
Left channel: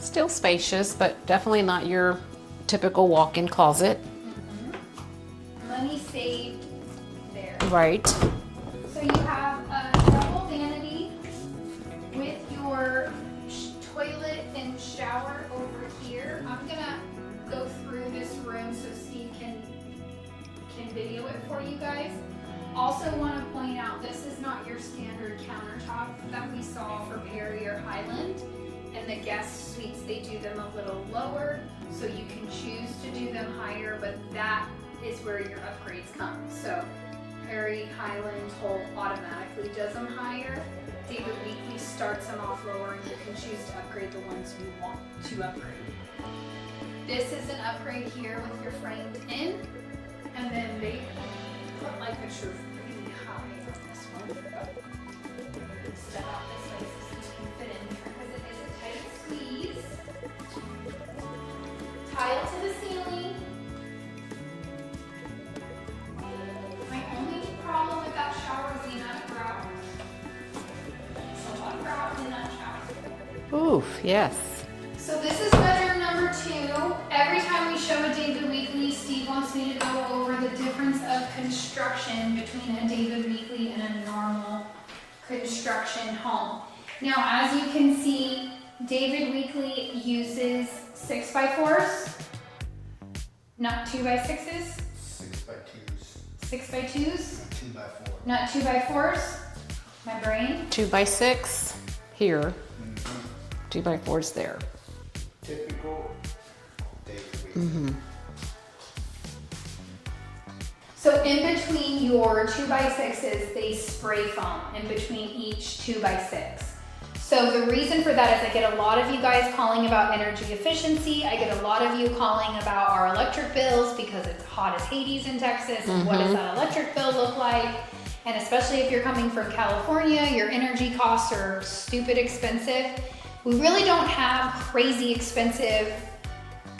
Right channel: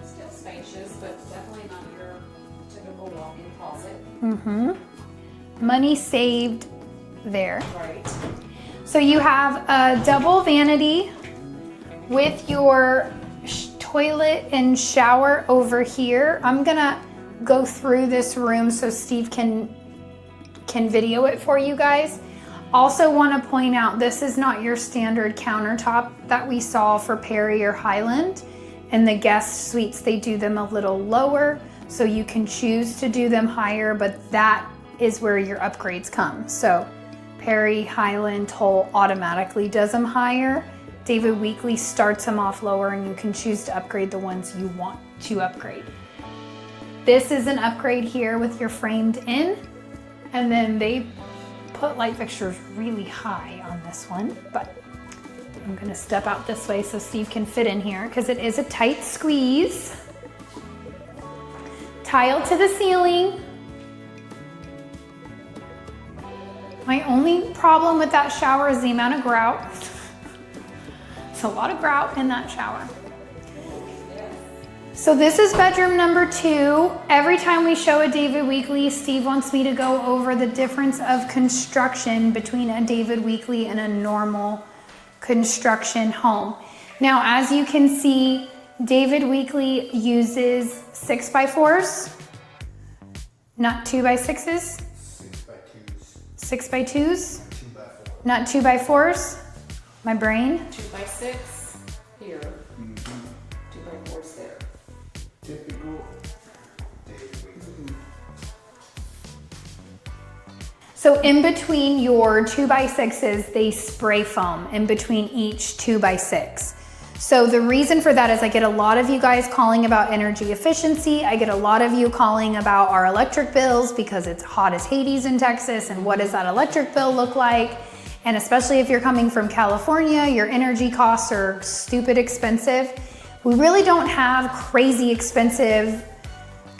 Still spacious, but definitely not your typical walk-in closet. Money saved there. Right. So you have a double vanity with your toilet and shower over here. I'm gonna go through this room so Steve can video it for you guys. Also want to point out, this is not your standard countertop that we saw for Perry or Highland. In the guest suites, they do them a little lower, so you can choose to do them higher, but that is where your upgrades come. So Perry, Highland, Toll automatically does them higher. David Weekley starts them off lower, and you can choose to upgrade the ones you want to upgrade. This is an upgrade here with your framed in, and then they put light fixtures really high on this one, but I'm gonna step out this way so Steve can fit in here because it is a tight squeeze. Tile to the ceiling. My only problem with that shower is the amount of grout. It's a lot of grout in that shower. Oof, yes. So this is bedroom number 2. Every time we show a David Weekley, Steve wants me to go over the difference of construction between a David Weekley and a normal construction home. Now, as you can see, David Weekley uses 6x4s, not 2x6s. 6x2s. 2x4. Not 2x4s. My brain. 2x6 here. 2x4s there. Typical David. So in between your 2x6s, they spray foam in between each 2x6. So the reason for that is I get a lot of you guys calling about energy efficiency. I get a lot of you calling about our electric bills because it's hot as Hades in Texas, and what does that electric bill look like? And especially if you're coming from California, your energy costs are stupid expensive. We really don't have crazy expensive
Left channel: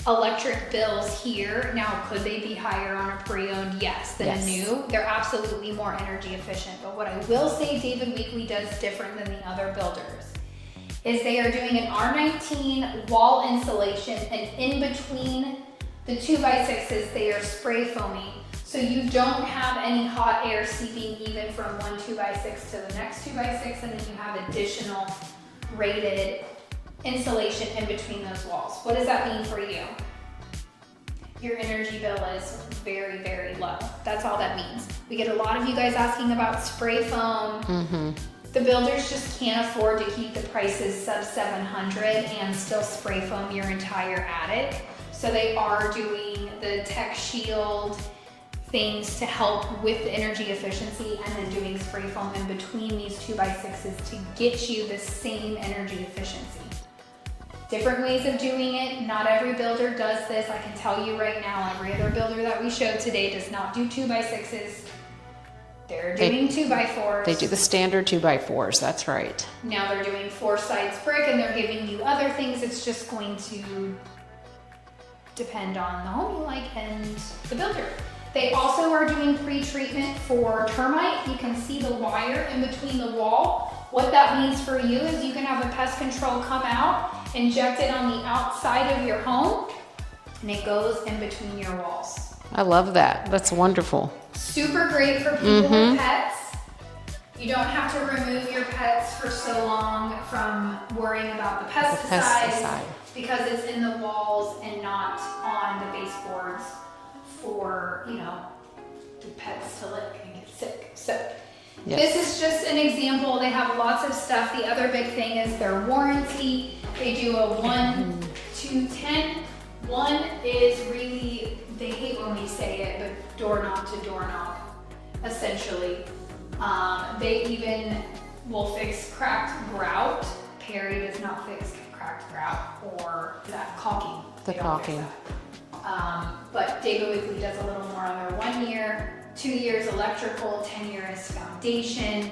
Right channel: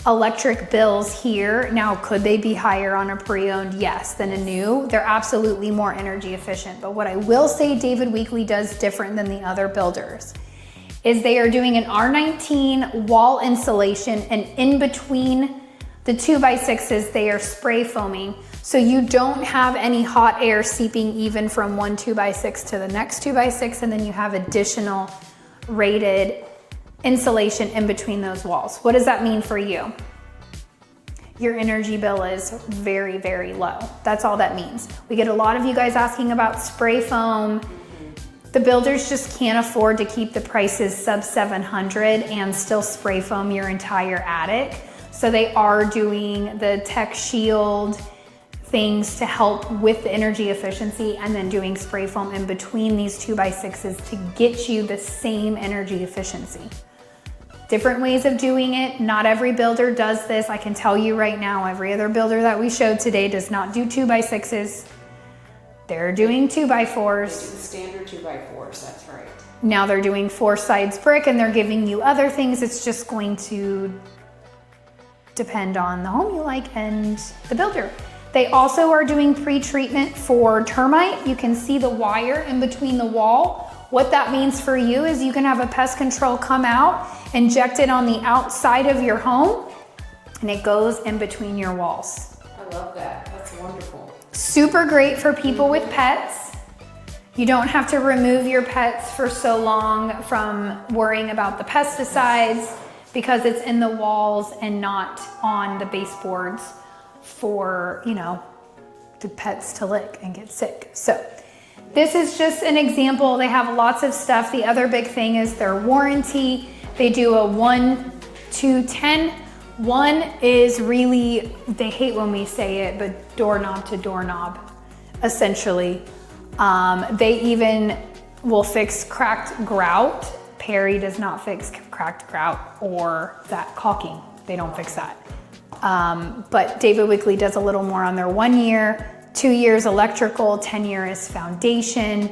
electric bills here. Now, could they be higher on a pre-owned? Yes, than a new. They're absolutely more energy efficient. But what I will say David Weekley does different than the other builders is they are doing an R19 wall insulation, and in between the 2x6s, they are spray foaming. So you don't have any hot air seeping even from one 2x6 to the next 2x6, and then you have additional rated insulation in between those walls. What does that mean for you? Your energy bill is very, very low. That's all that means. We get a lot of you guys asking about spray foam. The builders just can't afford to keep the prices sub 700 and still spray foam your entire attic. So they are doing the Tech Shield things to help with the energy efficiency, and then doing spray foam in between these 2x6s to get you the same energy efficiency. Different ways of doing it. Not every builder does this. I can tell you right now, every other builder that we showed today does not do 2x6s. They're doing 2x4s. They do the standard 2x4s, that's right. Now they're doing 4 sides brick, and they're giving you other things. It's just going to depend on the home you like and the builder. They also are doing pre-treatment for termite. You can see the wire in between the wall. What that means for you is you can have a pest control come out, inject it on the outside of your home, and it goes in between your walls. I love that. That's wonderful. Super great for people with pets. You don't have to remove your pets for so long from worrying about the pesticides because it's in the walls and not on the baseboards for, you know, the pets to lick and get sick. So this is just an example. They have lots of stuff. The other big thing is their warranty. They do a 1 to 10. 1 is really, they hate when we say it, but doorknob to doorknob, essentially. They even will fix cracked grout. Perry does not fix cracked grout or that caulking. They don't fix that. But David Weekley does a little more on their 1 year, 2 years electrical, 10 years foundation.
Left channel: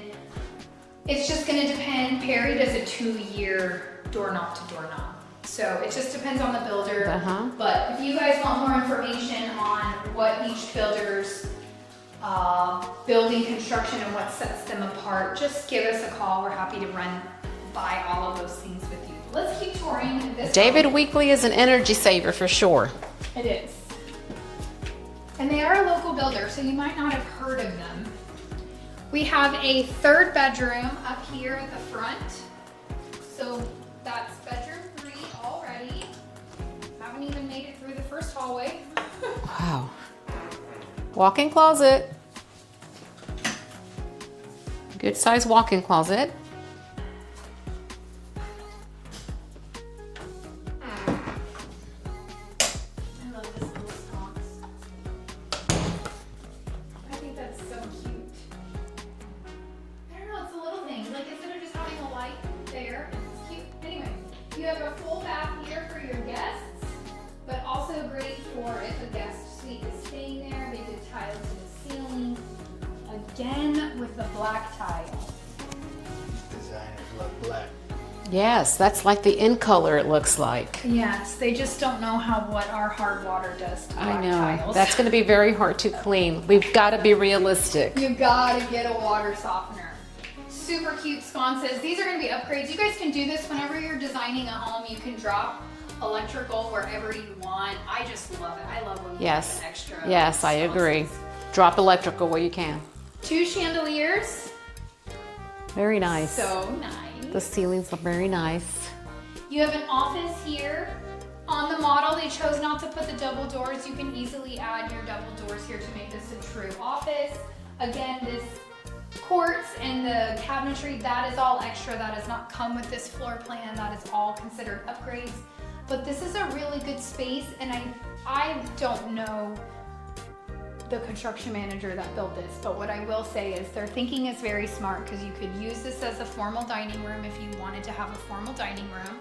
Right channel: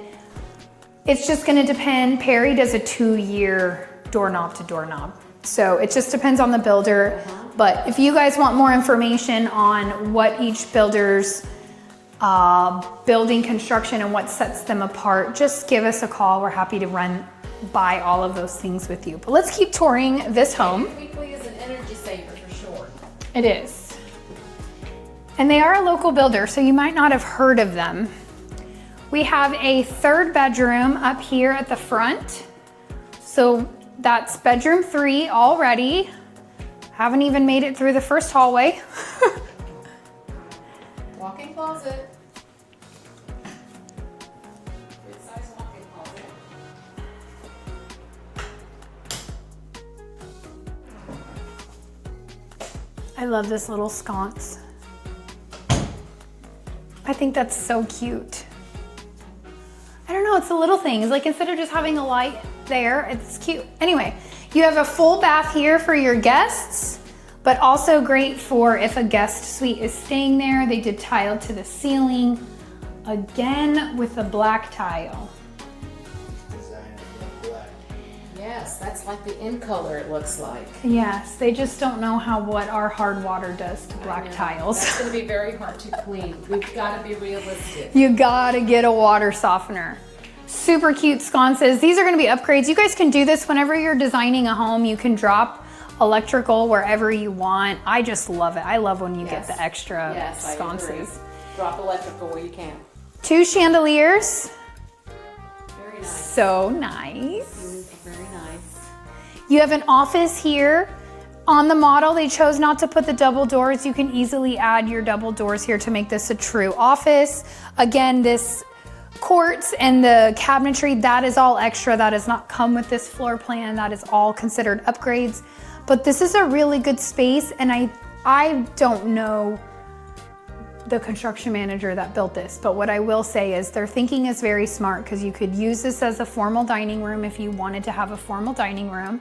It's just gonna depend. Perry does a 2-year doorknob to doorknob. So it just depends on the builder. But if you guys want more information on what each builder's building construction and what sets them apart, just give us a call. We're happy to run by all of those things with you. But let's keep touring this David home. Weekley is an energy saver for sure. It is. And they are a local builder, so you might not have heard of them. We have a 3rd bedroom up here at the front. So That's bedroom 3 already. Haven't even made it through the first hallway. Wow. Walk-in closet. Good size walk-in closet. I love this little sconce. I think that's so cute. I don't know, it's the little things. Like instead of just having a light there, it's cute. Anyway, you have a full bath here for your guests, but also great for if a guest suite is staying there. They did tile to the ceiling, again with the black tile. Designers love black. Yes, that's like the in color it looks like. Yes, they just don't know what our hard water does to black I know. tiles. That's going to be very hard to clean. We've got to be realistic. You gotta get a water softener. Super cute sconces. These are gonna be upgrades. You guys can do this whenever you're designing a home. You can drop electrical wherever you want. I just love it. I love when you get the extra Yes, I agree. sconces. Drop electrical where you can. 2 chandeliers. Very nice. So The nice. ceilings are very nice. You have an office here. On the model, they chose not to put the double doors. You can easily add your double doors here to make this a true office. Again, this quartz and the cabinetry, that is all extra. That does not come with this floor plan. That is all considered upgrades. But this is a really good space, and I don't know the construction manager that built this, but what I will say is their thinking is very smart, because you could use this as a formal dining room if you wanted to have a formal dining room,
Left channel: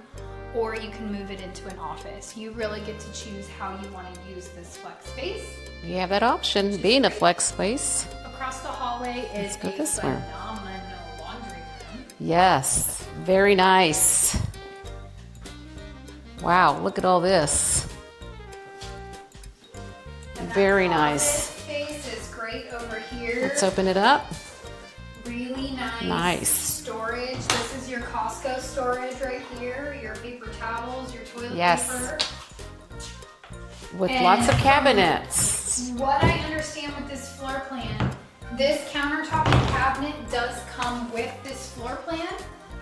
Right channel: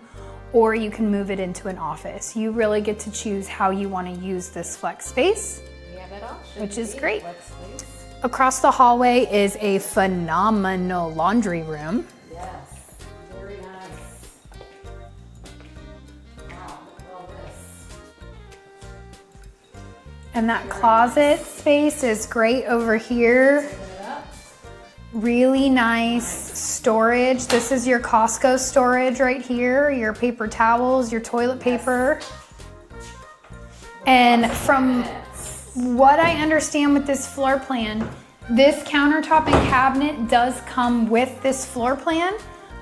or you can move it into an office. You really get to choose how you want to use this flex space. You have that option, Which is being a great. flex space. Across the hallway is a phenomenal laundry room. Yes, very nice. Wow, look at all this. And that Very closet nice. space is great over here. Let's open it up. Really nice, Nice. storage. This is your Costco storage right here. Your paper towels, your toilet Yes. paper. With And lots of from- cabinets. What I understand with this floor plan, this countertop and cabinet does come with this floor plan,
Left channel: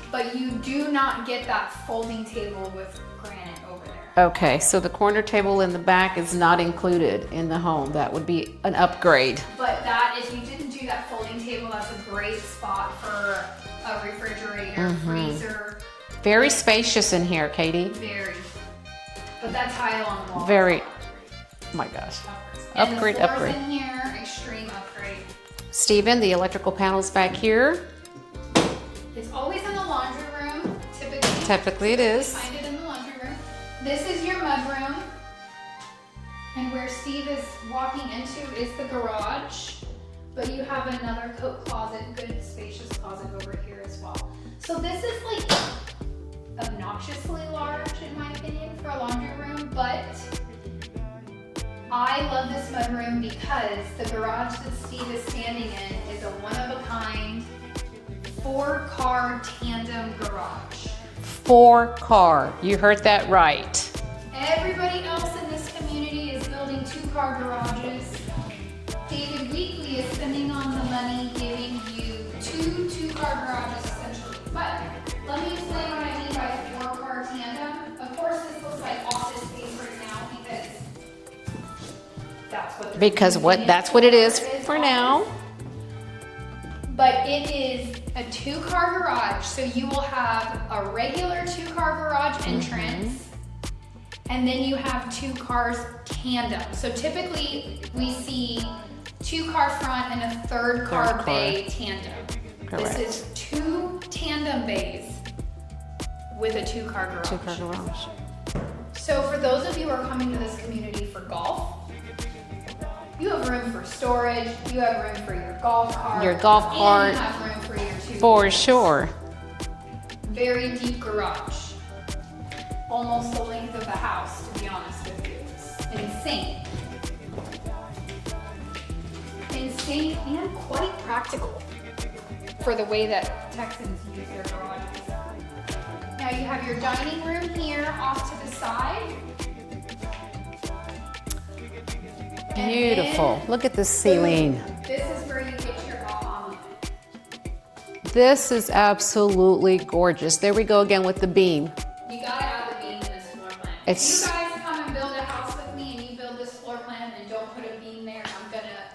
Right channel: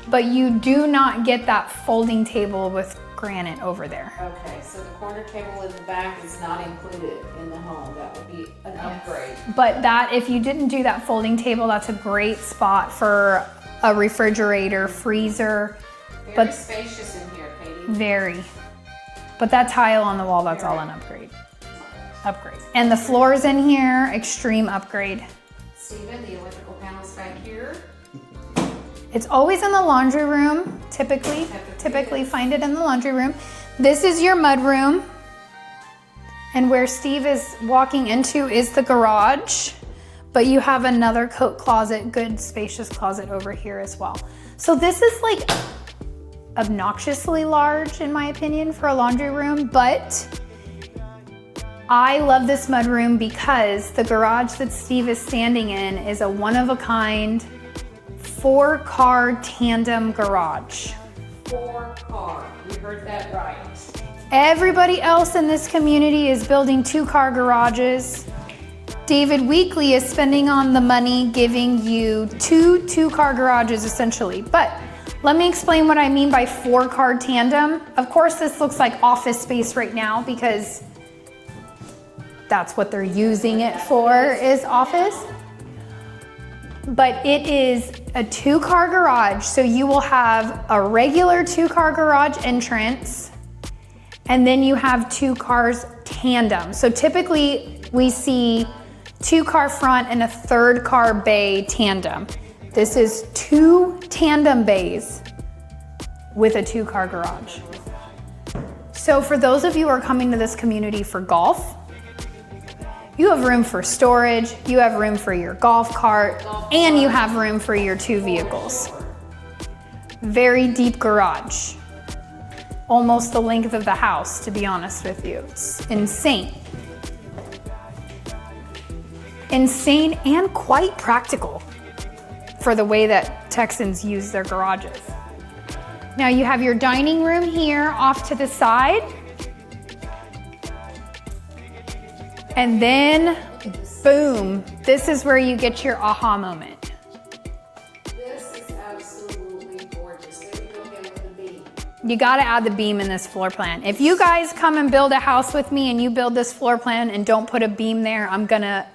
but you do not get that folding table with granite over there. Okay, so the corner table in the back is not included in the home. That would be an upgrade. But that, if you didn't do that folding table, that's a great spot for a refrigerator, freezer. Very But- spacious in here, Katie. Very. But that tile on the wall, that's Very. all an upgrade. Oh my gosh. Upgrade. And Upgrade, the floors upgrade. in here, extreme upgrade. Steven, the electrical panels back here. It's always in the laundry room, typically. Typically it is. Find it in the laundry room. This is your mud room. And where Steve is walking into is the garage. But you have another coat closet, good spacious closet over here as well. So this is like obnoxiously large in my opinion for a laundry room, but I love this mud room because the garage that Steve is standing in is a one-of-a-kind 4-car tandem garage. 4-car. You heard that right. Everybody else in this community is building 2-car garages. David Weekley is spending on the money giving you 2-car garages essentially. But let me explain what I mean by 4-car tandem. Of course, this looks like office space right now because that's what they're using it that's for, what it is for office. now. But it is a 2-car garage, so you will have a regular 2-car garage entrance, and then you have 2 cars tandem. So typically we see 2-car front and a 3rd-car bay tandem. This is 2 tandem bays with a 2-car garage. So for those of you who are coming to this community for golf, you have room for storage, you have room for your golf cart, and you have room for your 2 vehicles. For sure. Very deep garage. Almost the length of the house, to be honest with you. It's insane. Insane and quite practical for the way that Texans use their garages. Now you have your dining room here off to the side. And then, Beautiful. Look at the ceiling. boom, this is where you get your aha moment. This is absolutely gorgeous. There we go again with the beam. You gotta add the beam in this floor plan. If It's- you guys come and build a house with me and you build this floor plan and don't put a beam there, I'm gonna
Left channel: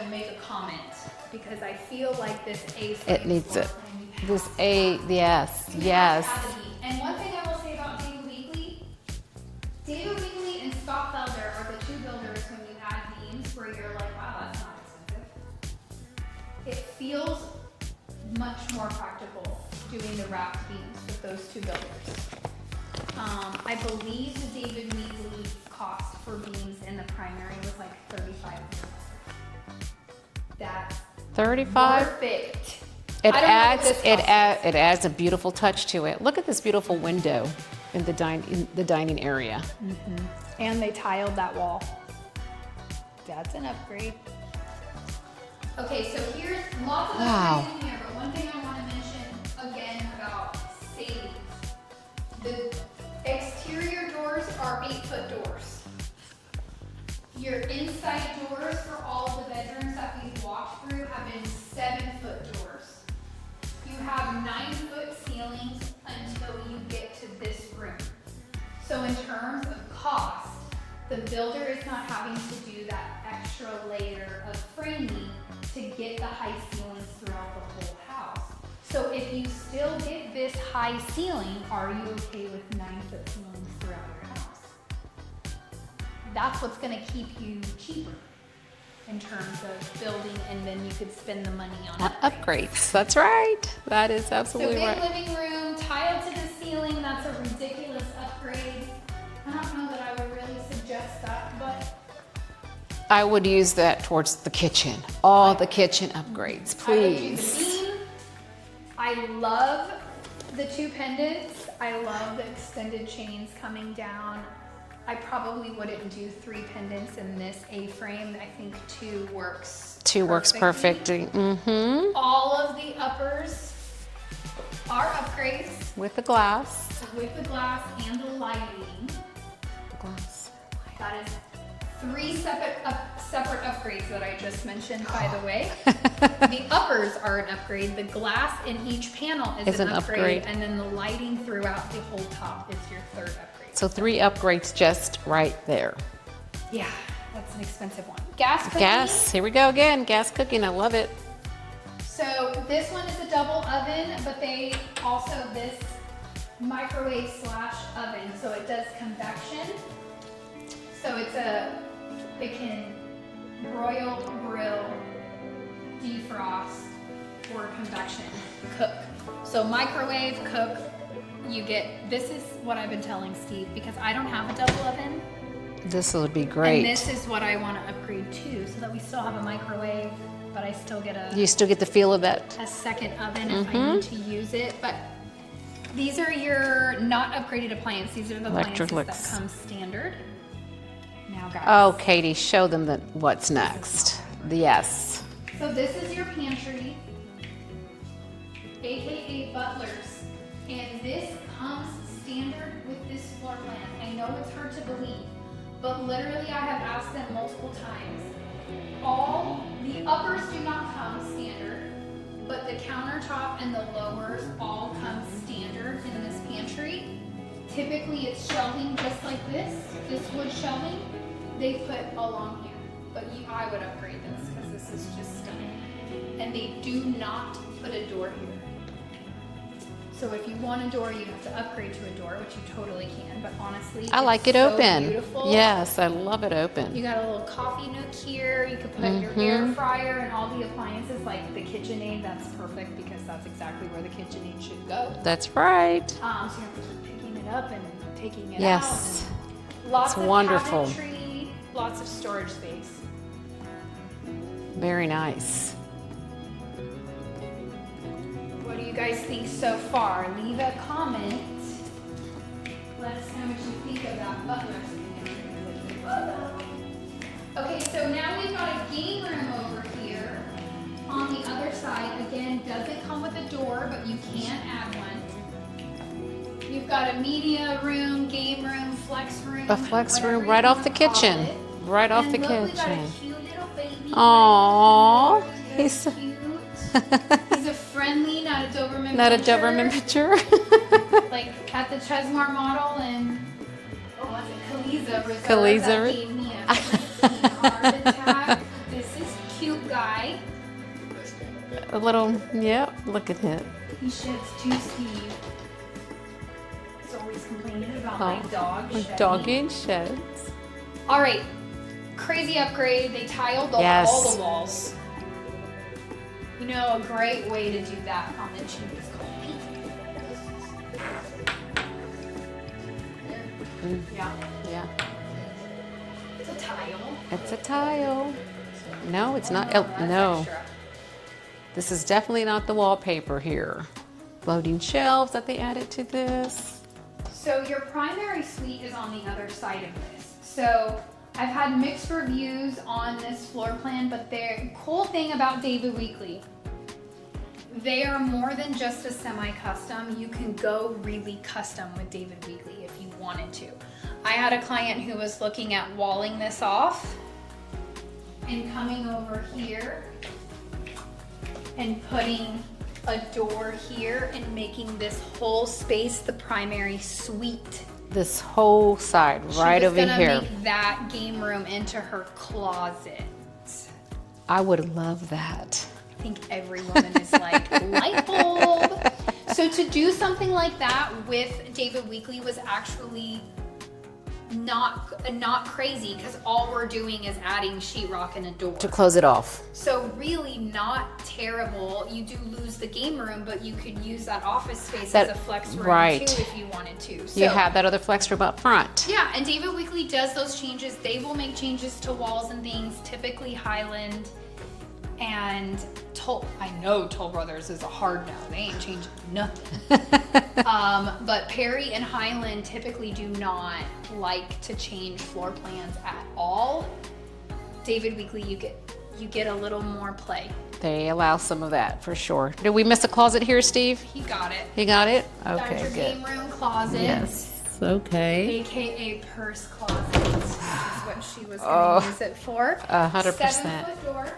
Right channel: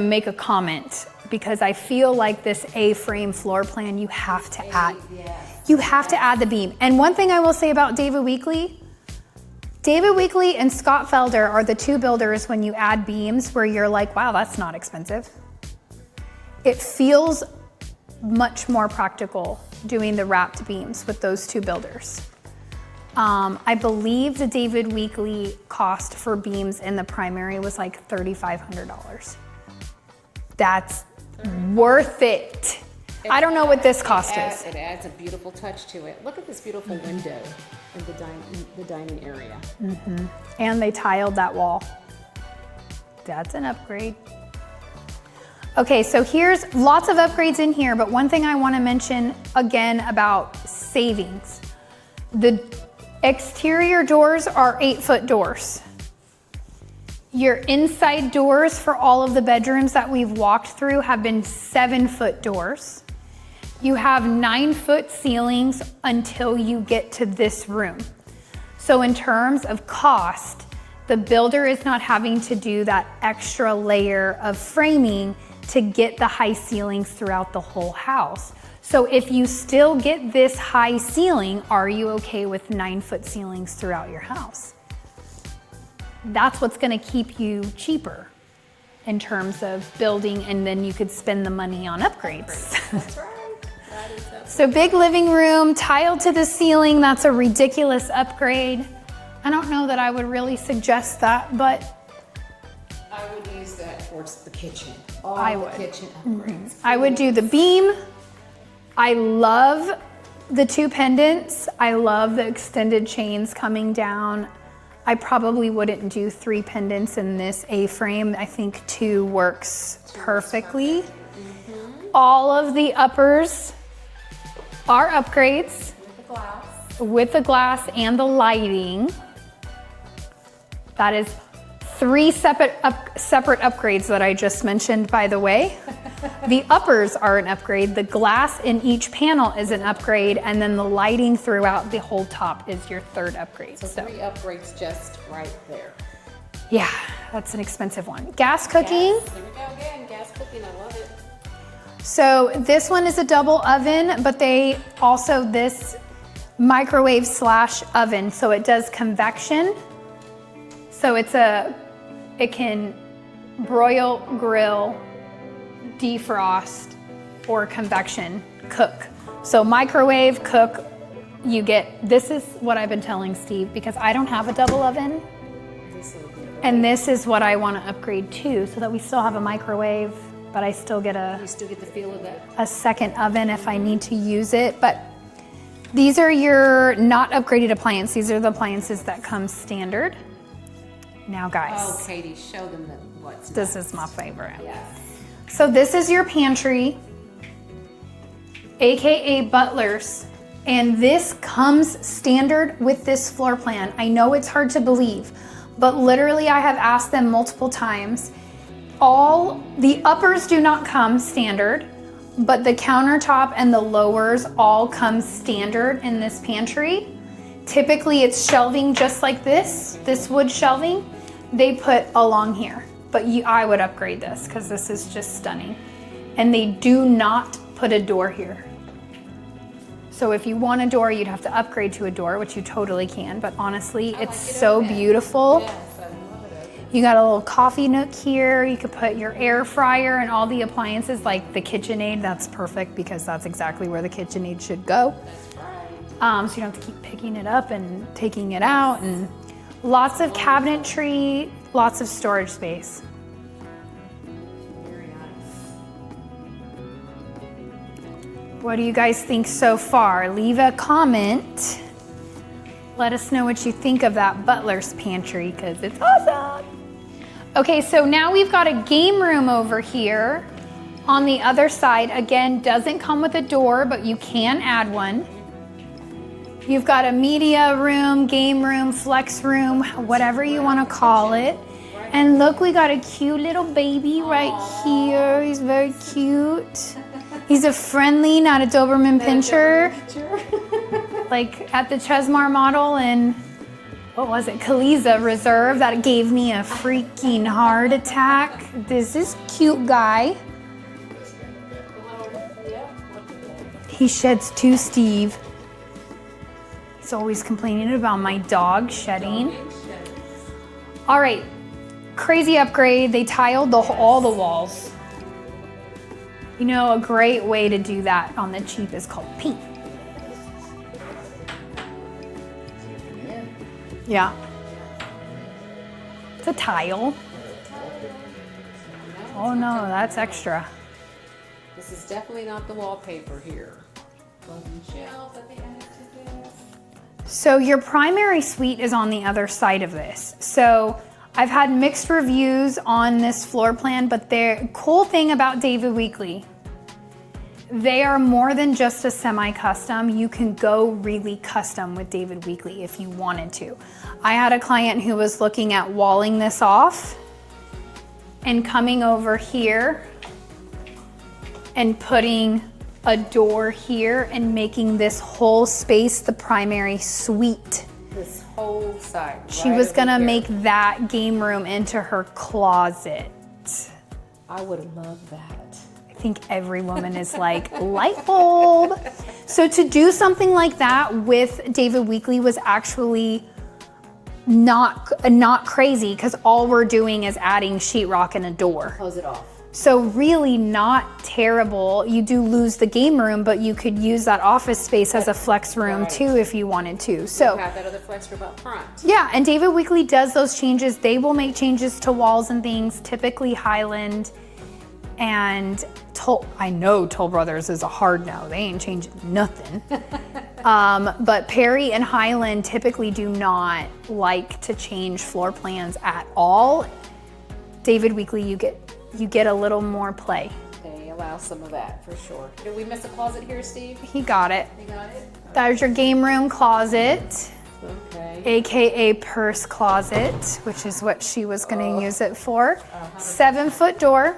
make a comment because I feel like this A-frame needs floor it. plan, you have This to A- add. yes, You have to yes. add the beam. And one thing I will say about David Weekley and Scott Felder are the two builders when you add beams where you're like, wow, that's not expensive. It feels much more practical doing the wrapped beams with those two builders. I believe the David Weekley cost for beams in the primary was like $3,500. That's 35. worth it. I don't know what this cost is. It adds a beautiful touch to it. Look at this beautiful window in the dining area. And they tiled that wall. That's an upgrade. Okay, so here's lots of upgrades in here, but one thing I want to mention again about savings. The exterior doors are 8-foot doors. Your inside doors for all of the bedrooms that we've walked through have been 7-foot doors. You have 9-foot ceilings until you get to this room. So in terms of cost, the builder is not having to do that extra layer of framing to get the high ceilings throughout the whole house. So if you still get this high ceiling, are you okay with 9-foot ceilings throughout your house? That's what's gonna keep you cheaper in terms of building, and then you could spend the money on upgrades. That's right. That is So absolutely big right. living room, tiled to the ceiling, that's a ridiculous upgrade. I don't know that I would really suggest that, but I would use that towards the kitchen. All I the would. kitchen upgrades. I would do the please. beam. I love the 2 pendants. I love the extended chains coming down. I probably wouldn't do 3 pendants in this A-frame. I think 2 works 2 works perfectly. All of the uppers are upgrades With the glass. with the glass and the lighting. That is 3 separate upgrades that I just mentioned, by the way. The uppers are an upgrade. The glass in each panel is an upgrade, and then the lighting throughout the whole top is your 3rd upgrade. So 3 upgrades just right there. Yeah, that's an expensive one. Gas cooking. Gas, here we go again. Gas cooking, I love it. So this one is a double oven, but they also this microwave / oven. So it does convection. So it can broil, grill, defrost, or convection cook. So microwave, cook, this is what I've been telling Steve because I don't have a double oven. This would be great. And this is what I want to upgrade to so that we still have a microwave, but I still get You still get the feel of that. a second oven if I need to use it. But these are your not upgraded appliances. These are the appliances that Electrics. come standard. Now guys. Oh, Katie, show them what's This next. is my favorite. Yes. So this is your pantry, AKA Butler's, and this comes standard with this floor plan. I know it's hard to believe, but literally I have asked them multiple times. All the uppers do not come standard, but the countertop and the lowers all come standard in this pantry. Typically it's shelving just like this wood shelving, they put along here. But I would upgrade this because this is just stunning. And they do not put a door here. So if you want a door, you'd have to upgrade to a door, which you totally can. But honestly, I like it so open. beautiful. Yes, I love it open. You got a little coffee nook here. You could put your air fryer and all the appliances like the KitchenAid. That's perfect because that's exactly where the KitchenAid should go. That's right. So you don't have to keep picking it up and taking it Yes. out. And lots It's of wonderful. cabinetry, lots of storage space. Very nice. What do you guys think so far? Leave a comment. Let us know what you think of that Butler's pantry because it's awesome. Okay, so now we've got a game room over here on the other side. Again, doesn't come with a door, but you can add one. You've got a media room, game room, flex room, A flex whatever room you right want off to the call kitchen. it. right off And the look, we got a kitchen. cute little baby Aw. right here. He's very cute. He's a friendly, not a Doberman Not a Pinscher. Doberman Pinscher. Like at the Chesmar model and what was it, Kaliza Reserve that Kaliza. gave me a freaking heart attack. This is cute guy. A little, yeah, look at it. He sheds too, Steve. He's always complaining about my dog shedding. Doggy sheds. All right, crazy upgrade. They tiled Yes. all the walls. You know, a great way to do that on the cheap is called paint. Yeah, Yeah, it's a tile. it's a tile. No, it's Oh not. no, that's no. extra. This is definitely not the wallpaper here. Floating shelves that they added to this. So your primary suite is on the other side of this. So I've had mixed reviews on this floor plan, but the cool thing about David Weekley, they are more than just a semi-custom. You can go really custom with David Weekley if you wanted to. I had a client who was looking at walling this off and coming over here and putting a door here and making this whole space the primary suite. This whole side, She right was over gonna here. make that game room into her closet. I would love that. I think every woman is like, light bulb. So to do something like that with David Weekley was actually not crazy because all we're doing is adding sheetrock and a door. To close it off. So really not terrible. You do lose the game room, but you could use that office space as a flex room right. too if you wanted to. So You have that other flex room up front. yeah, and David Weekley does those changes. They will make changes to walls and things, typically Highland and I know Toll Brothers is a hard no. They ain't changing nothing. But Perry and Highland typically do not like to change floor plans at all. David Weekley, you get a little more play. They allow some of that for sure. Did we miss a closet here, Steve? He got it. You got it? There's your game room closet, Okay. AKA purse closet, which is what she was gonna use it for. 100%. 7-foot door.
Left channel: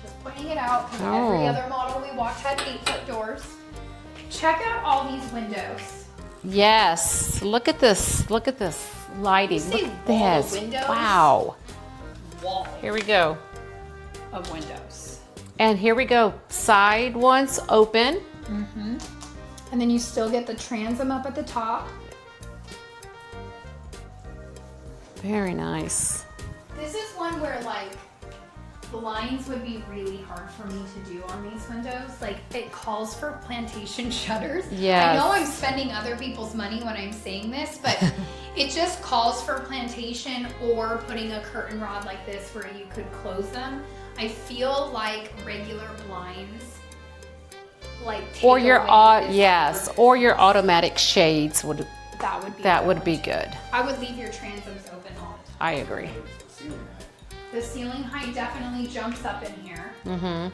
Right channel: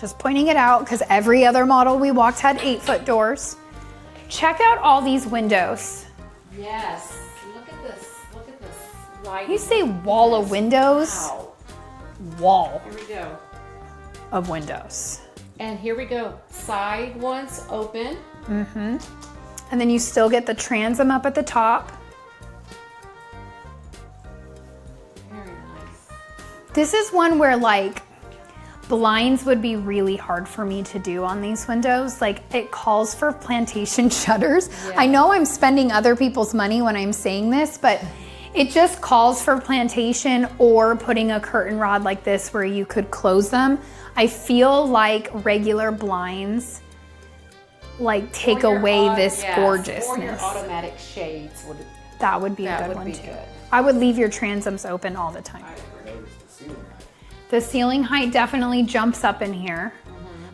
Just pointing it out because every Oh. other model we walked had 8-foot doors. Check out all these windows. Yes. Look at this. Look at this lighting. You say Look at wall of this. windows? Wow. Wall Here we go. of windows. And here we go. Side ones open. And then you still get the transom up at the top. Very nice. This is one where like blinds would be really hard for me to do on these windows. Like it calls for plantation shutters. I know I'm spending other people's money when I'm saying this, but it just calls for plantation or putting a curtain rod like this where you could close them. I feel like regular blinds like take away this gorgeousness. Or your automatic shades would That would be a that good would one be too. good. I would leave your transoms open all the time. I agree. The ceiling height definitely jumps up in here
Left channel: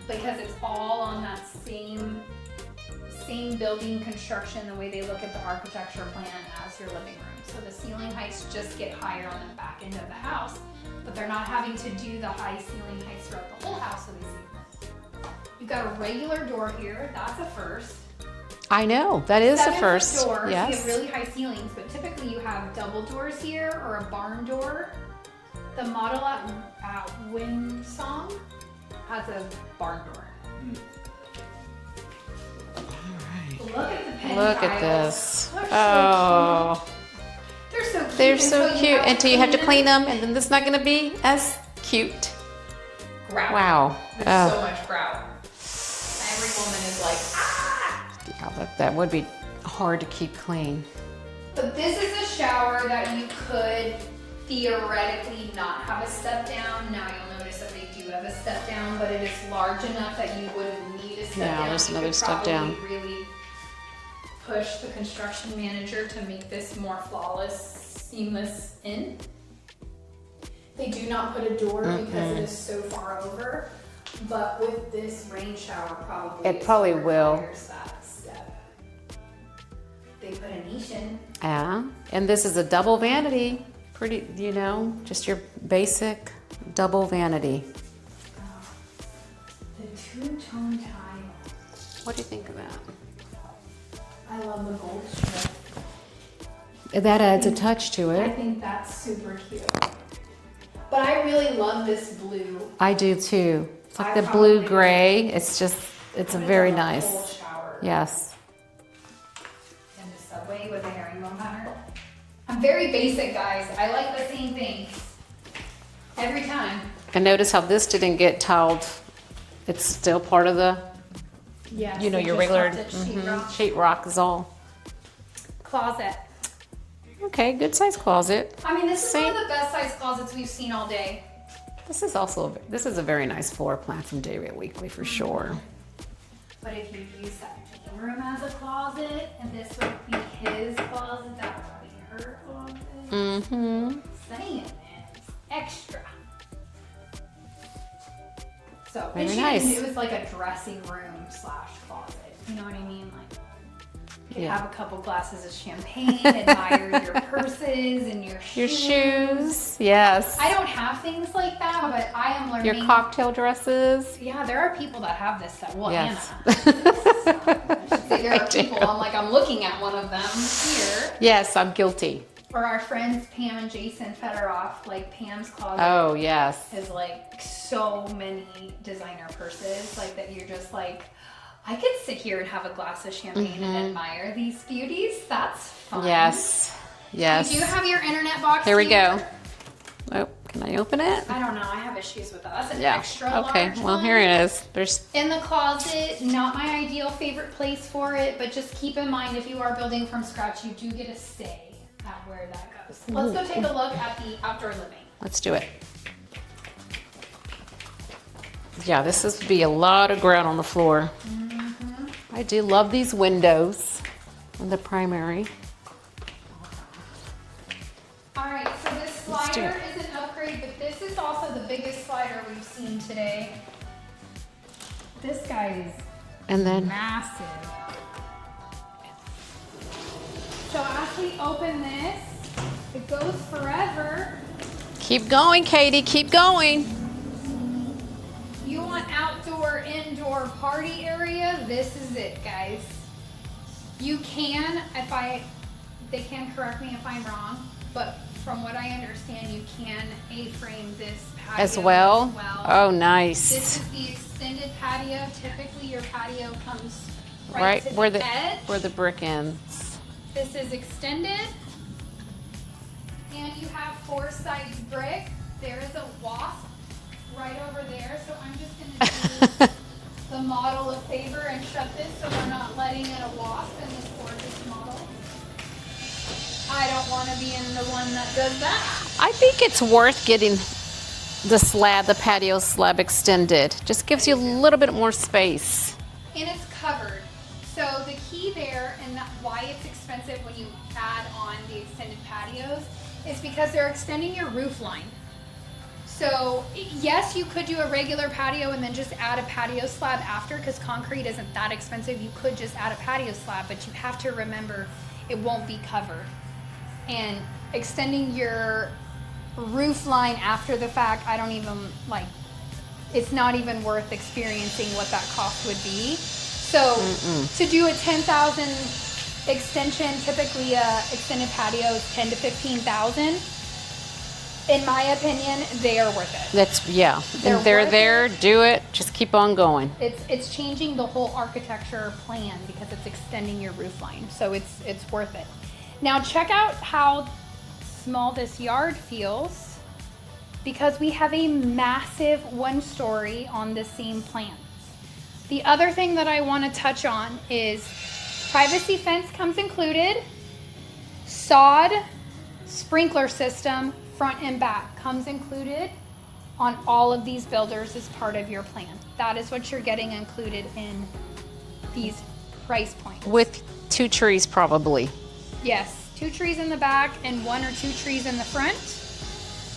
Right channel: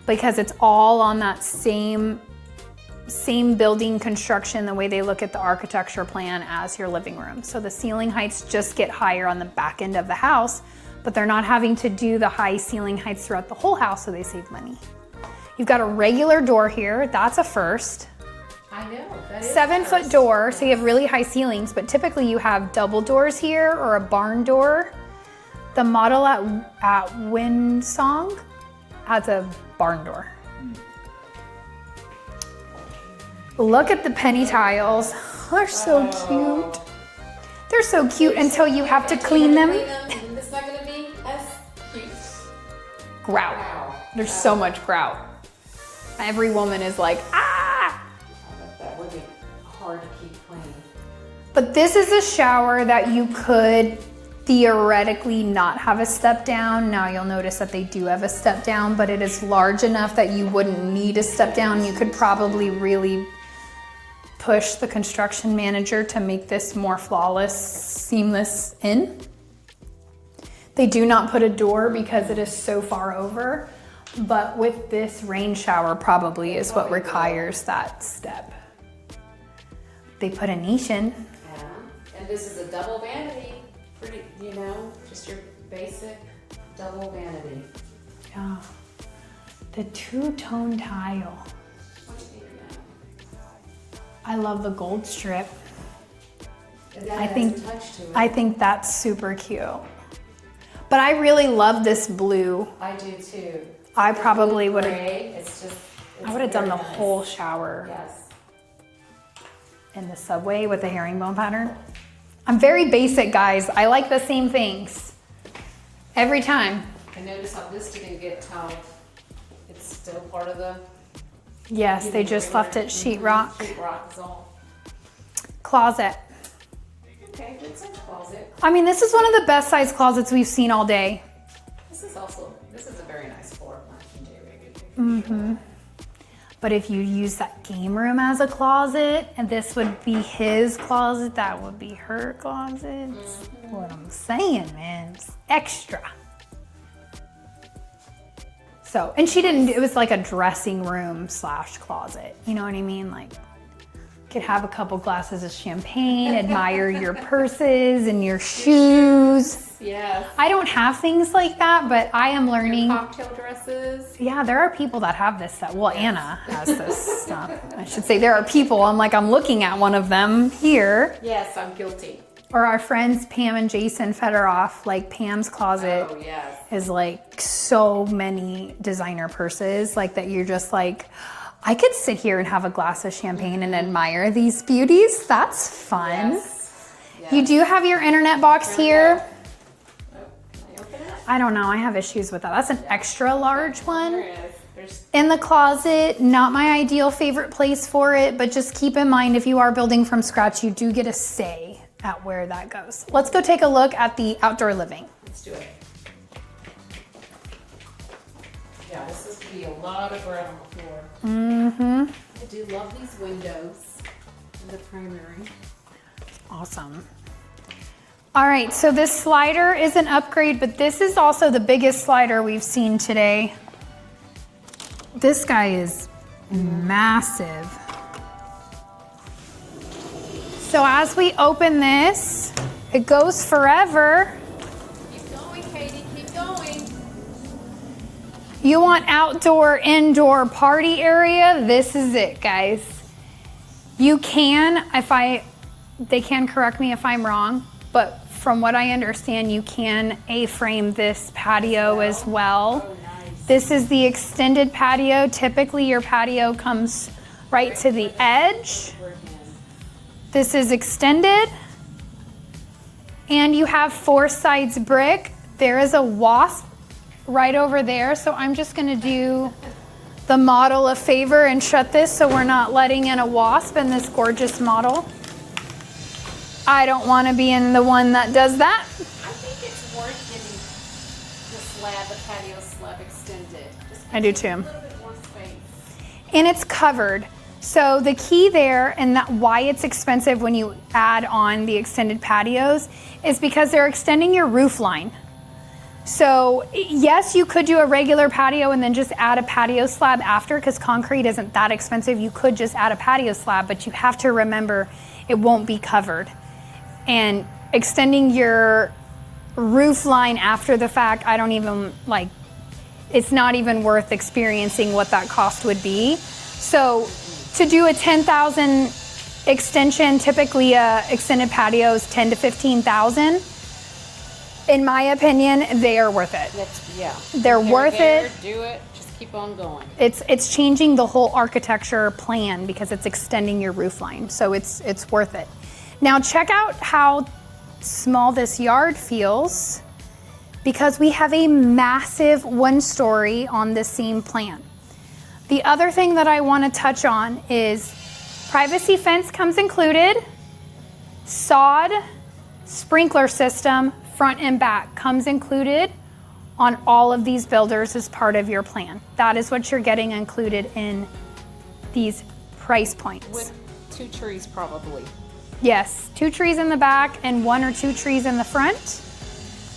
because it's all on that same building construction, the way they look at the architecture plan as your living room. So the ceiling heights just get higher on the back end of the house, but they're not having to do the high ceiling heights throughout the whole house, so they save money. You've got a regular door here. That's a first. I know, that is a 7-foot first. door, so you Yes. have really high ceilings, but typically you have double doors here or a barn door. The model at Windsong has a barn door. Look at the penny Look at tiles. this. They're so Oh. cute. They're so cute They're until so you cute have to until clean you have to them. clean them, and then it's not going to be as cute. Grout. Wow. There's so much grout. Every woman is like, ah! Yeah, that would be hard to keep clean. But this is a shower that you could theoretically not have a step down. Now you'll notice that they do have a step down, but it is large enough that you wouldn't need a step No, down. there's You no could step probably down. really push the construction manager to make this more flawless, seamless in. They do not put a door because it is so far over, but with this rain shower probably It is probably what will. requires that step. They put a niche in. Yeah, and this is a double vanity. Pretty, just your basic double vanity. Yeah. The two-tone tile. What do you think of that? I love the gold strip. That adds a touch to it. I think that's super cute. But I really love this blue. I do too. It's I like the probably blue gray. It's a very nice. The whole shower. Yes. In the subway with the herringbone pattern. I'm very basic, guys. I like the same things every time. And notice how this didn't get tiled. It's still part of the. Yes, they your just regular, left it sheetrock. Sheetrock is all. Closet. Okay, good size closet. I mean, this is one of the best size closets we've seen all day. This is a very nice floor plan from Weekley for sure. But if you use that game room as a closet, and this would be his closet, that would be her closet. That's what I'm saying, man. It's extra. So, and she didn't, it was like a dressing room / closet. You know what I mean? Like, could have a couple glasses of champagne, admire your purses and your shoes. Yes. I don't have things like that, but I am learning. Your cocktail dresses. Yeah, there are people that have this. Well, Yes. Anna has this. I should say there are people. I'm looking at one of them here. Yes, I'm guilty. Or our friends Pam and Jason Federoff, like Pam's closet. Oh, yes. Is like so many designer purses, like that you're just like, I could sit here and have a glass of champagne and admire these beauties. That's fun. Yes. Yes. You do have your internet box here. Here we go. Oh, can I open it? I don't know. I have issues with that. That's an extra large one. Well, here it is. There's in the closet. Not my ideal favorite place for it, but just keep in mind if you are building from scratch, you do get a say at where that goes. Let's go take a look at the outdoor living. Let's do it. Yeah, this would be a lot of ground on the floor. I do love these windows in the primary. Awesome. All right, so this slider is an upgrade, but this is also the biggest slider we've seen today. This guy is massive. So as we open this, it goes forever. Keep going, Katie, keep going. You want outdoor, indoor party area? This is it, guys. You can, they can correct me if I'm wrong, but from what I understand, you can A-frame this patio as well. Oh, nice. This is the extended patio. Typically, your patio comes right to the edge. Where the brick ends. This is extended. And you have 4 sides brick. There is a wasp right over there. So I'm just gonna do the model a favor and shut this so we're not letting in a wasp in this gorgeous model. I don't wanna be in the one that does that. I think it's worth getting the patio slab extended. Just gives you a little bit more space. And it's covered. So the key there and why it's expensive when you add on the extended patios is because they're extending your roof line. So yes, you could do a regular patio and then just add a patio slab after, because concrete isn't that expensive. You could just add a patio slab, but you have to remember it won't be covered. And extending your roof line after the fact, I don't even it's not even worth experiencing what that cost would be. So to do a 10,000 extension, typically a extended patio is 10 to 15,000. In my opinion, they are worth it. They're worth there. it. Do it. Just keep on going. It's changing the whole architecture plan because it's extending your roof line. So it's worth it. Now check out how small this yard feels, because we have a massive 1-story on this same plan. The other thing that I want to touch on is privacy fence comes included, sod, sprinkler system, front and back comes included on all of these builders as part of your plan. That is what you're getting included in these price points. With 2 trees probably. Yes, 2 trees in the back and 1 or 2 trees in the front,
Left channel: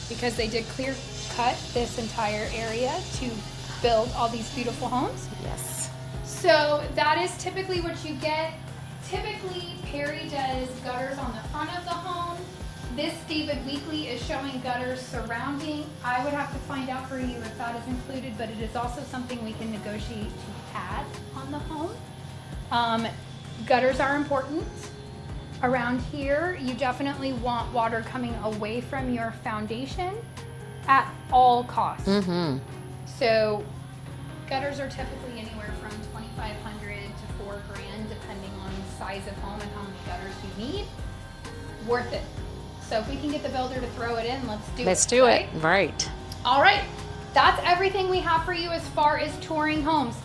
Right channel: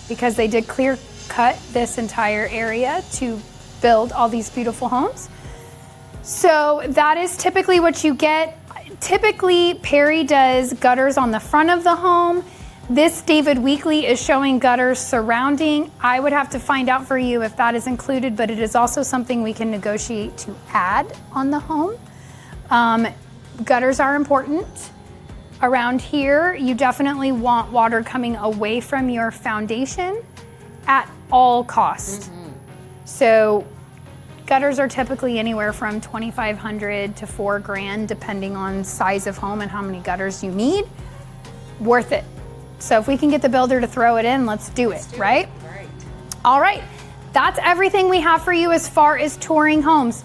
because they did clear cut this entire area to build all these beautiful homes. Yes. So that is typically what you get. Typically, Perry does gutters on the front of the home. This David Weekley is showing gutters surrounding. I would have to find out for you if that is included, but it is also something we can negotiate to add on the home. Gutters are important. Around here, you definitely want water coming away from your foundation at all costs. So gutters are typically anywhere from $2,500 to $4,000, depending on size of home and how many gutters you need. Worth it. So if we can get the builder to throw it in, let's do it, right? Right. All right, that's everything we have for you as far as touring homes.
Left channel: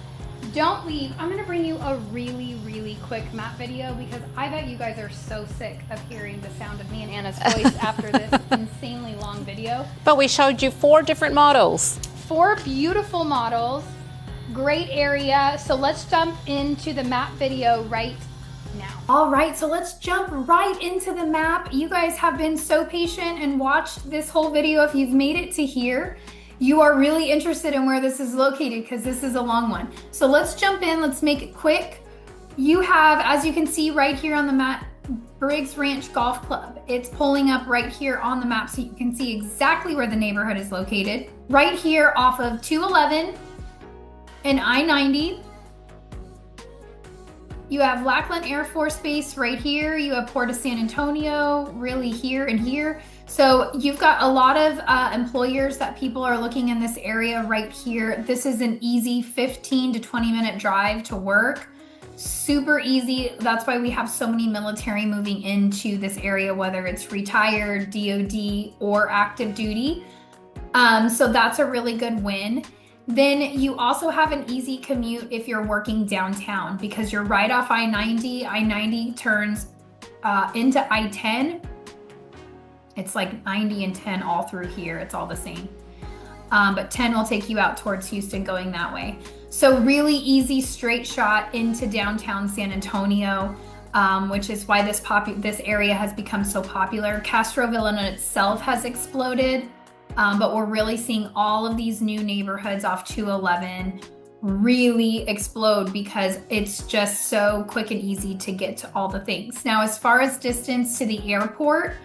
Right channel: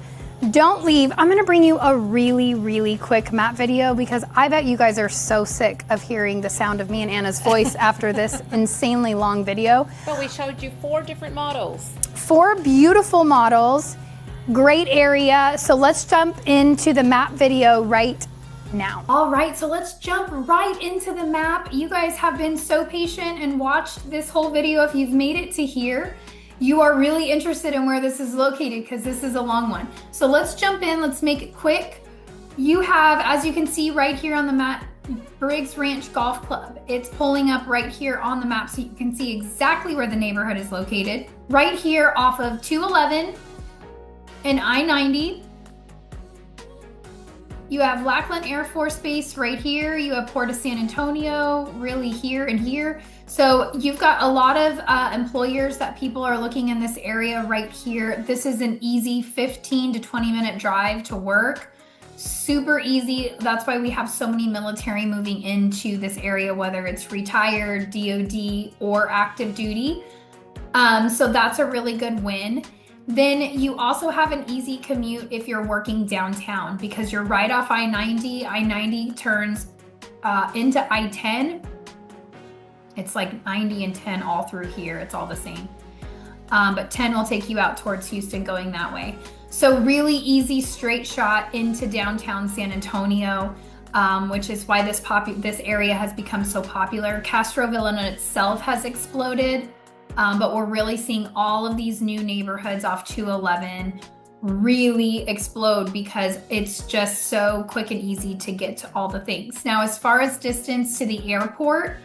Don't leave. I'm gonna bring you a really, really quick map video because I bet you guys are so sick of hearing the sound of me and Anna's voice after this insanely long video. But we showed you 4 different models. 4 beautiful models, great area. So let's jump into the map video right now. All right, so let's jump right into the map. You guys have been so patient and watched this whole video. If you've made it to here, you are really interested in where this is located because this is a long one. So let's jump in, let's make it quick. You have, as you can see right here on the map, Briggs Ranch Golf Club. It's pulling up right here on the map so you can see exactly where the neighborhood is located. Right here off of 211 and I-90. You have Lackland Air Force Base right here. You have Port of San Antonio, really here and here. So you've got a lot of employers that people are looking in this area right here. This is an easy 15 to 20 minute drive to work. Super easy. That's why we have so many military moving into this area, whether it's retired, DOD, or active duty. So that's a really good win. Then you also have an easy commute if you're working downtown because you're right off I-90. I-90 turns into I-10. It's like 90 and 10 all through here. It's all the same. But 10 will take you out towards Houston going that way. So really easy straight shot into downtown San Antonio, which is why this area has become so popular. Castroville in itself has exploded. But we're really seeing all of these new neighborhoods off 211 really explode because it's just so quick and easy to get to all the things. Now, as far as distance to the airport,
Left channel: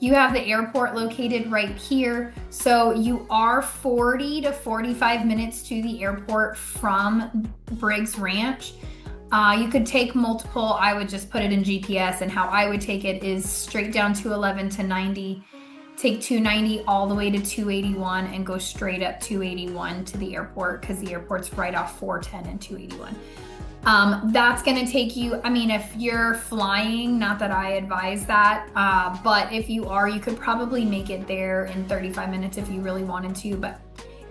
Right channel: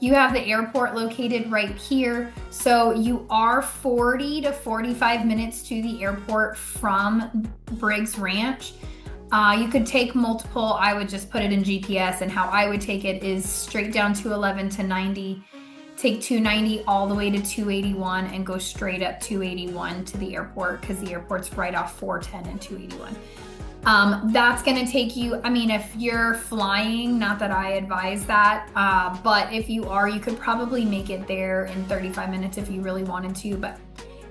you have the airport located right here. So you are 40 to 45 minutes to the airport from Briggs Ranch. You could take multiple, I would just put it in GPS, and how I would take it is straight down 211 to 90. Take 290 all the way to 281 and go straight up 281 to the airport because the airport's right off 410 and 281. That's gonna take you, I mean, if you're flying, not that I advise that, but if you are, you could probably make it there in 35 minutes if you really wanted to, but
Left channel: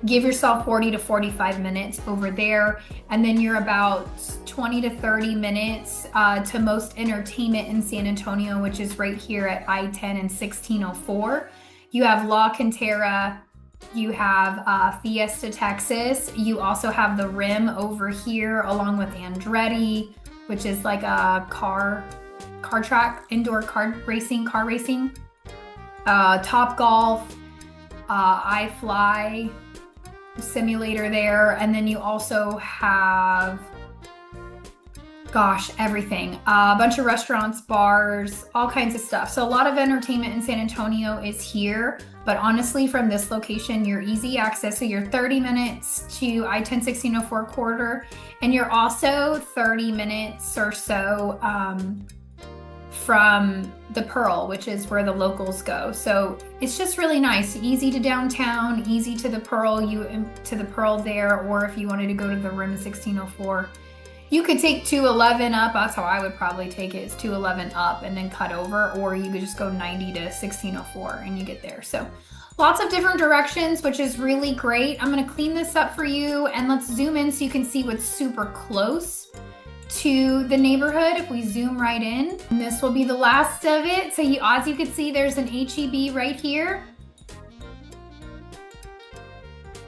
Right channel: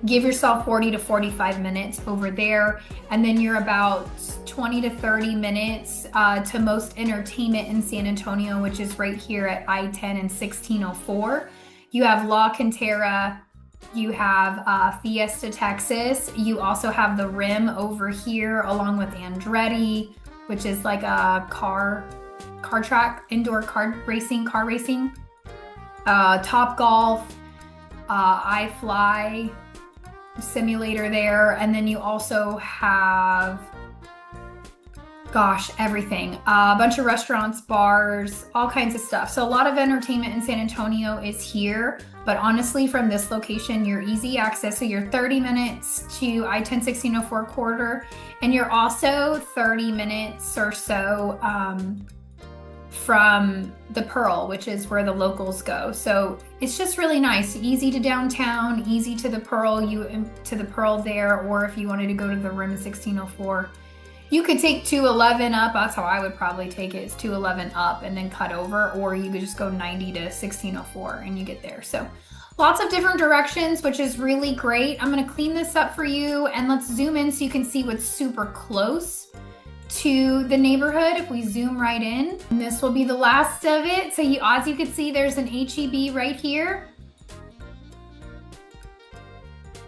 give yourself 40 to 45 minutes over there. And then you're about 20 to 30 minutes to most entertainment in San Antonio, which is right here at I-10 and 1604. You have La Cantera, you have Fiesta, Texas. You also have the Rim over here along with Andretti, which is like a car track, indoor car racing. Top Golf, iFly simulator there. And then you also have, gosh, everything. A bunch of restaurants, bars, all kinds of stuff. So a lot of entertainment in San Antonio is here. But honestly, from this location, you're easy access. So you're 30 minutes to I-10 1604 corridor. And you're also 30 minutes or so from the Pearl, which is where the locals go. So it's just really nice. Easy to downtown, easy to the Pearl, there. Or if you wanted to go to the Rim 1604, you could take 211 up. That's how I would probably take it, is 211 up and then cut over, or you could just go 90 to 1604 and you get there. So lots of different directions, which is really great. I'm gonna clean this up for you and let's zoom in so you can see what's super close to the neighborhood. If we zoom right in, and this will be the last of it. So as you can see, there's an HEB right here.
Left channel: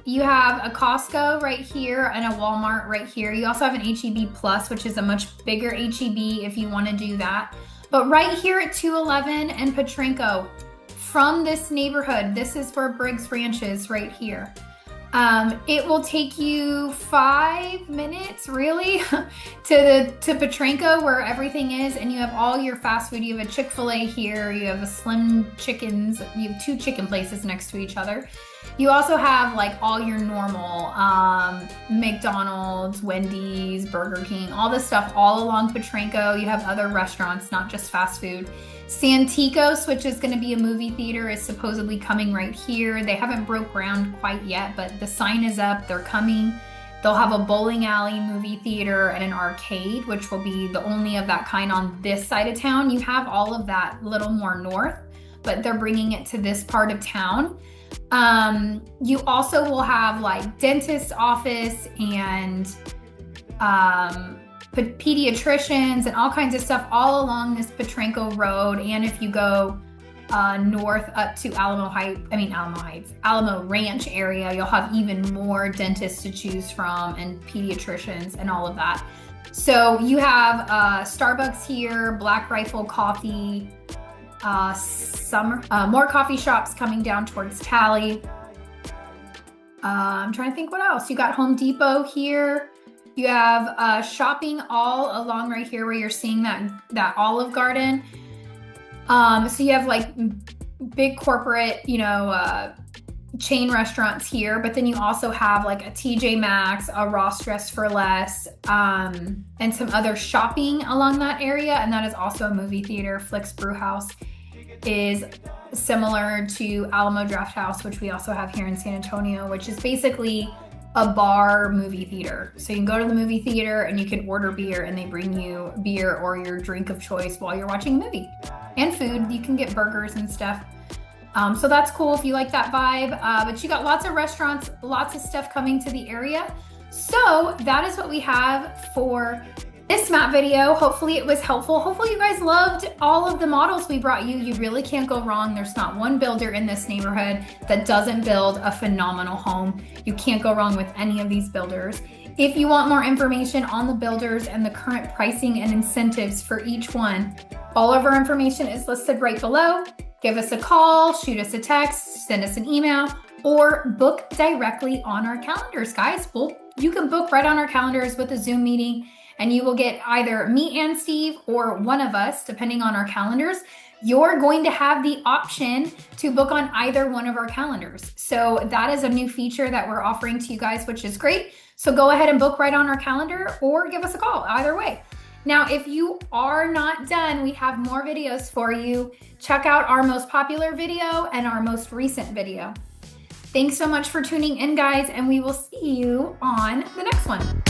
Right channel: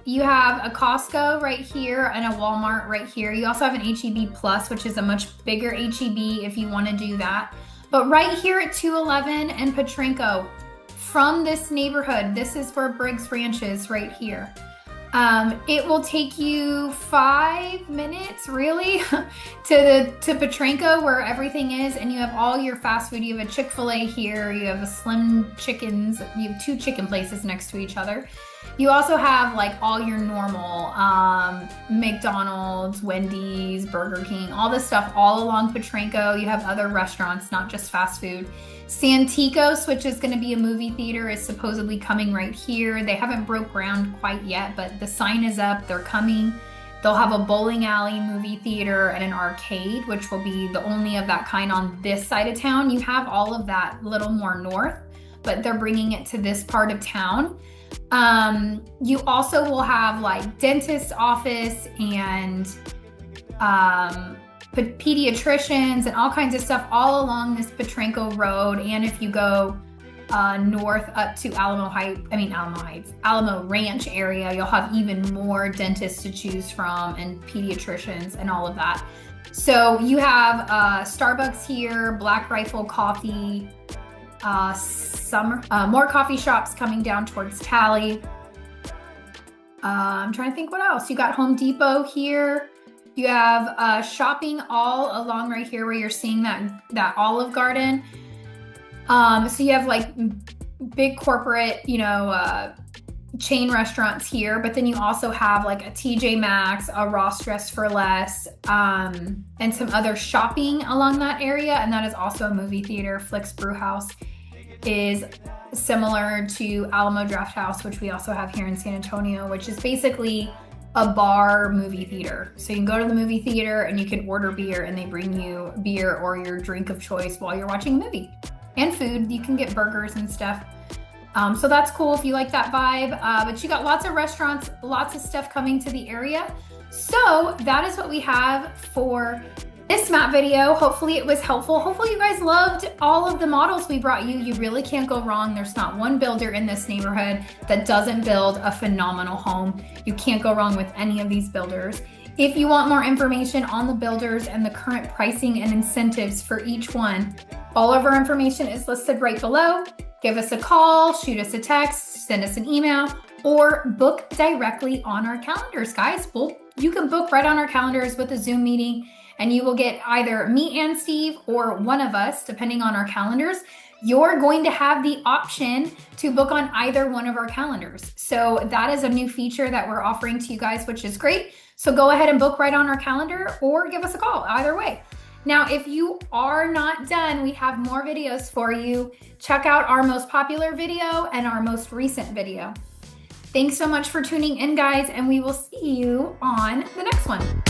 You have a Costco right here and a Walmart right here. You also have an HEB Plus, which is a much bigger HEB if you want to do that. But right here at 211 and Petrenko, from this neighborhood, this is where Briggs Ranch is right here. It will take you 5 minutes, really, to Petranco, where everything is, and you have all your fast food. You have a Chick-fil-A here. You have a Slim Chickens. You have 2 chicken places next to each other. You also have like all your normal McDonald's, Wendy's, Burger King, all this stuff all along Petranco. You have other restaurants, not just fast food. Santikos, which is going to be a movie theater, is supposedly coming right here. They haven't broke ground quite yet, but the sign is up. They're coming. They'll have a bowling alley, movie theater, and an arcade, which will be the only of that kind on this side of town. You have all of that a little more north, but they're bringing it to this part of town. You also will have like dentist office and pediatricians and all kinds of stuff all along this Petranco Road. And if you go north up to Alamo Ranch area, you'll have even more dentists to choose from and pediatricians and all of that. So you have Starbucks here, Black Rifle Coffee, more coffee shops coming down towards Tally. I'm trying to think what else. You got Home Depot here. You have shopping all along right here where you're seeing that Olive Garden. So you have like big corporate, chain restaurants here, but then you also have like a TJ Maxx, a Ross Dress for Less, and some other shopping along that area. And that is also a movie theater. Flick's Brew House is similar to Alamo Draft House, which we also have here in San Antonio, which is basically a bar movie theater. So you can go to the movie theater and you can order beer and they bring you beer or your drink of choice while you're watching a movie. And food, you can get burgers and stuff. So that's cool if you like that vibe. But you got lots of restaurants, lots of stuff coming to the area. So that is what we have for this map video. Hopefully it was helpful. Hopefully you guys loved all of the models we brought you. You really can't go wrong. There's not one builder in this neighborhood that doesn't build a phenomenal home. You can't go wrong with any of these builders. If you want more information on the builders and the current pricing and incentives for each one, all of our information is listed right below. Give us a call, shoot us a text, send us an email, or book directly on our calendars, guys. You can book right on our calendars with a Zoom meeting, and you will get either me and Steve or one of us, depending on our calendars. You're going to have the option to book on either one of our calendars. So that is a new feature that we're offering to you guys, which is great. So go ahead and book right on our calendar or give us a call, either way. Now, if you are not done, we have more videos for you. Check out our most popular video and our most recent video. Thanks so much for tuning in, guys, and we will see you on the next one.